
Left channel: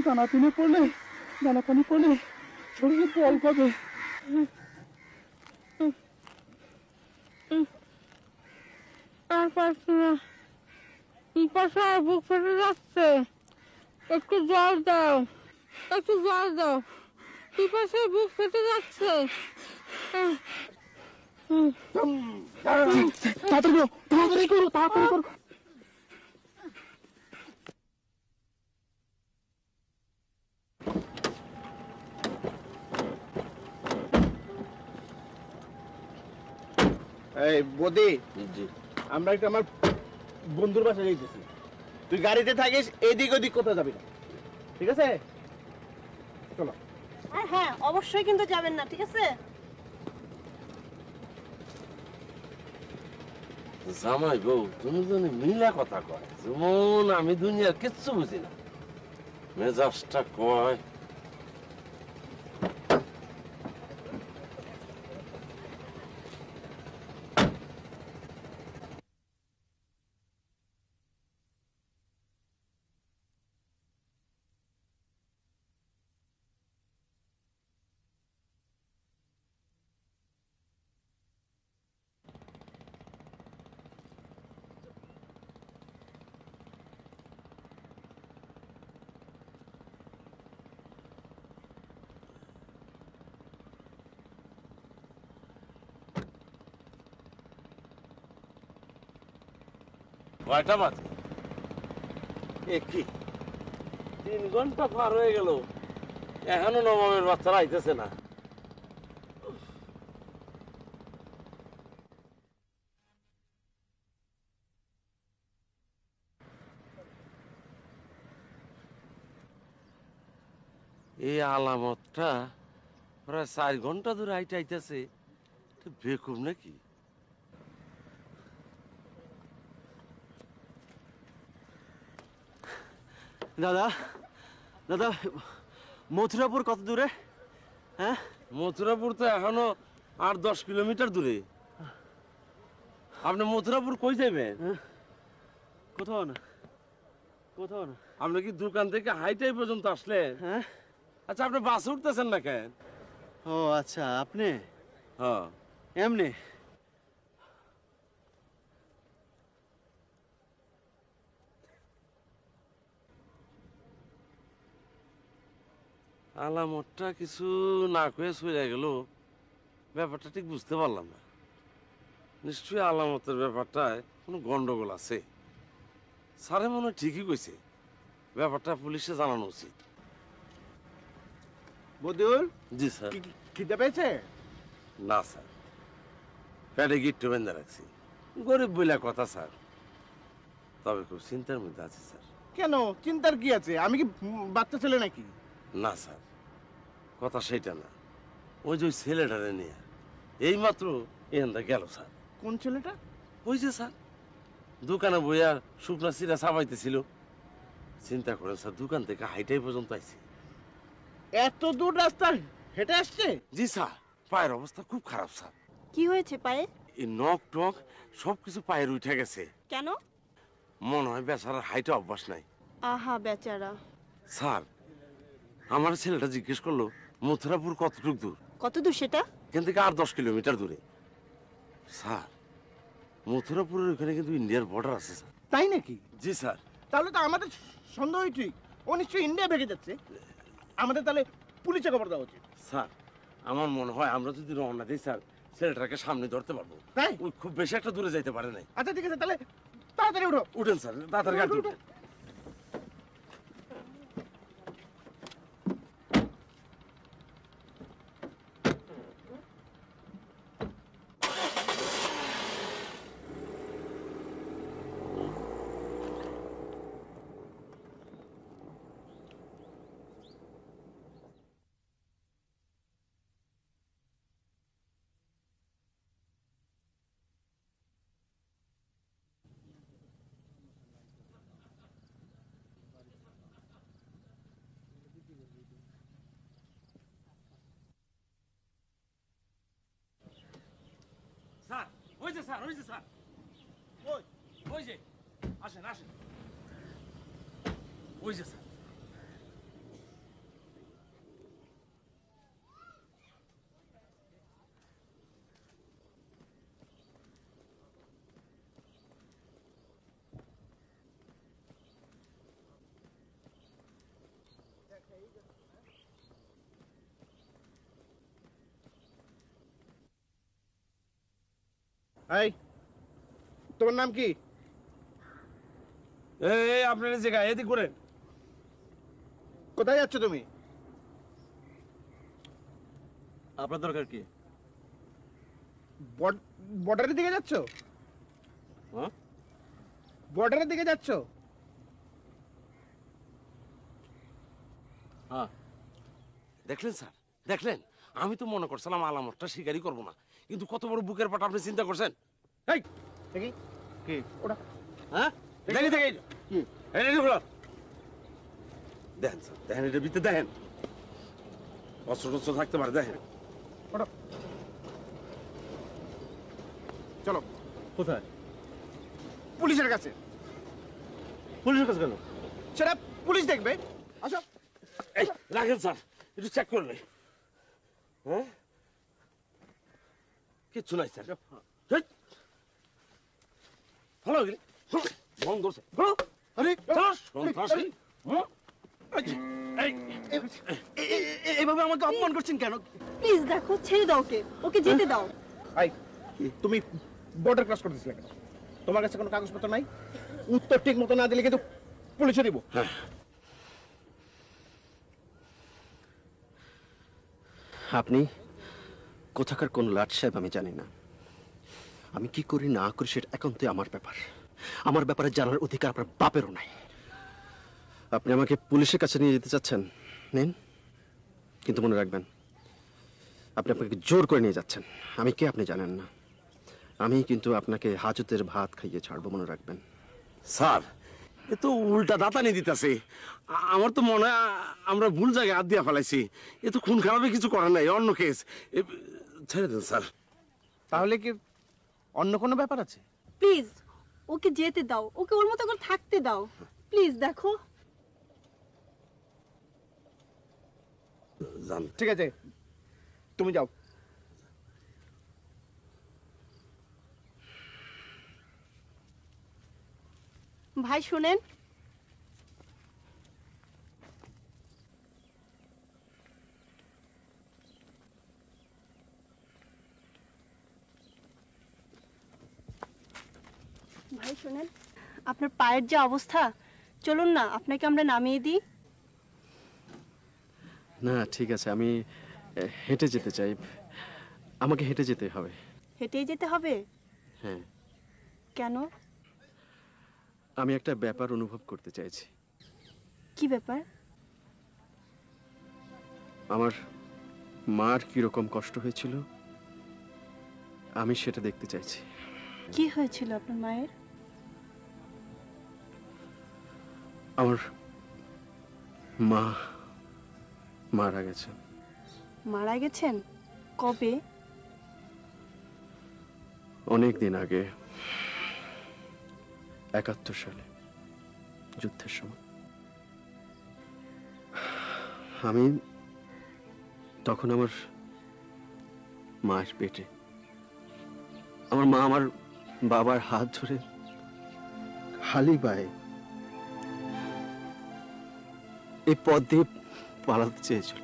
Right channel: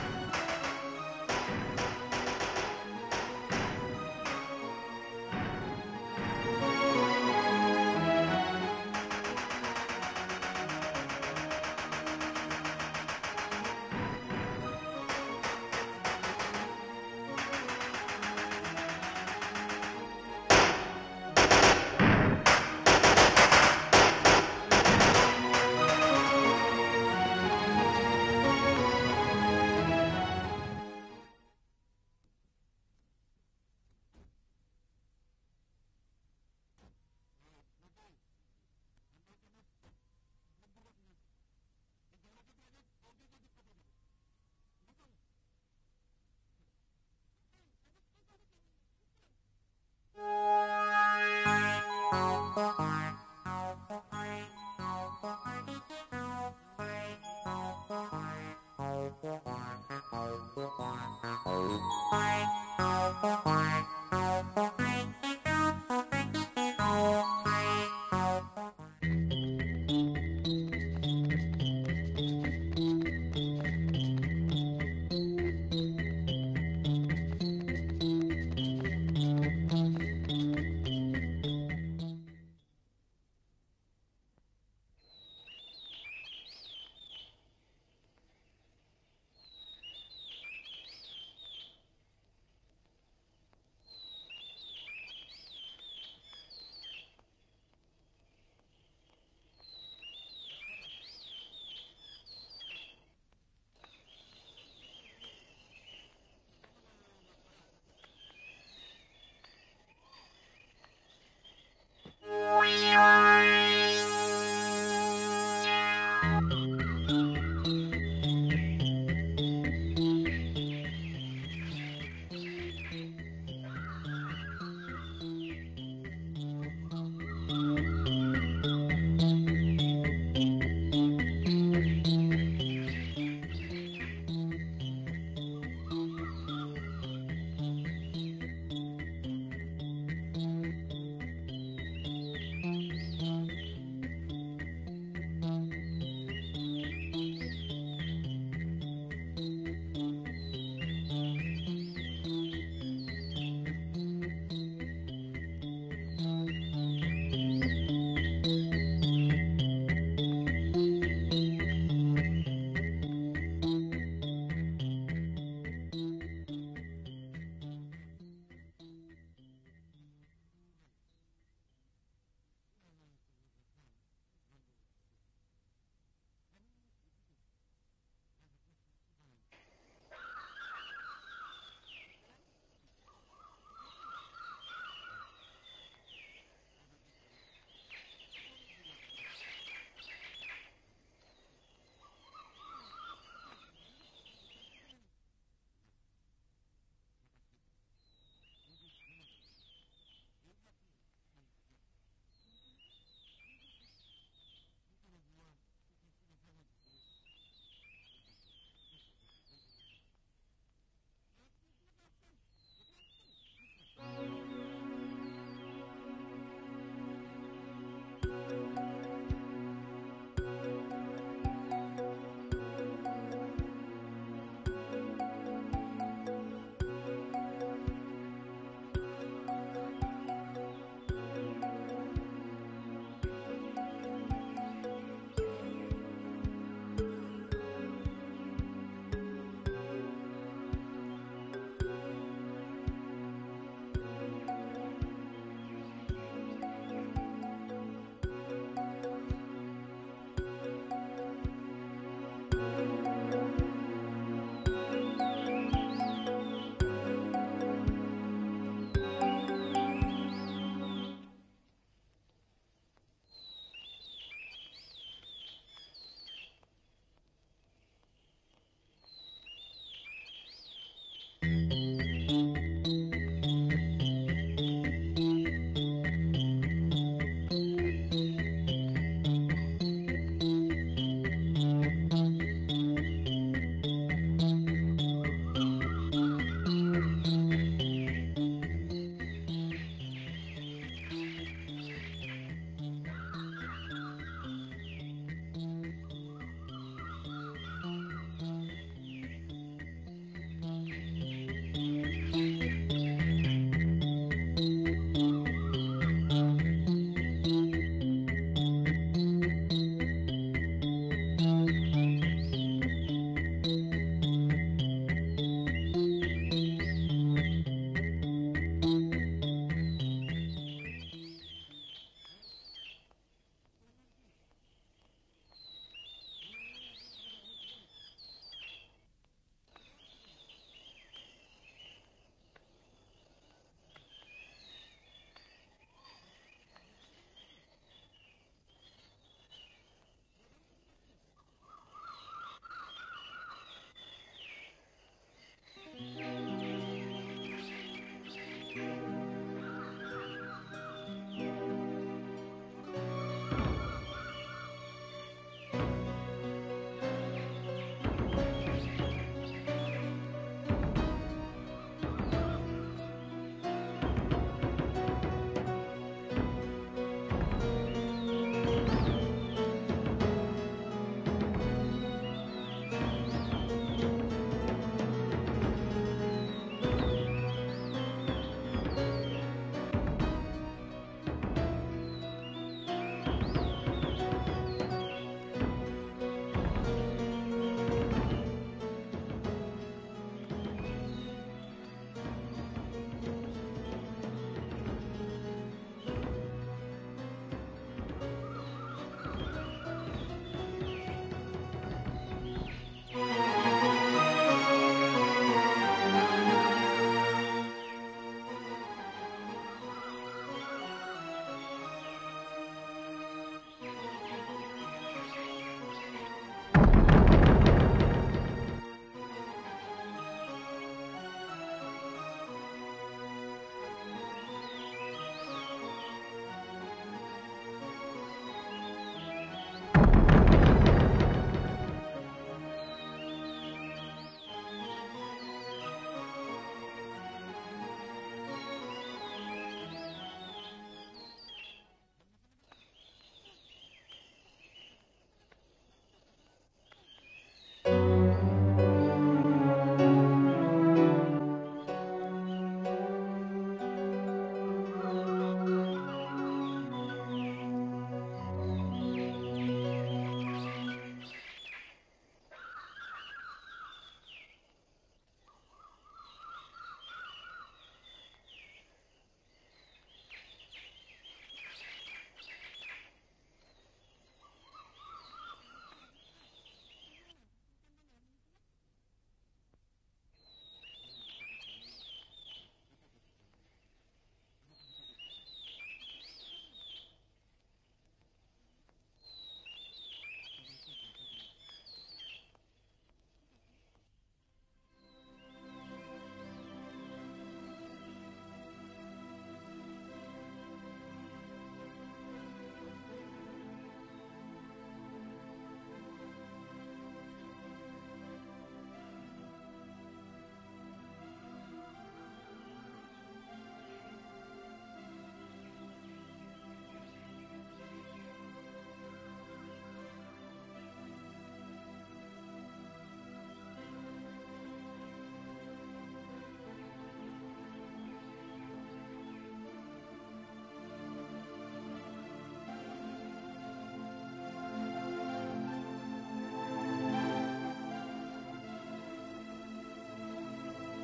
টানাটানি করলে টানাটানি করলে শরীরে জল পাবে। একটু জল দাও, একটু জল দাও। পিপাসা বুক ফেটে যাচ্ছে। এই বদি, আমরা একটু আমার বন্ধুর বাসায় যাইতেছি। তুই গাড়িতে থাকিস, এদিক ওদিক কোথাও যাবি না, ঠিক আছে? চলো। হ্যাঁ, অবশ্যই কিন্তু যাবেন না, ঠিক আছে? জামাই গো, তুমি যেন মিলা কথা কয়, যেমন আমি দুনিয়ার কিচ্ছু বুঝি না। মেজাজটা কয় কয়টা বাজে? কি 3 ঘন্টা পার হয়ে গেল, এখনো নবমের বাচ্চারা আইতেছে না। এই আলামতটা প্রায় 4 ঘন্টা ধরে আইতে আইতেছে, বেকুব নাকি? দাদা দাদা, মথুরাপুর কত দূরে? হ্যাঁ, মথুরাপুর তো এখনো 8-10 কিলোমিটার দূরে। আপনি মথুরাপুর কই যাবেন? কোথাও না, কোথাও না। আপনি কি দোকান থেকে হাইটাই পর্যন্ত আসলেন? হ্যাঁ। আচ্ছা, আপনি বাসে উঠতেছেন না কেন? ও আচ্ছা, আপনি? হ্যাঁ, এমনি। আলামতটা কিছু না কয়ে চলে গেল, ব্যাপারটা ঠিক বুঝতে পারলাম না। নিশ্চয়ই আলামতের ব্যাপারটায় কোনো গন্ডগোল আছে। স্যারে মনে হয় ঠিকই কইছে, ব্যাপারটা পুলিশে জানানো উচিত। বদুল, জি স্যার। খিদে পেয়েছে? না স্যার, পেটে গিট্টু বেঁধে রাখছি। গরিব বইলা কথা স্যার, তবে খুব চিন্তার মধ্যে আছি স্যার। কেন, চিন্তার কি আছে? আমি কি বাচ্চা ছেলে নাকি? না স্যার, কথা সেইটা না। ওই যে ওই ছেলেটারে নিয়ে এইমাত্র এখানটা গেল স্যার। কোন ছেলেটা? ওই যে স্যার দোকানে বইয়া শুকনা চিরা চাবাইতেছিল। চিন্তা করেন স্যার, দোকান থেকে হাইটাই পর্যন্ত আইছে। এত দূর রাস্তা হেঁটে আসছে? জি স্যার, পায়ের অবস্থা খুব খারাপ স্যার। কি হয়েছে পায়ে? এই নখ টক সবকিছু পায়ের উঠে গেছে। কেন? মনে হয় বেচারার হাইটে অভ্যাস নাই। আহা বেচারা। স্যার, আমার ছেলেটা জিজ্ঞেস করলো মথুরাপুর কতটুক দূর। কত দূর সেটা? এখান থেকে আর 10 কিলোমিটার দূরে। স্যার, মথুরাপুরের ওখানে কিন্তু ইন্ডিয়ার বর্ডার আছে স্যার। তাই নাকি? জি স্যার। তাহলে তো আমাদের সন্দেহই ঠিক, ও নিশ্চয়ই ইন্ডিয়া ভেগে যাচ্ছে। আমাদের তাহলে পুলিশে খবর দেওয়া উচিত। স্যার, আমার মনে হয় আমরা যদি রওনা দিই স্যার, ছেলেটাকে সামনে ধরতে পারবো। তাই? ও খুব বেশি একটা দূরে যাইতে পারে নাই। আচ্ছা ঠিক আছে, তাহলে তাড়াতাড়ি উঠো। উঠেন স্যার, তাড়াতাড়ি গাড়ি উঠুন। তোমার নাম কি? এই আপনার জায়গা এদিক করেন। কোথায় যাচ্ছ তুমি? আপনার দরকার কি? বর্ডারের দিকে যাচ্ছ? বর্ডারের দিকে যাচ্ছ? হ্যাঁ। দেখলেন স্যার, দেখলেন? আমি তো মনে করছিলাম আলামতটা স্বীকারই করবো না, কিন্তু কত বড় বুকের পাটা আপনি চিন্তা করছেন। এই দেখি কি ওটা? হ্যাঁ দেখি দেখি দেখেন, দেখেন এটার ভিতরে দেখেন অস্ত্র টস্ত্র থাকতে পারে। দেখেন চলো। কোথায়? পুলিশের কাছে। পুলিশের কাছে গেল সেটা পুলিশ দেখবে। আচ্ছা এই রাখেন স্যার, চেক করে নিন। কিচ্ছু নাই স্যার। এইভাবে আমাকে অপমান করছেন কেন? প্লিজ দেখো, ছেড়ে দাও, ওকে যেতে দাও। তুমি বর্ডার ক্রস করতেছিলে, তোমার কাছে কোনো কাগজপত্র নাই? উত্তর ঠিক মতো না দিলে কিন্তু পুলিশে দিব। আপনি কোথাকার কোন লাট সাহেব আমি জানি না। আমি কি করি না করি সেটা একান্তই আমার ব্যাপার। আমার ব্যাপারে জানার অধিকার আপনার বাপেরও নাই। আপনি আমাকে পুলিশের কাছে নিয়ে যেতে চাচ্ছেন, নিন, কিন্তু মনে রাখবেন আপনি আপনাকে জোর করে নিয়ে যাচ্ছেন। আমি কে আপনি জানেন না। আমি কিন্তু আপনাকে হাজতের ভাত খাইয়ে ছাড়বো, মনে রাখবেন। স্যার, এ তো উল্টা দাতানি দিতেছে। আমার তো মনে হয় আমরা ভুল জায়গায় হাত দিয়ে ফেলাইছি। এ তো খুন খারাপে কিছু করার নাই, অন্য কেস। ছেড়ে দেন স্যার। তাহলে কি অন্য কোনো ব্যাপার আছে? প্লিজ ওকে যেতে দাও, ওকে ওর মতো করে থাকতে দাও। প্লিজ দেখো। ঠিক আছে, তুমি যাও। ভাই শুনেন, ভাই শোনেন, আপনার পায়ের যে অবস্থা, চলুন না আপনাকে আমরা নামিয়ে দিই। না ঠিক আছে, আমি হেঁটে যেতে চাই। আমাকে হেঁটে যেতে হবে। হেঁটেই যেতে হবে? হ্যাঁ। কেন? আমি একটা ব্যাপার অনুভব করতে চাইছি। কি ব্যাপার? আমার মার কিরকম কষ্ট হয়েছিল আমি সেটা দেখতে চাইছি। কি হয়েছিল আপনার মায়ের? আমার মা মারা গেছে। মারা গেছেন? কবে? অনেক দিন আগে, ৭১ সালে, যুদ্ধের সময়। আমি তখন আমার মায়ের পেটে। আমার মা আমার বাবার হাত ধরে খালি পায়ে এই পথ দিয়ে পালাতে চেয়েছিল।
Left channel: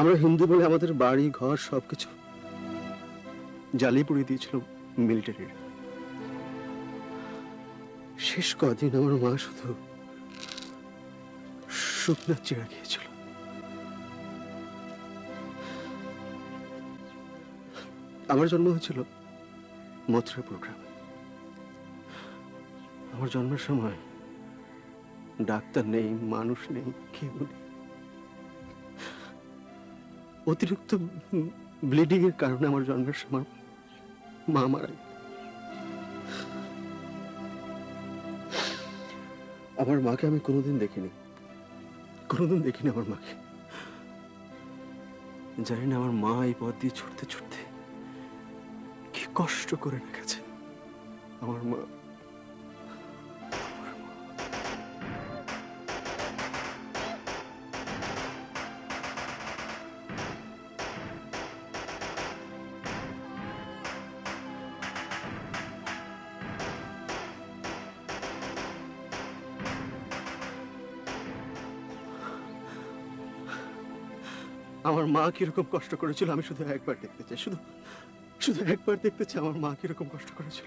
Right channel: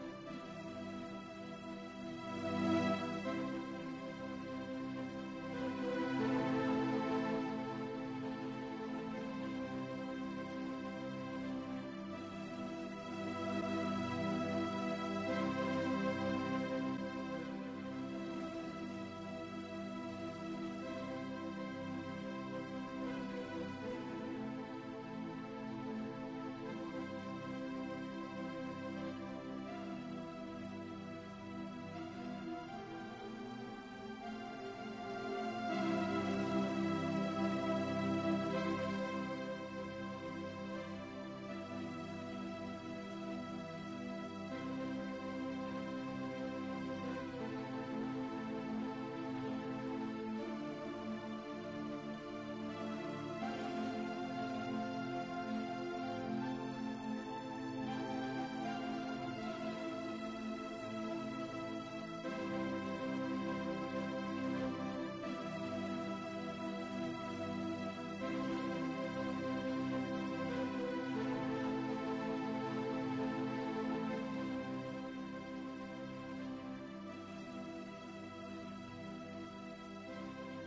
আমরা হিন্দু বলে আমাদের বাড়ি ঘর সবকিছু জ্বালিয়ে পুড়িয়ে দিয়েছিল মিলিটারি। শেষ কদিন আমার মা শুধু শুকনো চিড়া খেয়েছিল। আমার জন্ম হয়েছিল মথুরা প্রোগ্রাম। আমার জন্মের সময় ডাক্তার নেই, মানুষ নেই, কেউ নেই। অতিরিক্ত ব্লিডিং এর কারণে আমার জন্মের সময় মা মারা গেছে। আমার মাকে আমি কোনোদিন দেখিনি, কোনোদিন দেখিনি আমার মাকে। জানি না আমার মা এই পথ দিয়ে ছুটতে ছুটতে কি কষ্ট করে রেখেছে আমার মা। আমার মা কিরকম কষ্ট করেছিল আমি শুধু একবার দেখতে চাই, শুধু শুধু একবার দেখতে চাই আমার মা কিরকম কষ্ট করেছিল।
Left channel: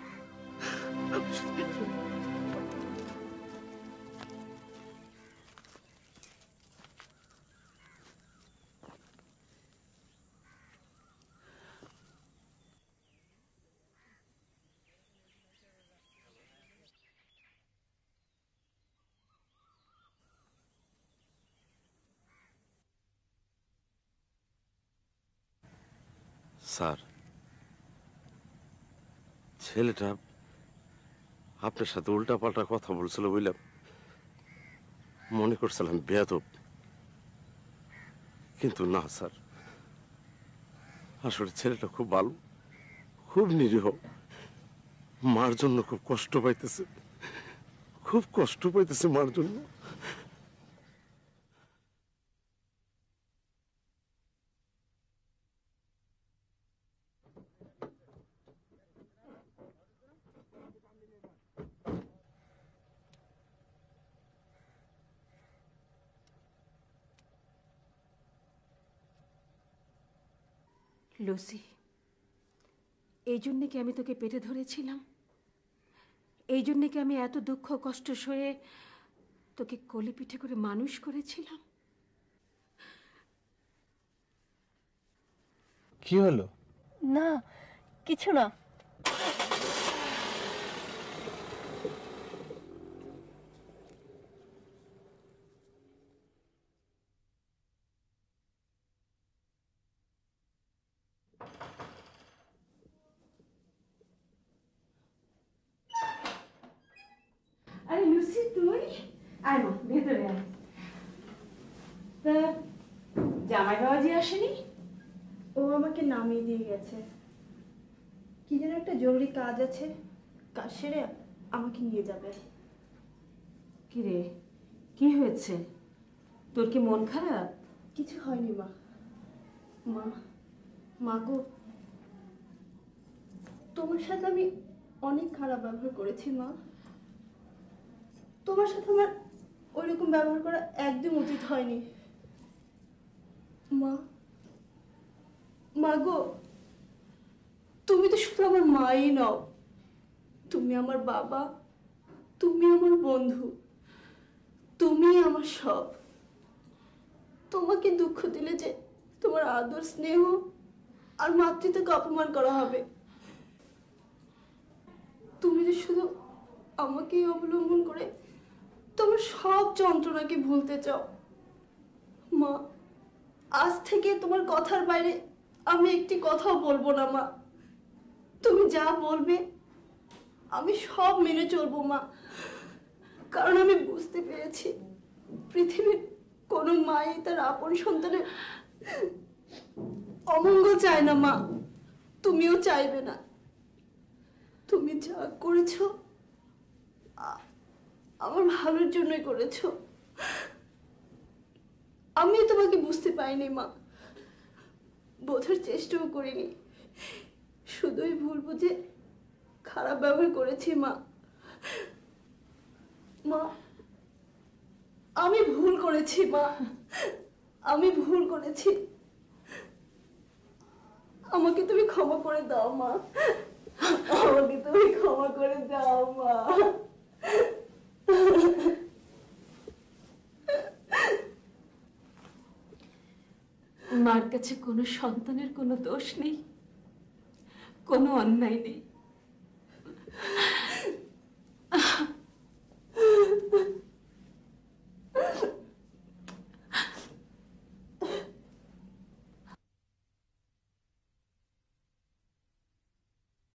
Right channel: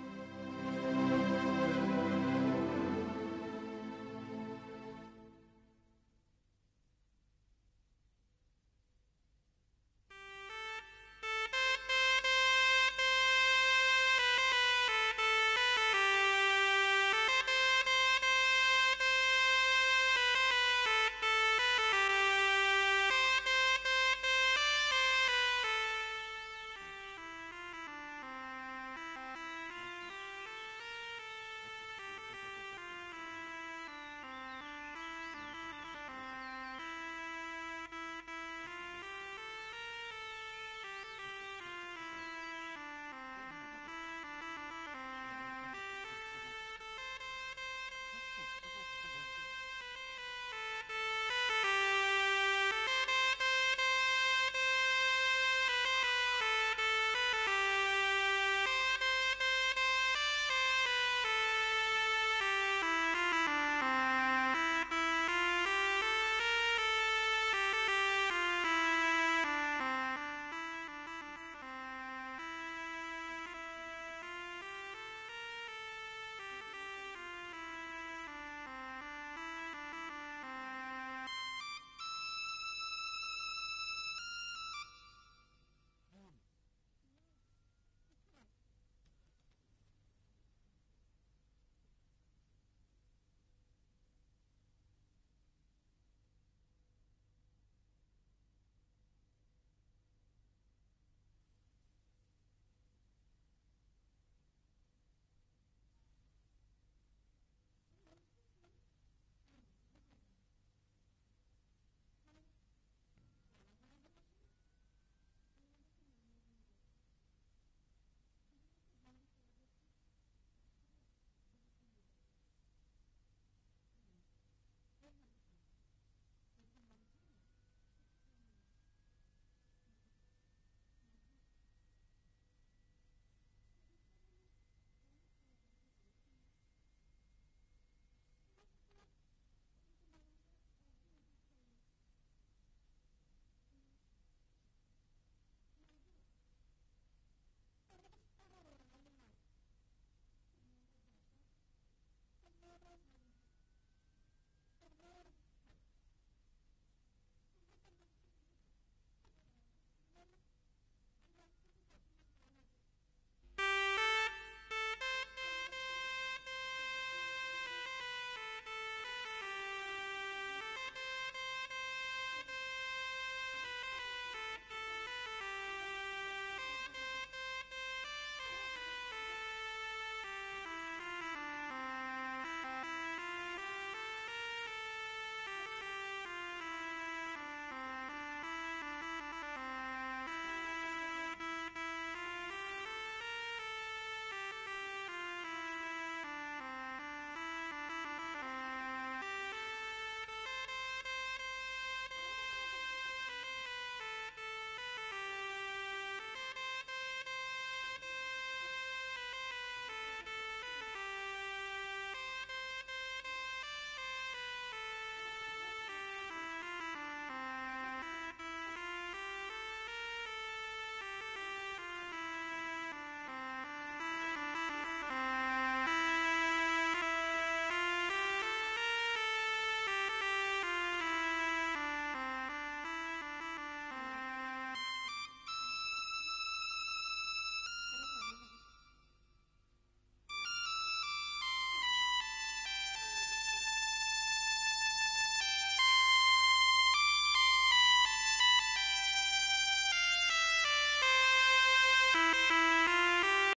স্যার, ছেলেটা আপনার সাথে উল্টাপাল্টা কথা বলছিল বুঝলাম, মনে করছিলাম বেয়াদব, কিন্তু না স্যার, আসলে ছেলেটা খুব ভালো, খুব নিরীহ, মার জন্য খুব কষ্ট পাইতেছে, খুব কষ্ট পাইতেছে মার জন্য। লুসি, এই জন্যে কি আমি তোকে পেটে ধরেছিলাম? এই জন্যে কি আমি এত দুঃখ কষ্ট সয়ে তোকে কোলে পিঠে করে মানুষ করেছিলাম? কি হলো? না কিছু না। আরে লুসি, তুই আয় মা, ভেতরে আয়। তা জামাই বাবাজি আসেনি? ও আমাকে নামিয়ে দিয়ে গেছে। কি যেন একটা জরুরি কাজ আছে, কাজ সেরে আমাকে নিয়ে যাবে। কি রে, কি হয়েছে? তোর কি মন খারাপ? কিছু হয়নি মা। মা, মা গো, তোমার সাথে আমি অনেক খারাপ ব্যবহার করেছি মা। তোমার সাথে আমার ওইরকম ব্যবহার করা একদম উচিত হয়নি মা। মা গো, তুমি তো শুধু আমার মাই নও, তুমি আমার বাবা, তুমি আমার বন্ধু, তুমি আমার সব। তোমাকে দুঃখ দিলে যে তোমার আদর স্নেহ আর মাতৃত্বকে অপমান করা হবে। তুমি শুধু আমাকে অবলম্বন করে তোমার সব যন্ত্রণাকে ভুলতে চাও। মা, আজ থেকে তোমার কথার বাইরে আমি একটি কথাও বলবো না মা। তুমি যা বলবে আমি সব মেনে চলবো মা। কারণ আমি বুঝতে পেরেছি পৃথিবীর কোনো মায়ের তার আপন সন্তানের অমঙ্গল চায় না মা, তুমিও চাইবে না। তুমি যা করেছো আমার ভালোর জন্যই করেছো। আমি তোমাকে বুঝতে পারিনি মা, বোঝার চেষ্টাও করিনি, শুধুই ভুল বুঝে খারাপ ব্যবহার করেছি মা। মা, আমি ভুল করেছি মা, আমি ভুল করেছি। আমাকে তুমি ক্ষমা করে দাও মা, আমাকে তুমি ক্ষমা করে দাও মা। মার কাছে কোনো সন্তানের কোনো দোষ নেই, কোনো অন্যায় নেই।